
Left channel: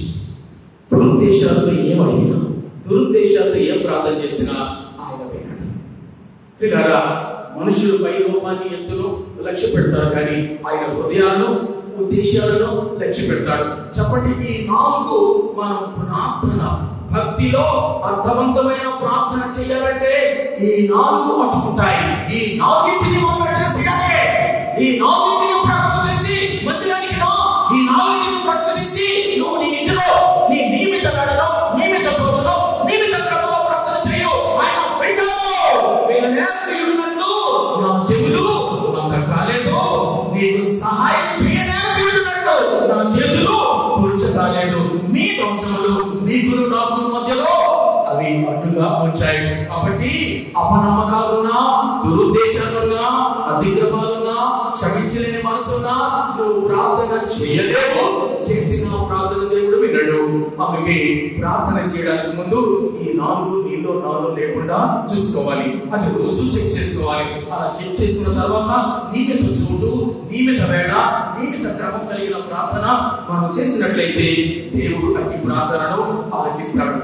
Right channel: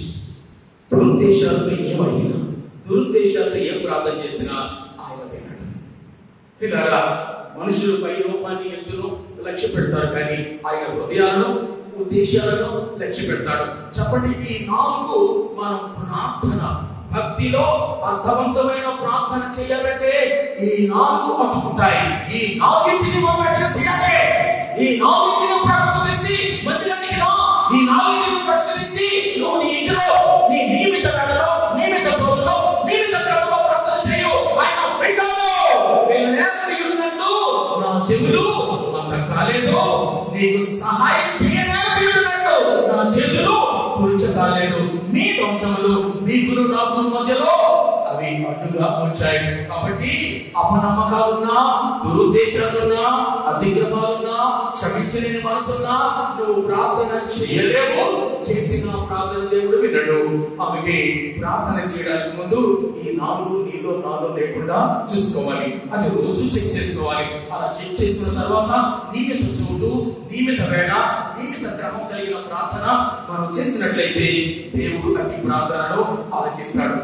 దురుద్దేశాలతో ఏం అడిగినా, దురుద్దేశాలతో ఏం ప్రార్థన చేసినా ఆయన వినడు. పిల్లరా, మనుషులు పై రూపాన్ని ఎత్తును లక్ష్య పెడతారు కానీ ఆయన హృదయాలను, ఉద్దేశాలను లక్ష్య పెడతాడు. చెప్పండి, ఈ 4 మనం ప్రార్థన భక్తిలో అర్థవంతమైన ప్రార్థన చేయాలంటే ఈ 4 పట్టుకుంటాయి. ఈ 4టిని చేయాలి. ఈ 4టిని ప్రకటన చేసి మందిరానికి రా. ఈ 4టిని ప్రకటన చేసి నువ్వు నీ ఇంటిలో నీ నియమిత గడలో, నియమిత చోటులో, నియమిత గడలో ప్రార్థన చేయు. ఆయన వింటాడు. వీళ్ళున్నట్లు నా చెవులు అంత కాలేదు, నీకు సహాయం చేయడానికి వీళ్ళున్నట్లు దూరంగా ఉంచాయి. కాబట్టి అపనమ్మకాలున్నా, దురుద్దేశాలున్నా, అతిక్రమాలున్నా, క్షమించలేని మనసున్నా నువ్వు ప్రార్థన చేయలేవు. చేసిన ప్రార్థన దేవుడు వినడు. ఆమెకి ప్రార్థన చేయడానికి ముందు ఈ 4 నీలో 4 లేకుండా చూసుకోవాలి. అది రోజు చెక్ చేసుకోవాలి. అలా చెక్ చేసుకున్న తర్వాత నియమిత చోటు, నియమిత వేళ, నియమిత క్రమం కలిగిన ప్రార్థన మనం చేసినట్లయితే దేవుడు అతి ప్రార్థనను ఆలకిస్తాడు.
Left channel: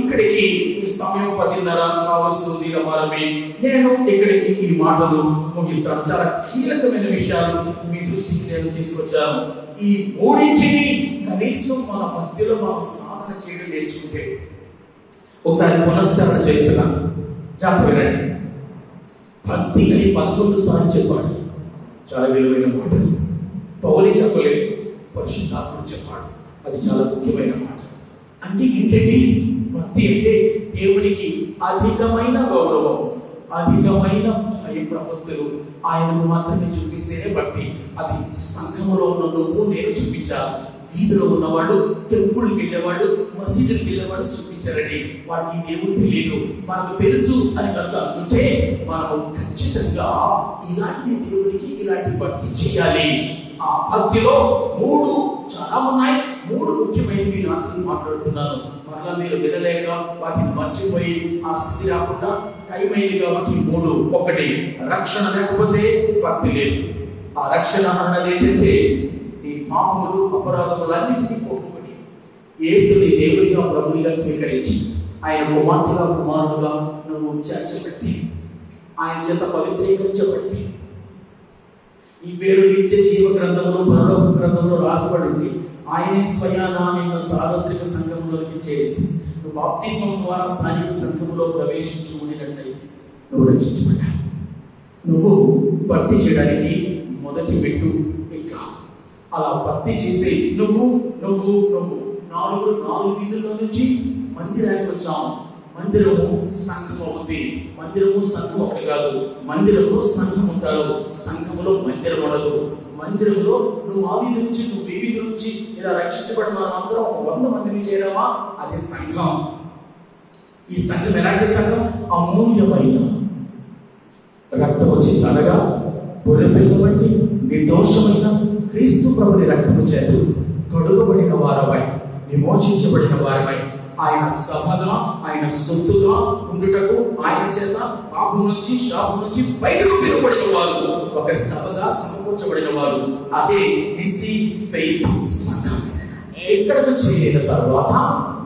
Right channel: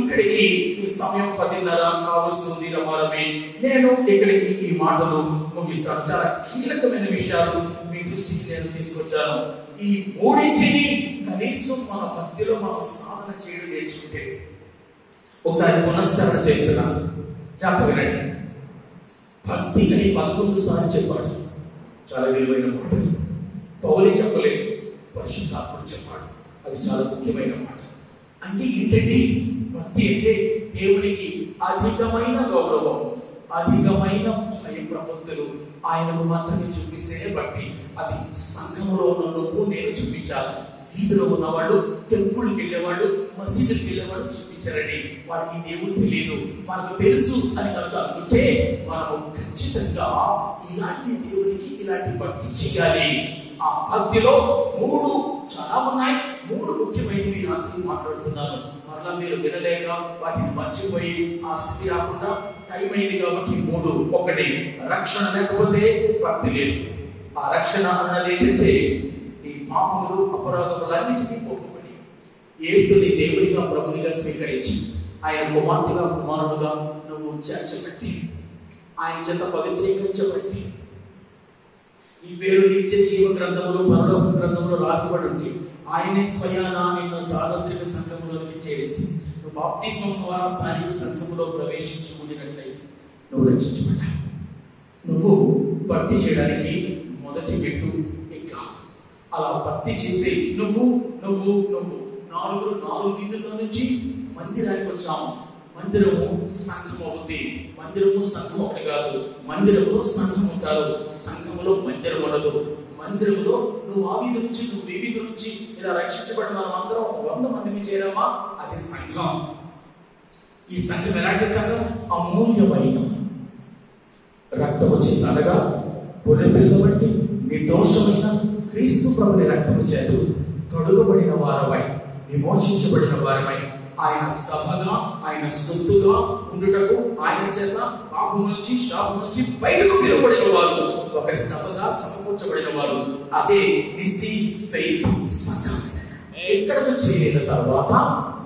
ఇక్కడికి ఈ సమయం 10:30 కావస్తుంది రమారమి. నేను ఇక్కడికి ఈ మాటలు ముగిస్తాను. చాలా కీలకమైన విషయాలు మీ దృష్టికి నేను తీసుకొచ్చాను. ఈ మూడింటిని కనీసం మన భక్తిలో మనం సాధన చేయడం నేర్చుకుంటే, ఒకసారి పునశ్చరణ చేస్తున్నాను, జాగ్రత్త వినండి. భక్తి అని 11 సార్లు చెప్పాడు. చాలా విలువైన మాట. పౌలు చెప్పలేదు, పరిశుద్ధాత్ముడు చెప్పాడు. అది చాలా ముఖ్యమైన మాట. అంటే ఏంటండి? భక్తి అంటే దేవునికి అధికమైన గౌరవం, అధికమైన భయప్రపత్తులు ఆయనకు మాత్రమే చూపిస్తేనే భక్తి. అది సంఘంలో నువ్వు నేను చూపించాలి. వీధిలో ఉన్నవాడు, టెంపుల్కి వెళ్ళేవాడు, మసీదుకి వెళ్ళేవాడు చూపించారండి. వాడికి దేవుడు తెలియదు, మనకు తెలుసు అని కనుక అనుకుంటే మనము ఖచ్చితంగా ఇలాంటి దేవునికి ఇలాంటి భక్తి చేయాలి. ఆ భక్తిలో 3 చాలా ఉన్నాయి. 3 ముఖ్యమైనవి రాత్రి మాట్లాడుతున్నాను. మరలా మీరు వినలేక వాటిని మర్చిపోయి ఆ స్థితి రాకుండా టైం అయింది కాబట్టి 3. 1, రక్షణ లేకపోతే భక్తి లేదు. ఆ రక్షణ అన్నది ఏంటంటే ఈ పాపములు అపరాధములన్నిటికీ ఒప్పుకొని యేసుని దేవుడిగా ప్రభువుగా స్వీకరించి ఆయన కుమార్తెగా కుమారుడుగా నువ్వు చేర్చబట్టి ఆయన చేత పవిత్రీకరించబట్టి ఈ పేరు నిత్య జీవ గ్రంథంలో, పరలోక గ్రంథంలో రాసబడి ఉంది. ఆయనే స్వయానా నిన్ను సార్వత్రిక సంఘంలోకి చేరిస్తే నువ్వు బాప్తిస్మం ద్వారా స్థానిక సంఘంలో ప్రవేశించి ఉండినట్లయితే నువ్వు రక్షించబడ్డావు. నువ్వు భక్తి చేయడానికి మొదటి పెట్టు ఇంకా అలా భక్తి చేసి నువ్వు 4 వీధుల్లో నుంచి మందిరానికి వచ్చాము. మందిరము సంఘం అవుతుంది. మందిరము సంఘం ఒకటి కాదు. మందిరము సంఘం ఉంటారు. సంఘములో మందిరం ఉండదు. మందిరంలో నువ్వు ఆ వీధి నుంచి, నువ్వు ఈ వీధి నుంచి ఇలా రక్షించబడిన వారందరం 100 మందిని చేరావా? అది సంఘం. ఈ సంఘం ఎలాంటి సంఘం? అమూల్యమైన రక్తము చేతనగా గొర్రెపిల్ల వంటి నిర్దోషమైన క్రీస్తు ప్రభుని రక్తము చేత తొడుగబడిన వారమై, విమోచించబడిన వారమై ఆయన సభగా, ఆయన సొత్తుగా ఉండుటకు ఆయన చేత పాపం నుంచి, శాపం నుంచి బయటకు పిలువబడిన వారు, ఒక సభగా సమకూర్చబడిన వారు. అదే విసి ఫెయిత్ సంఘం. ఇక్కడకు చేరిన తర్వాత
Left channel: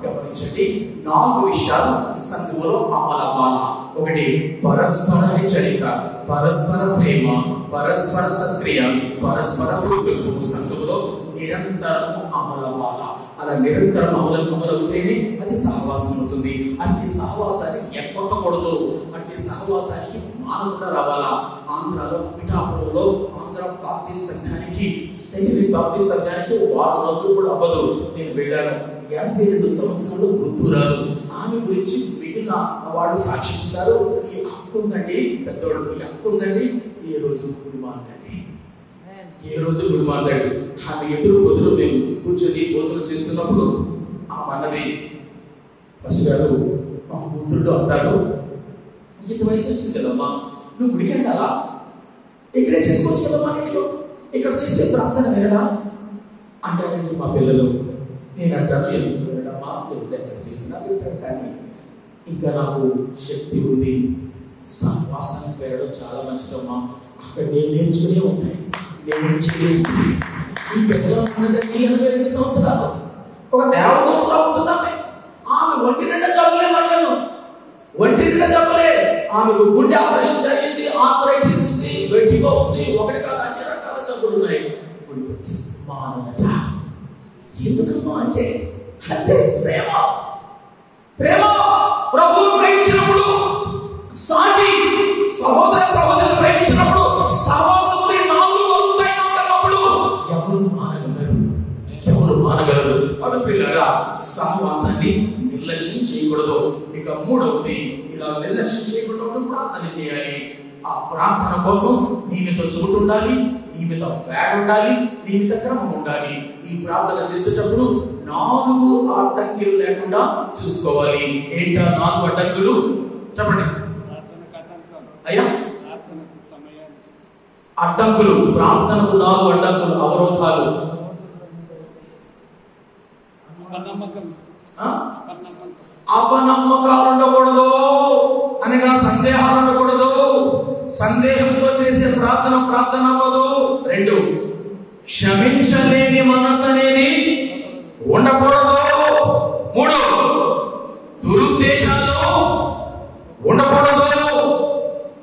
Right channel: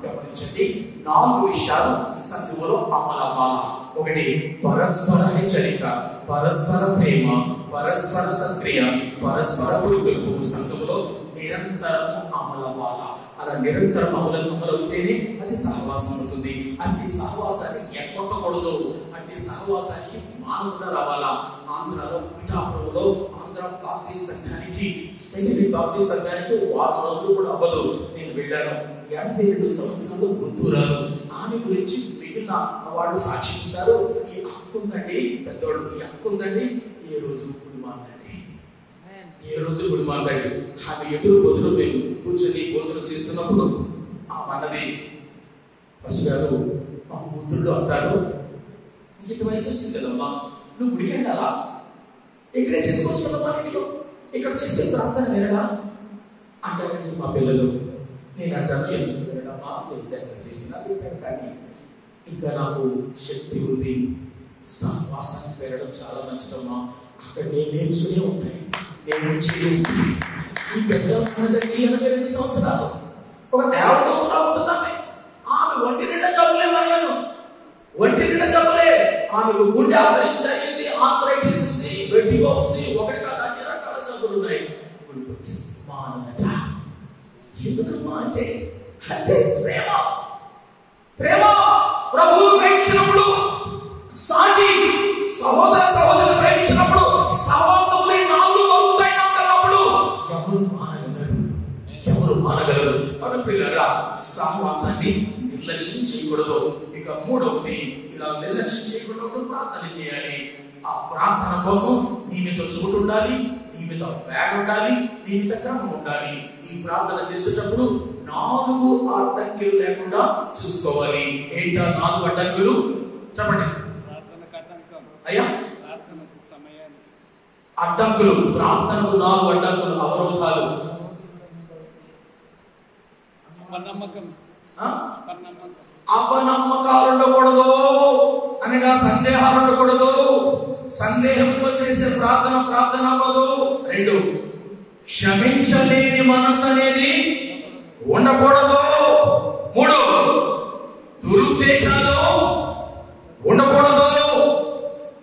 గమనించండి, 4 విషయాలు సంఘంలో అమలవ్వాలి. 1, పరస్పర హెచ్చరిక, పరస్పర ప్రేమ, పరస్పర సక్రియ, పరస్పర పురుగు సంఘంలో నిరంతరము అమలవ్వాలి. అలా నిరంతరం అమలవుతేనే అది సహవాసం అవుతుంది. అట్టి సహవాసాన్ని ఎక్కొట్టకూడదు. అట్టి సహవాసానికి మానవుడు రావాలా. ఆంధ్రాలో పిఠాపురంలో ఆంధ్ర బాప్టిస్ట్ సంఘానికి, సెంట్రల్ బాప్టిస్ట్ సంఘానికి 1 రోజులు కూడా అవ్వదు. నేను వెళ్ళాను. 82 సంవత్సరాలు వృద్ధురాలు. ఆమె గురించి మిగిలిన వాళ్ళు సాక్షిస్తారు. ఈ హక్కు ఉందండి, పెద్దోడు ఈ హక్కు ఉందండి. ఏ రోజు గుడి మాట్లాడి ఆమె ఎదురు బదులు మేము కూర్చొని భోజనం చేస్తున్నప్పుడు ఆమె అన్నది, ఫస్ట్ గారు మా పుత్రుడు అంటాడు, ఇంత వయసు వచ్చింది కదమ్మా, నువ్వు గుడికి వెళ్ళాలా? ఇక్కడే చేసుకోవచ్చు కదమ్మా, ఇంట్లో ఇక్కడ చేస్తే ప్రార్థన వినడా అంటారండి మా పిల్లలు. నేను అంటాను, ఎందుకు వినడమ్మా, ఎక్కడ చేసినా వింటాను, కానీ ఇంకా నాకు శక్తి ఉంది, సహవాసానికి వెళ్ళడం చాలా మంచిదమ్మా, అక్కడ నేను నేర్చుకునే ఉంటాయి. ఈ పెద్ద ఉన్నదండి 82 సంవత్సరాలు ఒక దేవదూతలా ఉంటుందామె. ఆమె ఒంటి నిండా జబ్బులే, మళ్ళను ఒంటి నిండా జబ్బులే. ఆమెకు గుండె ఆపరేషన్ జరిగింది, ఆర్థరైటిస్ ఉంది, వెట్టిగా ఉంది, ఒకటి కాదు అన్ని రకాల జబ్బులు ఉన్నాయి. ఎందుకమ్మా అంటే అదే ప్రేమ. ప్రేమ ప్రభువు ప్రేమించినప్పుడు, సాటి సహోదర సహోదరులు ప్రేమించినప్పుడు, సహవాసాన్ని నిర్లక్ష్యం చేయకూడదు. ఇక 3వది, ఇలా నిర్లక్ష్యం చేయకూడదు, ప్రార్థన చేయాలి. ఆ ప్రార్థన కోసం నియమిత చోటు ఉండాలి, నియమిత వేగ ఉండాలి, నియమిత క్రమం ఉండాలి. ఈ ప్రార్థన చేసేటప్పుడు 4 అడ్డంకులు లేకుండా చూసుకోవాలి. ఏంటా 4 అడ్డంకులు చెప్పండి అయ్యా. అడ్డంకులు, ప్రార్థనకు 4 అడ్డంకులు, అవరోధాలు. అపనమ్మకాలు ఉండకూడదు, అనగా సందేహాలు ఉండకూడదు. సందేహంతో చేసే ప్రార్థన అవ్వదు. 2, క్షమించలేని మనసు అనేది ఉండకూడదు. 3, దురుద్దేశాలు ఉండకూడదు.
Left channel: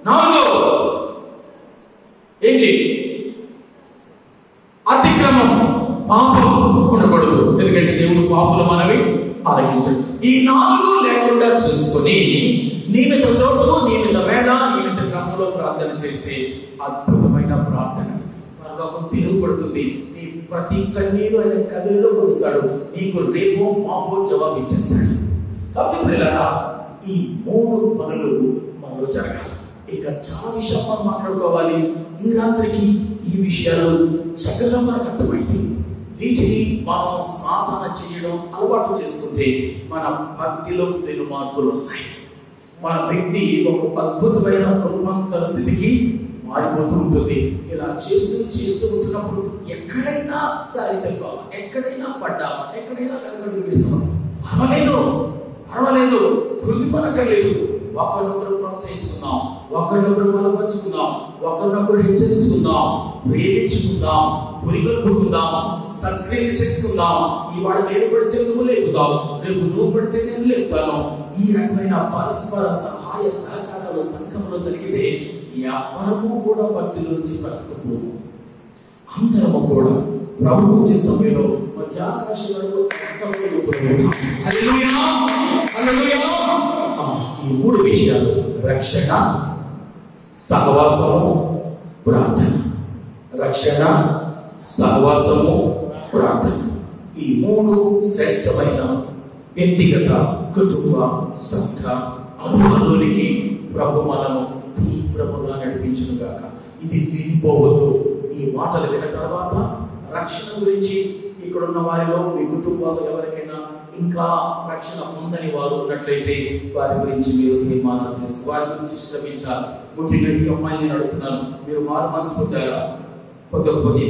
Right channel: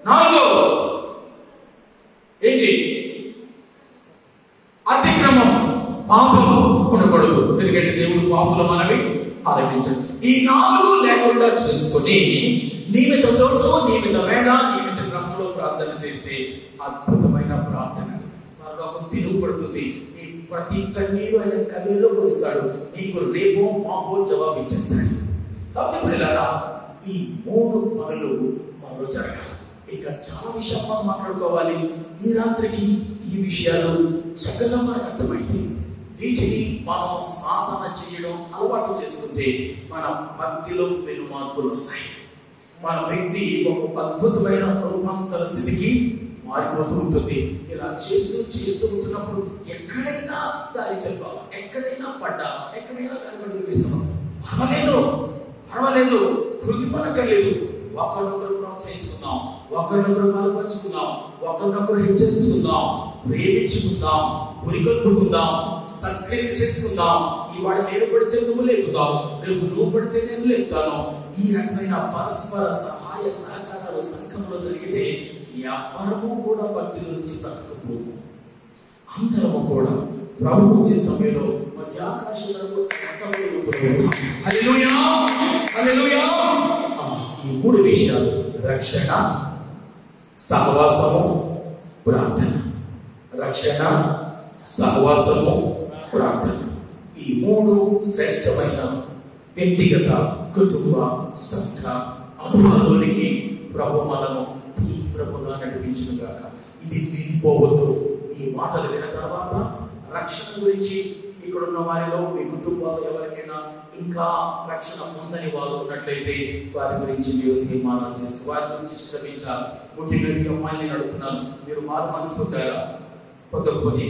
4, ఏంటి? అతిక్రమం, పాపం ఉండకూడదు. ఎందుకంటే దేవుడు పాపులు మనవి ఆలకించాడు. ఈ 4 లేకుండా చూసుకుని నియమిత చోటు, నియమిత వేళ, నియమిత క్రమంలో ప్రార్థన చేస్తే అద్భుతమైన ప్రార్థన. పరలోకం తిరుగుపడుతుంది. నీ ప్రతి కన్నీరు ఆయన కన్నీరులో కురుస్తాడు. నీకు రేపో మాపో జవాబు ఇచ్చేస్తాడు. కాబట్టి పిల్లలారా, ఈ 3 పనులు మనలో జరగాలి. ఇక చాలా విషయాలు మనం మాట్లాడుకోవాలి. ఈ రాత్రికి ఈ విషయాలు చక్కగా మనకు అర్థమైంది. వీటిని మనం సాధన చేయడం అలవాటు చేసుకుంటే మన భక్తిలో పెను మార్పులు వస్తాయి. మన వ్యక్తి ఒక అద్భుతమైన రూపాంతర స్థితికి మారిపోతూ ఉంటుంది. ఇలా చేస్తూ ఉంటున్నప్పుడు ఎక్కడైనా దారి తప్పాం, ఎక్కడైనా పడ్డాం, ఎక్కడైనా వెనకడుగు వేస్తాం, పర్వాలేదు, హృది పనకలేదు. ఒకరినొకరు ప్రోత్సహించుకుందాం, ఒకరినొకరు బలపరుచుకుందాం, ఒకరినొకరు హెచ్చరించుకుందాం, ప్రేమించుకుందాం, పురిగొల్పుకుందాం, సత్క్రియ చేసుకుందాం. ఇవాళ నేను పడితే నువ్వు లేపుతావు, రేపు నువ్వు పడితే నేను లేపుతాను. ఈ రకమైన పరస్పర సహాయ సహకారాలు సంఘంలో జరిగితే ఎవరము కూడా భక్తుల నుంచి బ్రతకకూడదు. అందరము కూడా ప్రభు వచ్చే సమయంలో మధ్యాకాశాలలో ఈ 3 విషయాలు: రక్షణ, సహవాసము, ప్రార్థన. రక్షణ, సహవాసము, ప్రార్థన. ఈ 3 శ్రేష్టమైన వ్యక్తిగత, కుటుంబ, సంఘ అనుభవానికి ప్రభు మనము తీవ్రముగా నడిపించును గాక. ఇది విడిపోవద్దు. ఈ మాటలు విన్న తర్వాత రక్షణ గురించి ఇక్కడ ఉన్న వారిలో మీ కుటుంబాలు ఎవరికైనా ఇంకా రక్షణ ఉందని వారు ఉన్నట్లయితే వారి గురించి మీరు తీర్మానం చేసి వారి గురించి శ్రమించాలి. ముఖ్యంగా ఈ అమ్మాయిని అడుగుతున్నాను, మీరు వారు మనసుకుంటారా? పొందకపోతే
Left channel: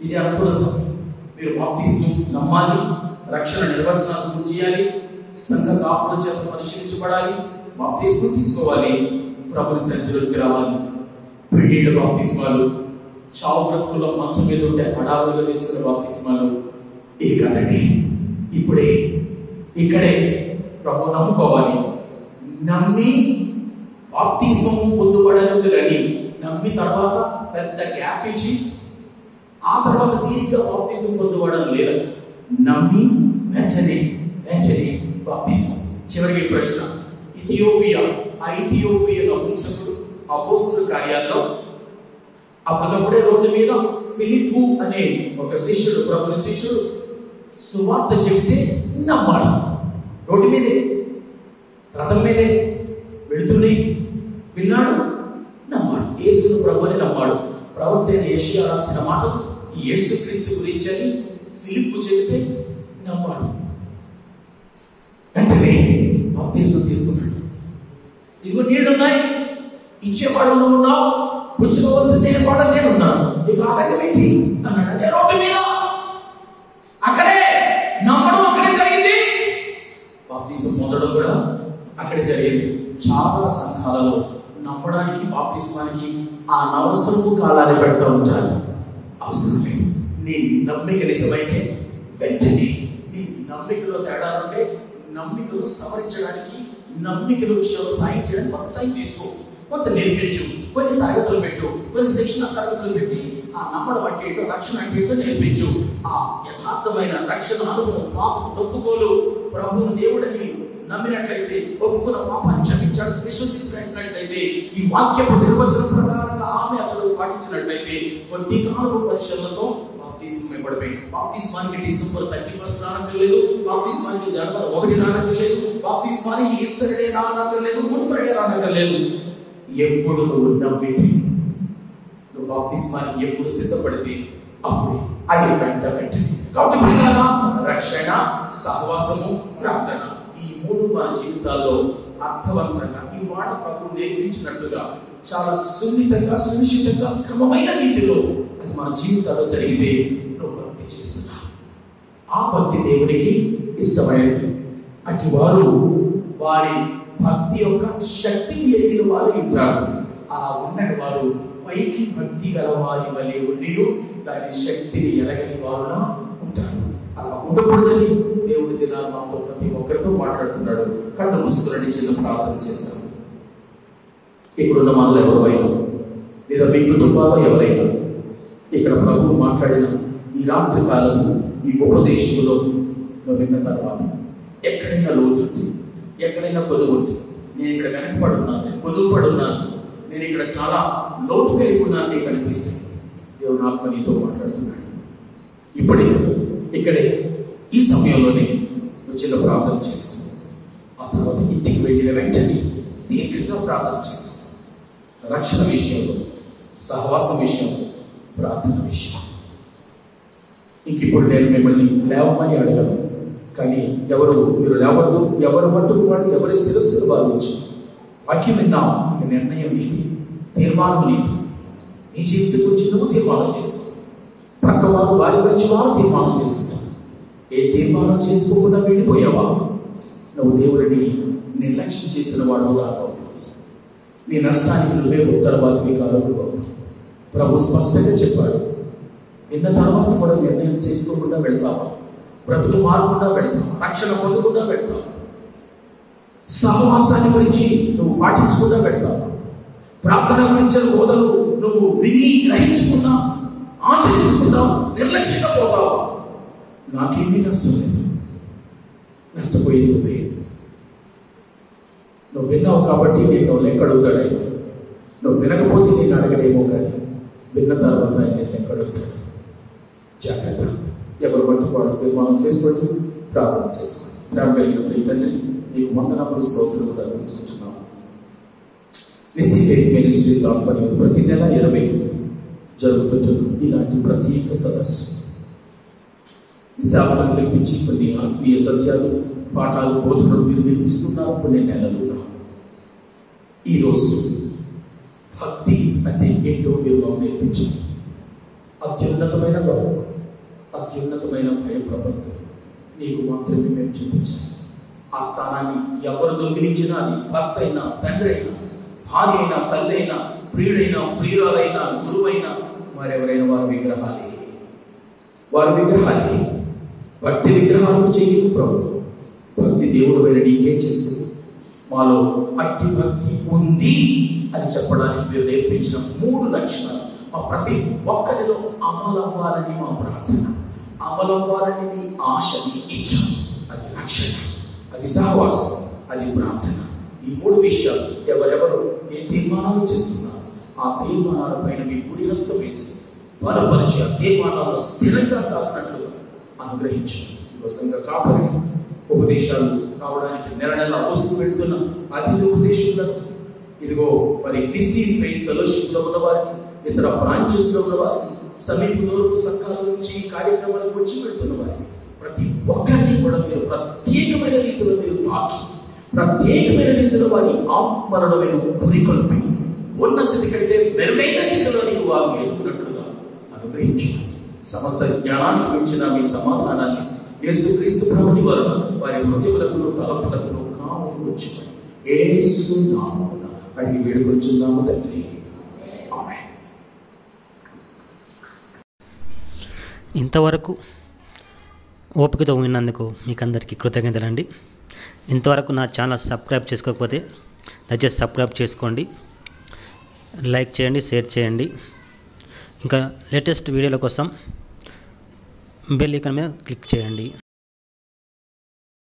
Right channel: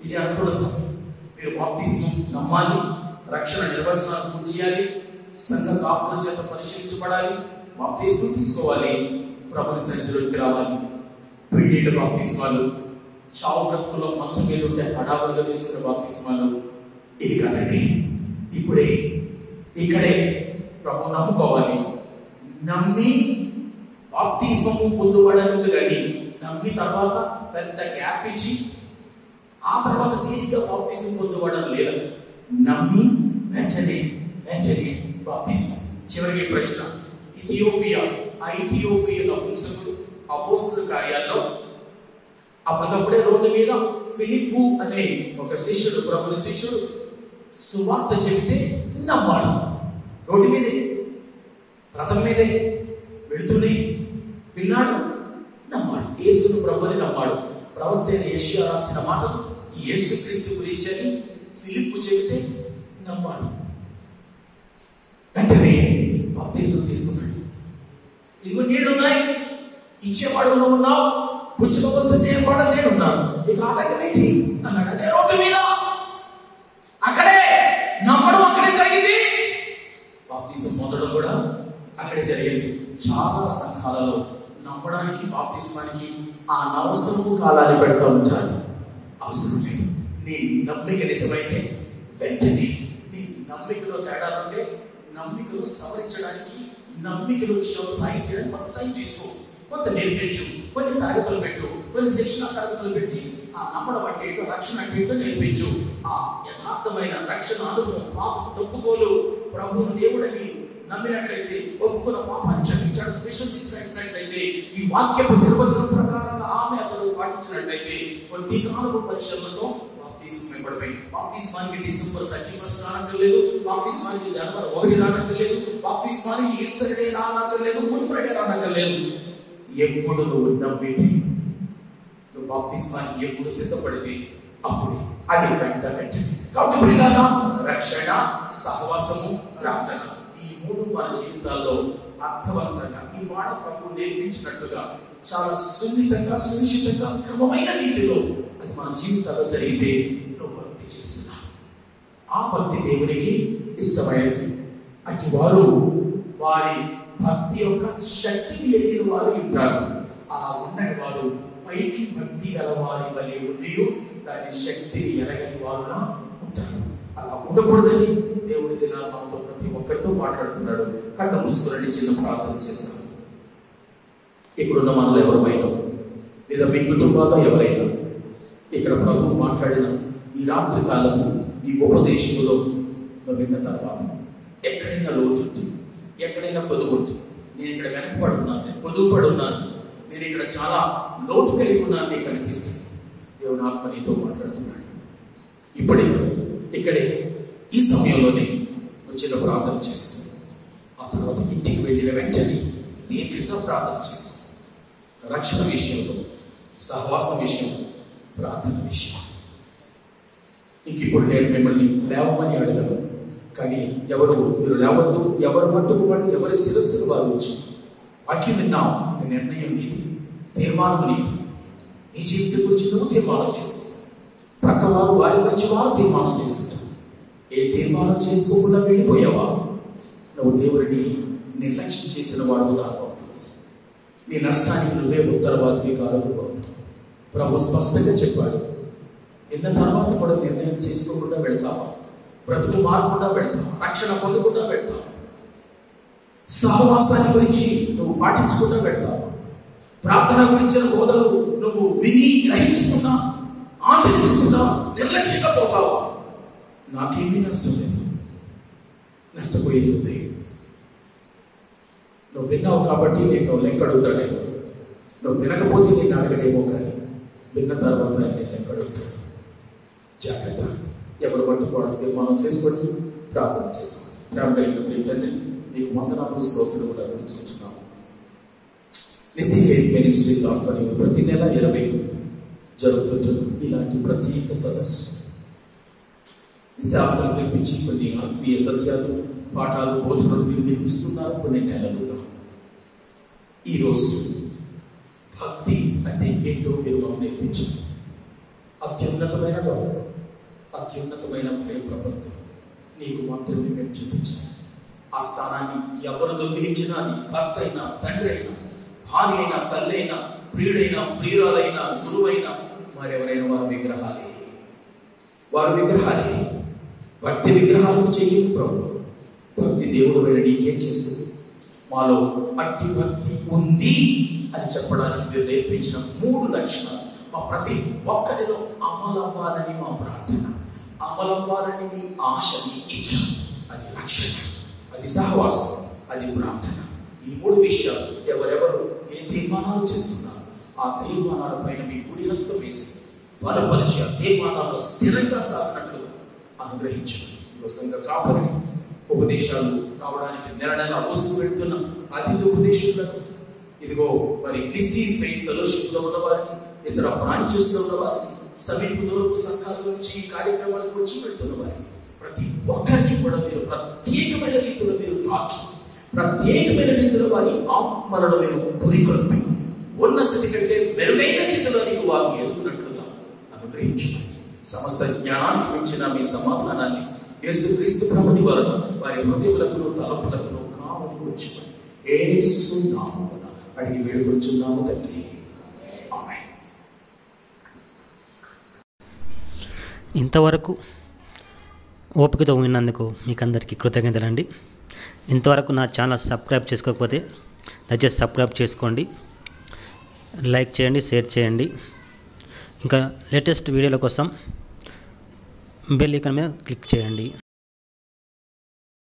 ఇది అనుకూల సమయం. మీరు బాప్తిస్మం నమ్మాలి, రక్షణ నిర్వచనాలు పూర్తి చేయాలి, సంఘ కాపుల చేత పరిశీలించబడాలి, బాప్తిస్మం తీసుకోవాలి, ప్రభుని సన్నిధిలోకి రావాలి. పెళ్లిళ్ళ బాప్తిస్మాలు, చావు బ్రతుకుల్లో మంచం మీద ఉండే హడావులుగా తీసుకునే బాప్తిస్మాలు ఇది కదండి. ఇప్పుడే ఇక్కడే ప్రభు నమ్ముకోవాలి. నమ్మి బాప్తిస్మం పొందుబడలేదు కానీ నమ్మి తర్వాత పెద్ద గ్యాప్ ఇచ్చి ఆ తర్వాత తీరిగ్గా బాప్తిస్మం పొందుబడడం లేదు. నమ్మి వెంటనే బాప్తిస్మం. చివరికి ప్రశ్న, ఇథియోపియా నపుంసకుడు అపోస్తలుల కార్యాల్లో అప్పటికప్పుడే రోడ్డు మీద ఫిలిప్పు అనే ఒక శిష్యుడు, ప్రభుని శిష్యుడు సువార్త చెబితే నమ్మాడు. రోడ్డు మీదే, రథం మీదే వెళుతూనే విన్నాడు, నమ్మాడు. యేసును ప్రభుని నమ్మాడు. ప్రవక్త అయిన యెషయా రాసిన మాటలు యేసుక్రీస్తు గురించి అని ఫిలిప్పు చెబితే నమ్మాడు. వెంటనే బాప్తిస్మం తీసుకున్నాడు. ఇదిగో నీళ్లున్నాయి, ఇచ్చేవాడు నువ్వు ఉన్నావు, పుచ్చుకోవాల్సిన నేర్పాడు నేనున్నాను, నీకు ఆటంకం ఏంటి అన్నాడు. అదే రోడ్డు మీద అక్కడే నమ్మడం అక్కడే జరిగింది. బాప్తిస్మం పొందడం కూడా అక్కడే జరిగింది. చాలా సంఘాలలో నమ్మడానికి బాప్తిస్మానికి ఆ నవసరపు కాలాన్ని పెడతా ఉంటారు. అవసరమే. నీ నమ్మిక నిజమైతే వెంటనే, నీ నమ్మికలో తేడా ఉంటే నమ్మికలు సవరించడానికి, నమ్మికల విషయంలో సాయం చేయడానికి కొంత టైం తీసుకో, కొంత నేర్పించు, కొన్ని తరగతులు పెట్టు, కొన్ని శిక్షణ తరగతులు పెట్టి ఆ నమ్మడం అంటే ఏంటో, రక్షణ అంటే ఏంటో నేర్పించు. ఆ యథార్థమైన రక్షణ అనుభవం, పాపం ఒప్పుకోలు, ప్రభువును దేవుడని నమ్మినట్లయితే, ఒప్పుకున్న పాపాన్ని క్షమించాడు విశ్వసించినట్లయితే, ఈ వాక్యపు నిర్వచనం ప్రకారంగా ఆమె అతడు పాటించినట్లయితే కొద్ది కాలపు పరిశ్రమతో బాప్తిస్మానికి డిసెంబర్ 31 రానక్కర్లేదు, బాప్తిస్మానికి జనవరి 1 రానక్కర్లేదు, బాప్తిస్మానికి ఈస్టర్ డే రానక్కర్లేదు, గుడ్ ఫ్రైడే రానక్కర్లేదు. ఎప్పుడు నువ్వు నమ్మితే, నువ్వు బాప్తిస్మానికి ఎప్పుడు సిద్ధపడితే అప్పుడే అది వెంటనే. కాబట్టి ప్రియులారా, రక్షణ, సహవాసము, ప్రార్థన, ఈ మూడు మన జీవితాల్లో అర్థవంతంగా ఈ మాట ప్రభు నేర్పించినట్టుగా చాలా సున్నితంగా, సునిశ్చితంగా, క్రమమైన రీతిలో అది మన జీవితాల్లో జరిగితే నువ్వు భక్తి చేస్తున్నా. ఆ భక్తి దేవునికి ఇష్టమైనది. అటు వారు వారి భక్తి యొక్క శక్తిని ఎరిగిన వారు ఉంటారు. అలా ఉన్నటి వారు పైకి భక్తి గల వారి వల్లే ఉండి దాని శక్తిని ఎరగని వారుగా ఉంటారు. అలా ఉండకూడదని దేవుడి దినాలు మనతో ప్రతి ఒక్కరితో మాట్లాడుతున్నాడు. కళ్ళు మూసుకుని చిన్న ప్రార్థన చేస్తాం. ఇక్కడున్న మనలో ఎవరైనా లేదా మీ కుటుంబాల్లో ఎవరైనా ఇక్కడ ప్రభు మాట్లాడిన ఈ రాత్రి కాలము ఈ ఉపదేశంలో విన్న తర్వాత ఎక్కడైనా లోచుంటే, ఎక్కడైనా పొదుగుంటే, నేను ఇక్కడ వెనకపడున్నాను, నేను పొదుగు పడున్నాను, నేను ఇక్కడ చాలా లోటు కలిగి ఉన్నాను నీకు అనిపిస్తుంది. దేవుడు ఆత్మ నీతో మాట్లాడుతున్నాడు. ఇప్పుడే ఇక్కడే ఈ సమయంలోనే నువ్వు చిన్న ప్రార్థన చేసుకో. ఆ తర్వాత ఇంటికి వెళ్ళిన వెంటనే దీర్ఘంగా ప్రార్థన చేసుకో. రక్షణ విషయంలో, సహవాసం విషయంలో, ప్రార్థన విషయం. ఇంక ఇప్పుడు నేను మిమ్మల్ని లేవమని అడగను, కానీ మీరు లేవద్దు. ఎవరు మట్టుకు వాడు ఎవరి శిరస్సును భావించి వాక్యం విన్నాం. ఇక నిర్ణయం నీది, తీర్మానం నీది. నీ జీవితం గురించి నువ్వు తీర్మానం చేసుకో. ప్రక్క వారి గురించి వారు తీర్మానం చేసుకుంటారు. ఏ తీర్మానం చేసుకోకుండా వెళ్ళిపోయావా నువ్వు దేవుడిని నిర్లక్ష్యం చేసిన వాడుగా అవుతుంది. నీ నష్టానికి నువ్వే ఉత్తరవాదికి కారణం. ప్రభు స్పష్టంగా చెప్పాడు, నిన్న తర్వాత కూడా నిర్ణయం చేసుకోకుండా వెళ్తావా, బ్రతుకు మారకుండా వెళ్తావు, రక్షణ పొందకుండా వెళ్తావు, సహవాసాన్ని గురించి నువ్వు పాటించకుండా వెళ్తావు, ప్రార్థన గురించిన బోధలు నువ్వు విని గ్రహించుకున్నా ఆచరించుకున్నా నిర్లక్ష్యంగా పోతావు. నాకేమీ నష్టం లేదు. నష్టపోయింది నువ్వు విన్నావు కాబట్టి నేను లెక్కడుగుతాడే. నువ్వు వినకపోతే నేను అడగడేమో, కానీ విన్న తర్వాత నేను లెక్కడుగుతాడు. జాగ్రత్త. ఎవరు పట్టుకోవడం తీర్మానం చేసుకోండి, ప్రార్థన చేసుకోండి. ప్రేమ కలిగిన ప్రియ తండ్రి, నీకు వందనములు స్తోత్రములు అర్పించుకుంటున్నాను. నిస్సీ ఫెయిత్ మినిస్ట్రీస్ ఆధ్వర్యంలో ప్రతి నెల 20 జరుగుతుంటుంది ఇలాంటి ప్రత్యేక సదస్సు. ఈ సేవలను నిర్మించి కొన్ని ఆత్మీయ సత్యాలు, పాఠాలు, బోధనలు మీరు నిర్మిస్తున్నారు కొన్ని నెలలుగా. ఈరోజు భక్తి అంటే ఏంటో మీరు నేర్పించారు. అత్యున్నతమైన గౌరవం, అత్యున్నతమైన భయం, ప్రపంచం నీకు మాత్రమే మేము చూపించాం. ఆ స్థానాన్ని ఎవరు దొంగిలించినా, అది భర్త అయినా, తండ్రి అయినా, భార్య అయినా, తల్లి అయినా, ప్రియుడైనా, ప్రియురాలైనా, గురువైనా, మరెవరైనా వారి విగ్రహాలే. భక్తి విగ్రహాలను చెయ్యదు ప్రభు. భక్తి దేవుడు వెళ్ళి నీకేం చేస్తుంది? మాలో అట్టి భక్తి ఉంది అని చెప్పడానికి మీరు నేర్పించిన 3 లక్షణాలు మా ప్రతి ఒక్కరిలో అమలవ్వాలని మా ప్రార్థన, అమలవ్వాలని మీ ఆశ, మీ ఇచ్చ. అది రక్షణ, అది సహవాసం, అది ప్రార్థన. ఈ 3 విషయాలు ఎవరెవరు ఏ తీర్మానాలు చేస్తున్నారు ఆ తీర్మానాల పైన మీ కుడి హస్తం వేసి బలపరిచి ఆ తీర్మానాల్లో స్థిరంగా సాగినట్లుగా అనుగ్రహించు. సంఘ కాపరి ఉపదేశాలు రావడానికి నెల వస్తూ పెడుతున్న అతిథి ఉపదేశం ఇదిగో మరి నిస్సీ ఫెయిత్ ఫెలోషిప్ లో ఉన్న వారిని, ఇతర బ్రాంచెస్ లో ఉన్న వారిని, సమీపంలో సంఘాల నుంచి కార్యక్రమాలకు వచ్చి పెడుతున్న వారిని, ప్రతి ఒక్కరిని కూడా మీరు ప్రత్యేకమైన రీతిలో మీరు తాకి, ప్రత్యేకమైన రీతిలో వారి ఆత్మలను మీరు పురికొల్పి ఉన్న స్థితి కంటే మెరుగైన స్థితిలోనికి వారు ఎదుగునట్లుగా అనుగ్రహించు. సమస్త జ్ఞానానికి మించిన మీ సమాధానాన్ని యేసుక్రీస్తు ప్రభుని వలన వారి హృదయములకు తలపులకు కావలి వచ్చును. యేసు నామమున అడిగి వేడుకొంచున్నాము తండ్రి. ఆమేన్. ఇంతవరకు ఓపికతో విన్నందుకు మీకు అందరికీ కృతజ్ఞతలండి. ఇంతవరకు నా ఛానల్ సబ్స్క్రైబ్ చేసుకోకపోతే దయచేసి సబ్స్క్రైబ్ చేసుకోండి, లైక్ చేయండి, షేర్ చేయండి. ఇంకా లేటెస్ట్ వీడియోల కోసం బెల్ ఐకాన్ మీద క్లిక్ చేయండి.